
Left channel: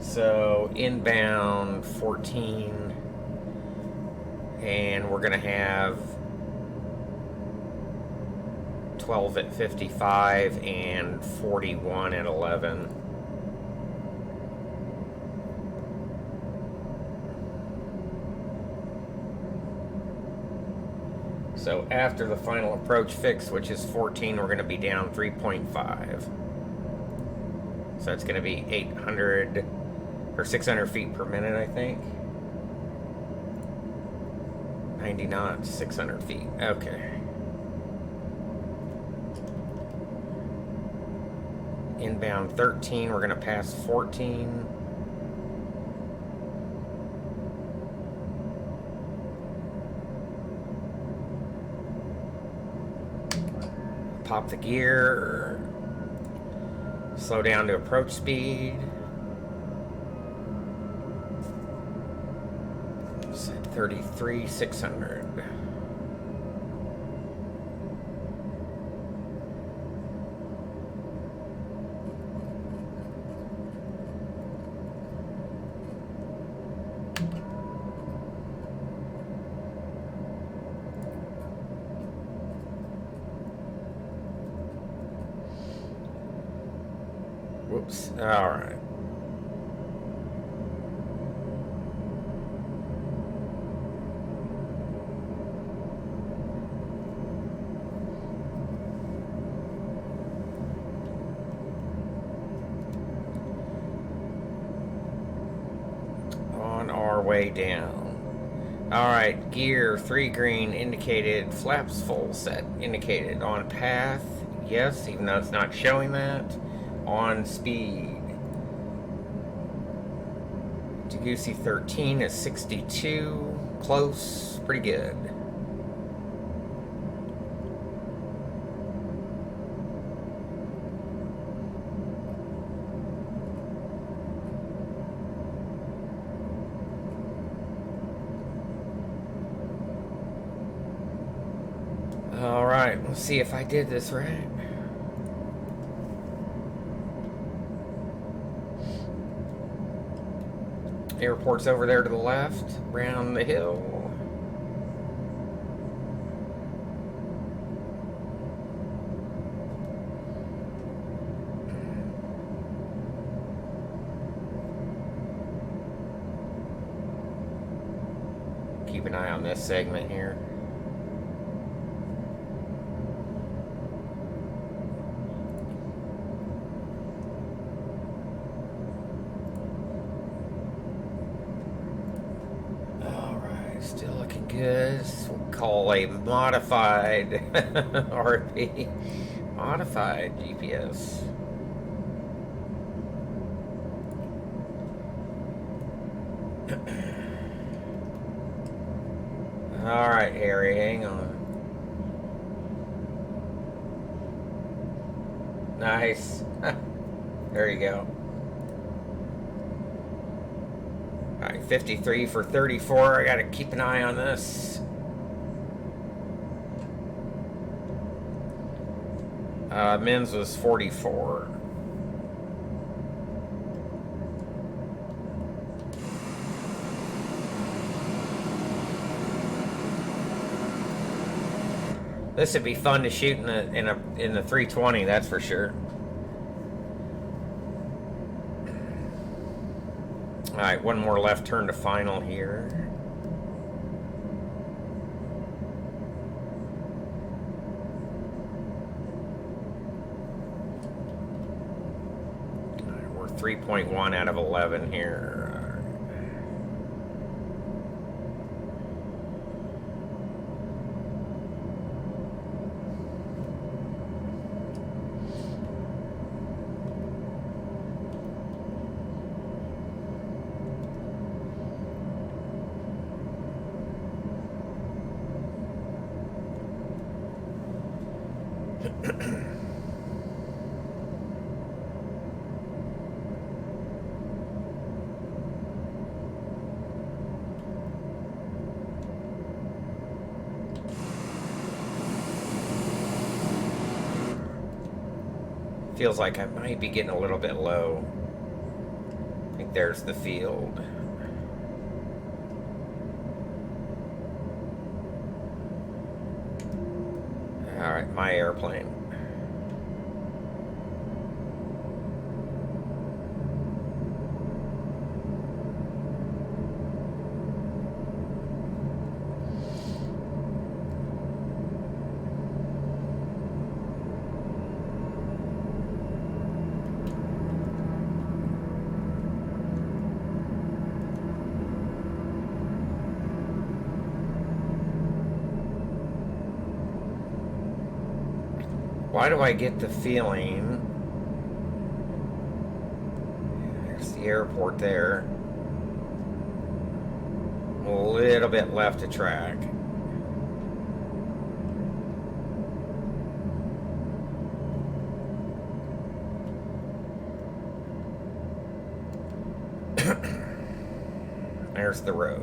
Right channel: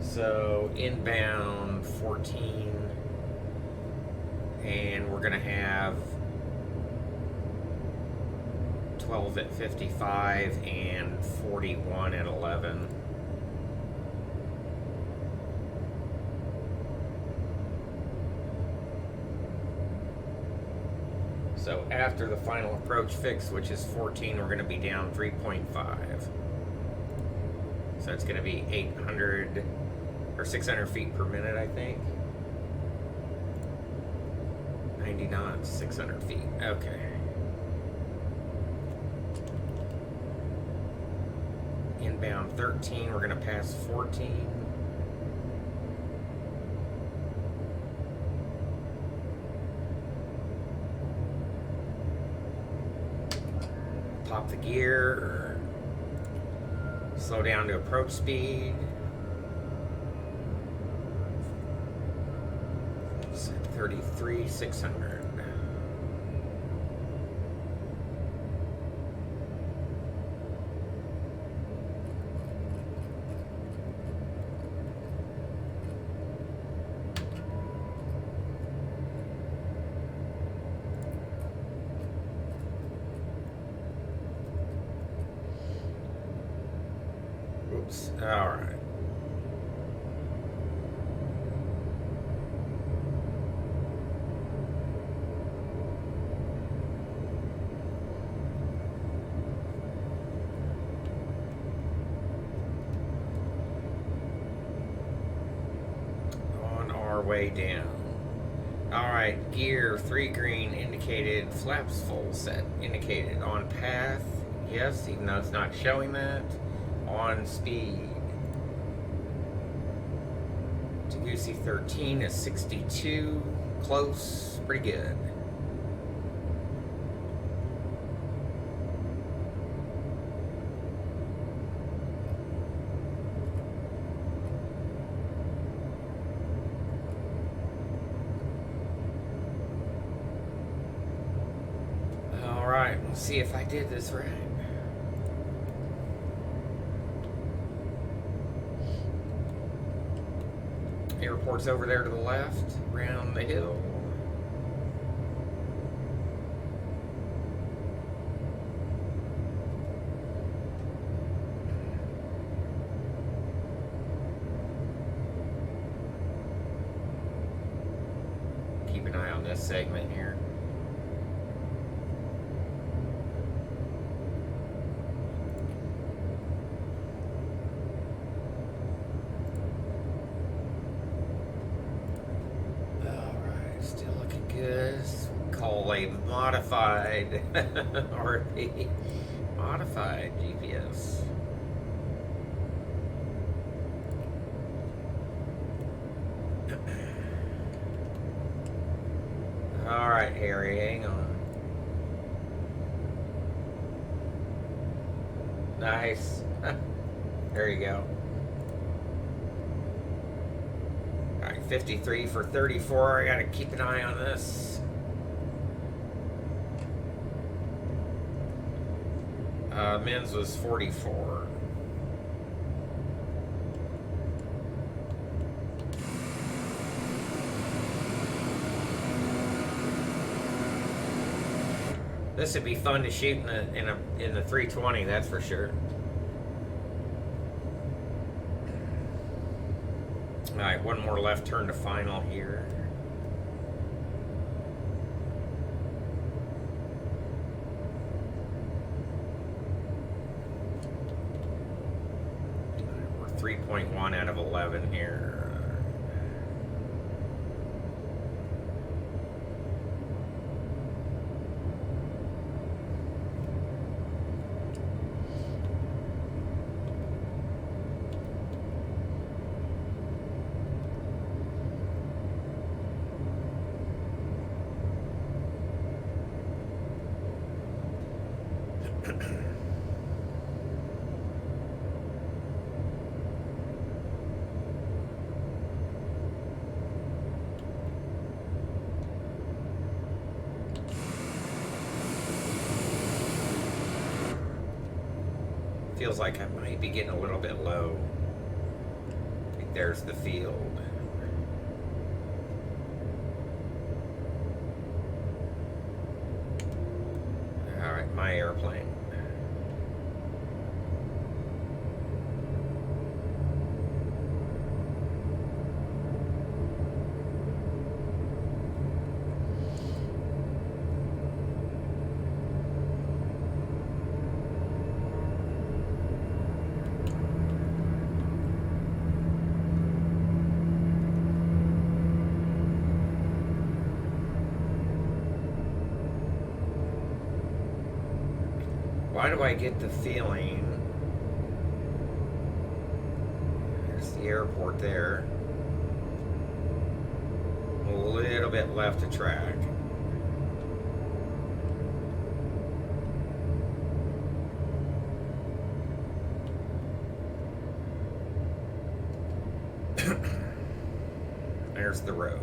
So inbound 14, and we're gonna have 12 at 55 and 41 at 11. So after the final approach fix, which is 14, we're going to be down 3.5. So it's going to be 800 or 600 feet per minute, I think. 90 knots, 600 feet. Okay. Inbound 13, we're going to pass 14. Pop the gear. Slow down to approach speed. It's at 33,600. Whoops. All right. On our way down. All right. Gear 3 green indicated. Flaps full set indicated. On path. Yes, even though it's not showing that. On speed. Tegusi 13 is 62. Close. Pretty good. All right, let's see if I did this right. Airport's over there to the left, around the hill. Keep an eye on this segment here. This we call a modified RP, modified GPS. All right, Harry, hang on. Nice. There you go. 53 for 34. I gotta keep an eye on this. Men's was 44. This would be fun to shoot in the 320, that's for sure. All right, one more left turn to final here. We're 3.1 out of 11 here. Feels like I might be getting a little bit low. I think there's the field. All right, my airplane. Why do I get the feeling? There's the airport there. A little bit left to track. There's the road.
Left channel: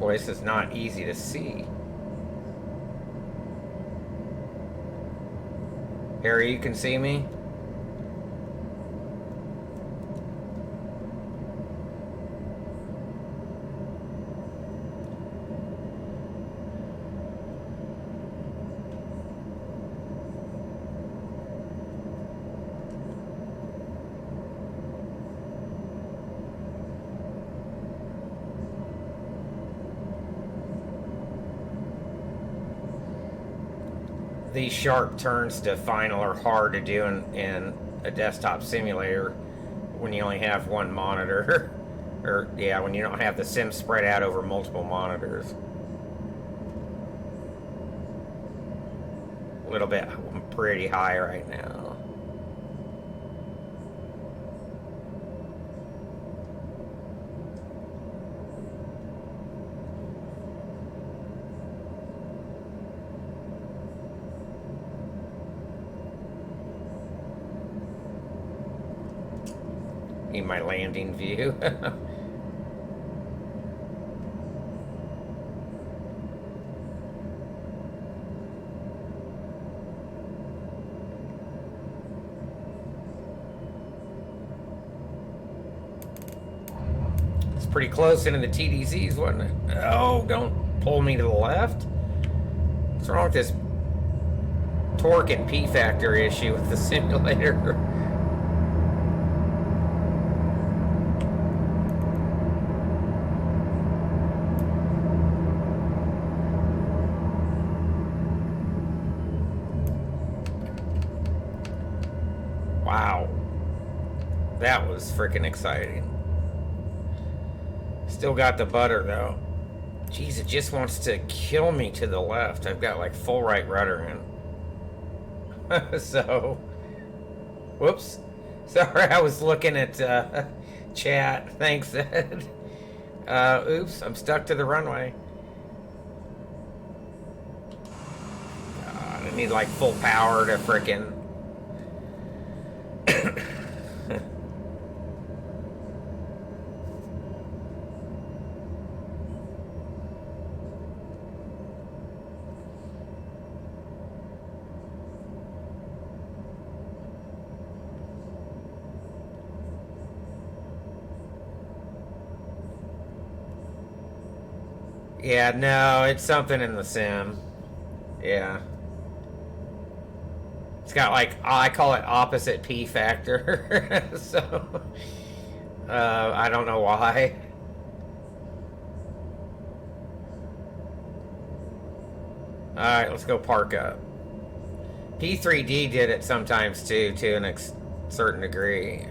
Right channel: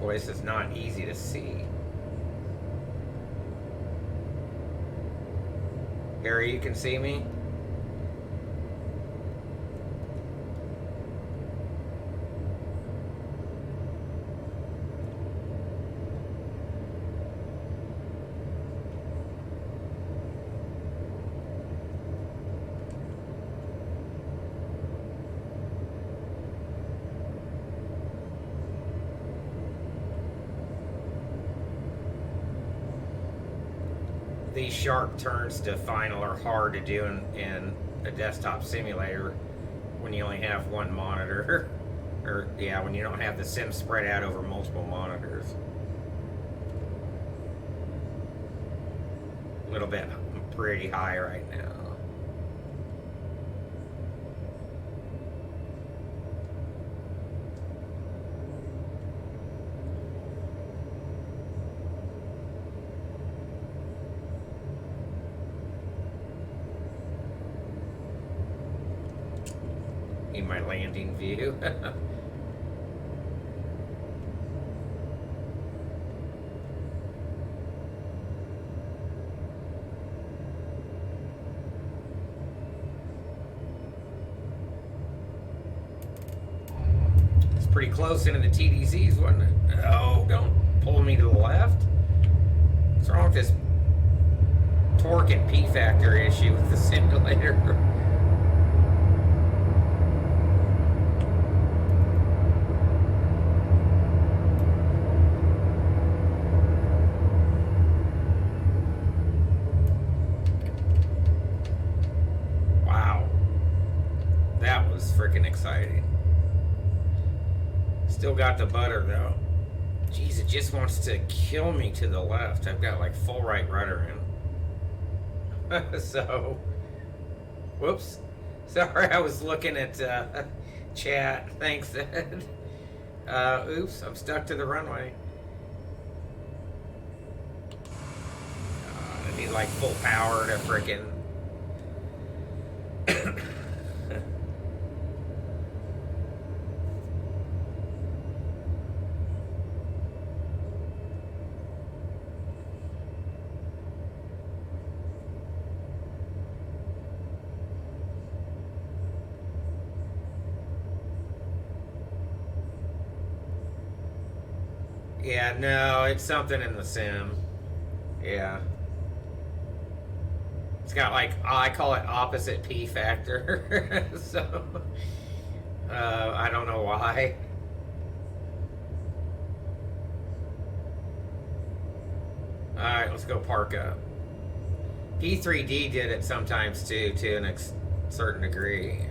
Boy, this is not easy to see. Harry, you can see me? These sharp turns to final are hard to do in a desktop simulator when you only have one monitor. Or, yeah, when you don't have the sim spread out over multiple monitors. A little bit pretty high right now. In my landing view. It's pretty close into the TDCs, wasn't it? Oh, don't pull me to the left. What's wrong with this torque and P factor issue with the simulator? That was freaking exciting. Still got the butter though. Jeez, it just wants to kill me to the left. I've got like full right rudder in. So, whoops. Sorry, I was looking at chat. Thanks, Ed. Oops, I'm stuck to the runway. We need like full power to frickin'. Yeah, no, it's something in the sim. Yeah. It's got like, I call it opposite P factor. So, I don't know why. Alright, let's go park up. P3D did it sometimes too, to a certain degree.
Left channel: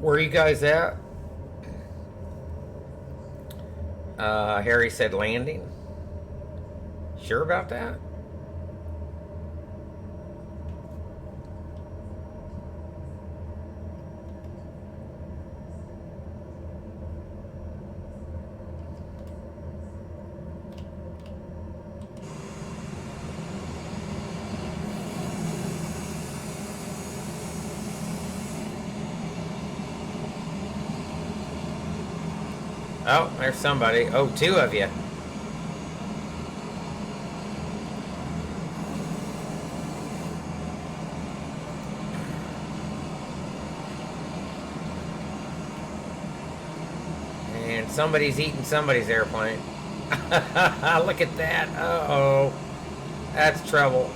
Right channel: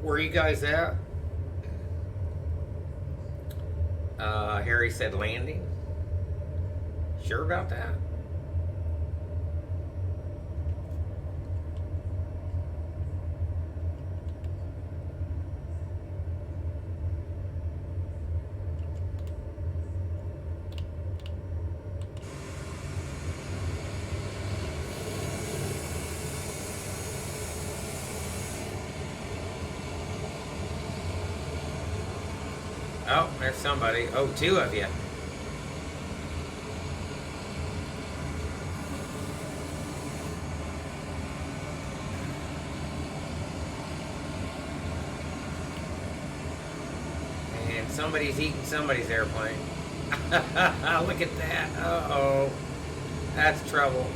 Where are you guys at? Harry said landing. Sure about that? Oh, there's somebody. Oh, two of you. And somebody's eating somebody's airplane. Look at that. Uh-oh. That's trouble.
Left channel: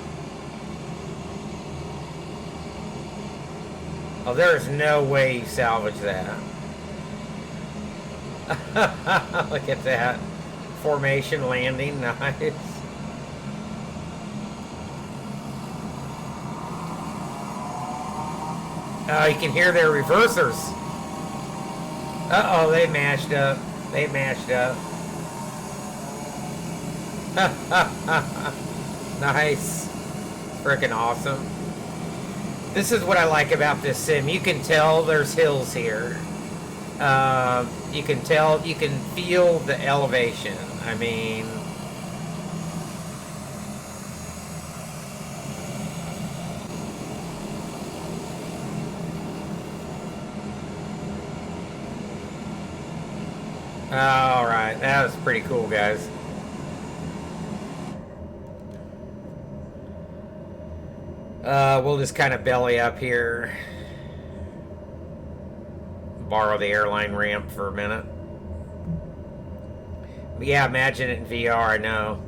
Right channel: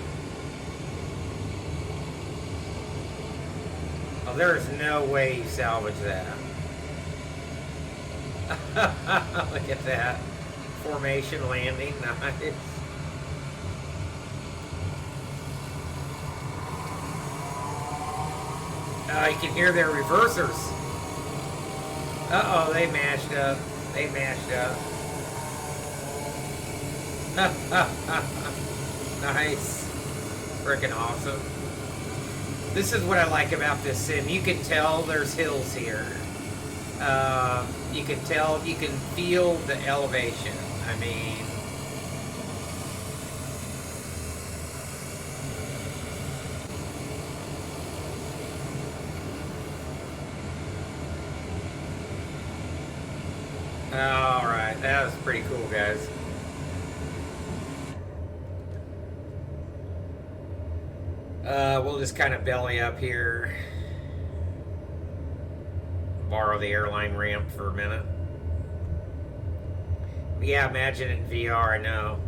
Oh, there's no way you salvage that. Look at that. Formation landing. Nice. Oh, you can hear their reversers. Uh-oh, they mashed up. They mashed up. Nice. Freaking awesome. This is what I like about this sim. You can tell there's hills here. You can tell, you can feel the elevation. I mean, all right, that was pretty cool, guys. We'll just kind of belly up here. Borrow the airline ramp for a minute. Yeah, imagine it in VR, I know.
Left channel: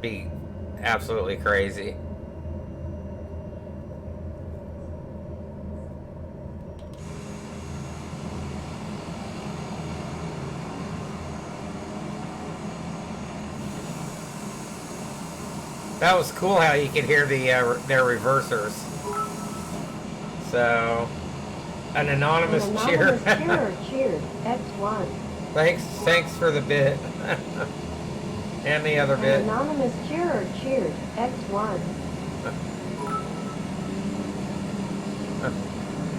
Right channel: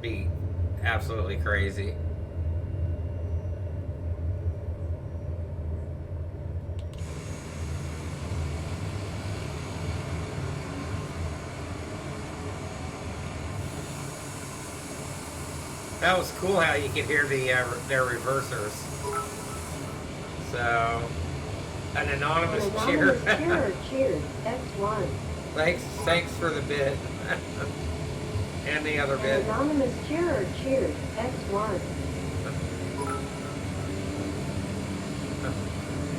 Be absolutely crazy. That was cool how you could hear their reversers. So, an anonymous cheer. Cheers, X1. Thanks for the bit. And the other bit. An anonymous cheerer cheers, X1.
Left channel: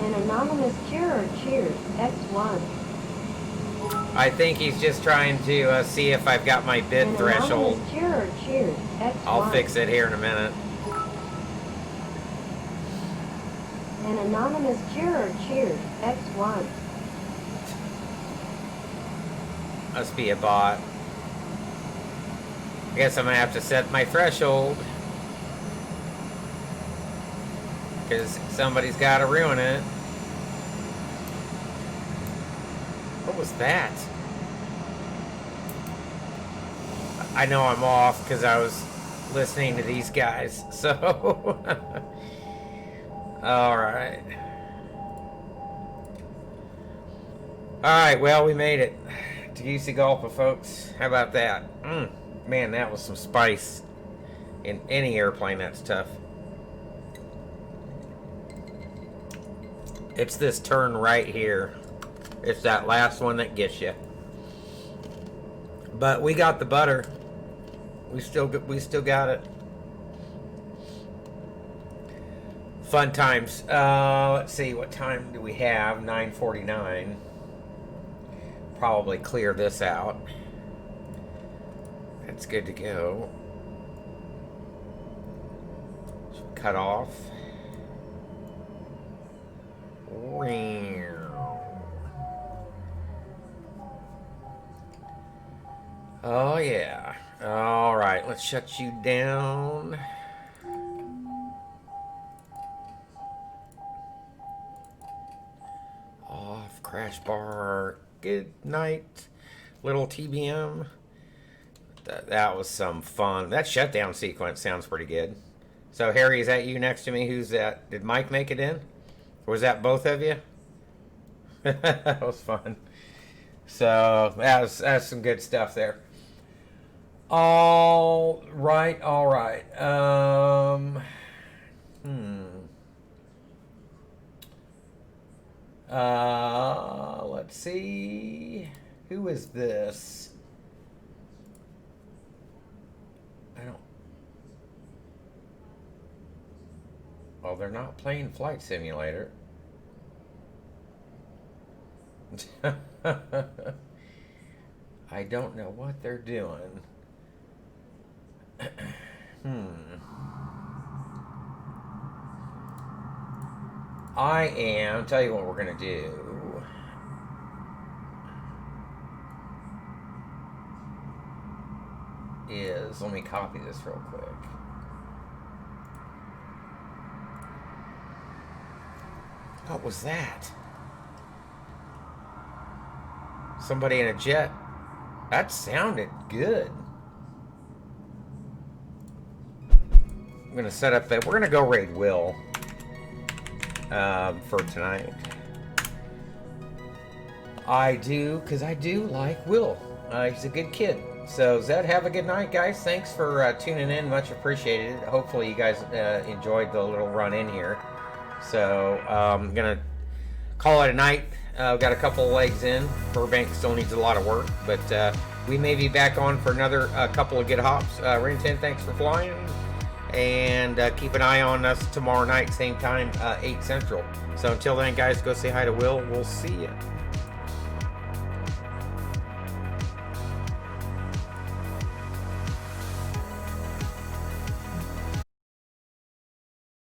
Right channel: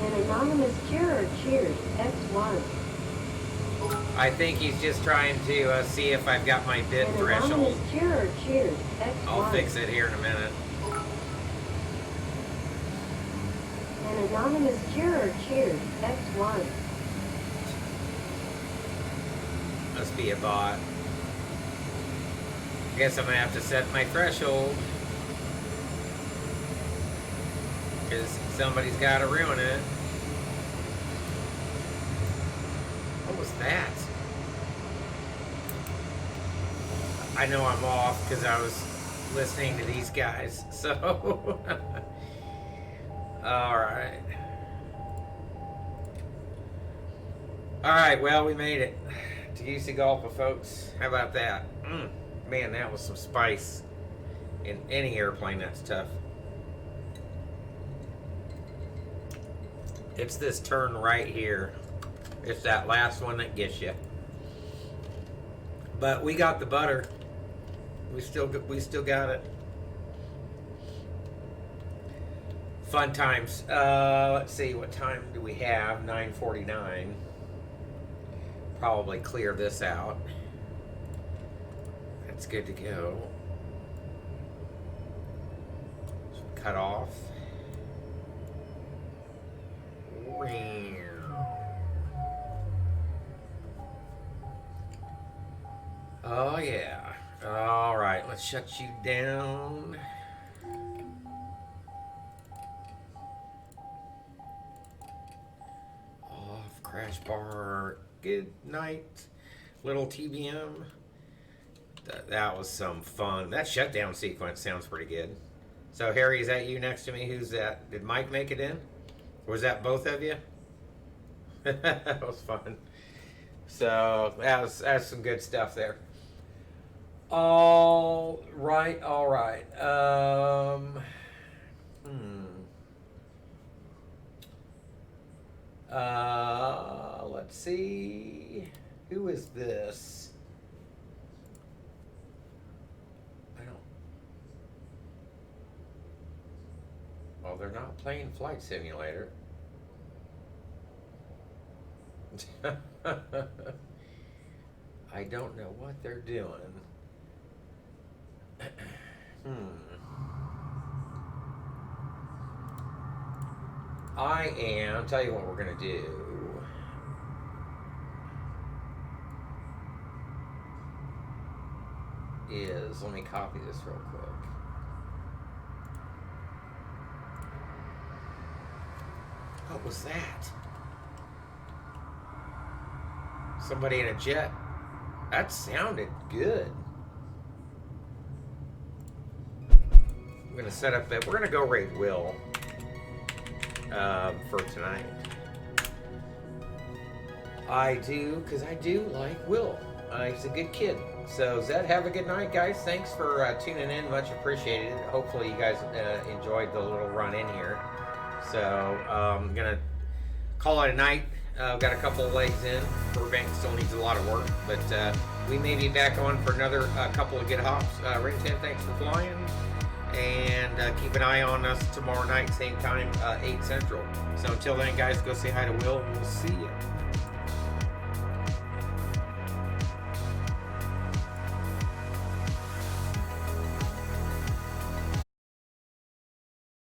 An anonymous cheerer cheers, X1. I think he's just trying to see if I've got my bid threshold. An anonymous cheerer cheers, X1. I'll fix it here in a minute. An anonymous cheerer cheers, X1. Must be a bot. I guess I'm gonna have to set my threshold. Because somebody's gotta ruin it. What was that? I know I'm off because I was listening to these guys, so... Alright. Alright, well, we made it. Tegucigalpa, folks. How about that? Man, that was some spice. In any airplane, that's tough. It's this turn right here. It's that last one that gets you. But we got the butter. We still got it. Fun times. Let's see, what time do we have? 9:49. Probably clear this out. That's good to go. Cut off. Oh yeah. All right, let's shut you down. Off, crash bar. Good night, little TBM. That was some fun. That shutdown sequence sounds pretty good. So Harry, is that you next to me? Who's that? Did Mike make it in? Or was that both of you? That was fun. So that's some good stuff there. All right. Let's see. Who is this? Well, they're not playing Flight Simulator. I don't know what they're doing. Tell you what we're going to do. Let me copy this real quick. What was that? Somebody in a jet. That sounded good. I'm going to set up that. We're going to go raid Will for tonight. I do, because I do like Will. He's a good kid. So, Zed, have a good night, guys. Thanks for tuning in. Much appreciated. Hopefully, you guys enjoyed the little run in here. So, I'm going to call it a night. We've got a couple of legs in. Burbank still needs a lot of work. But we may be back on for another couple of good hops. Ring 10, thanks for flying. And keep an eye on us tomorrow night, same time, 8 Central. So, until then, guys, go say hi to Will. We'll see you.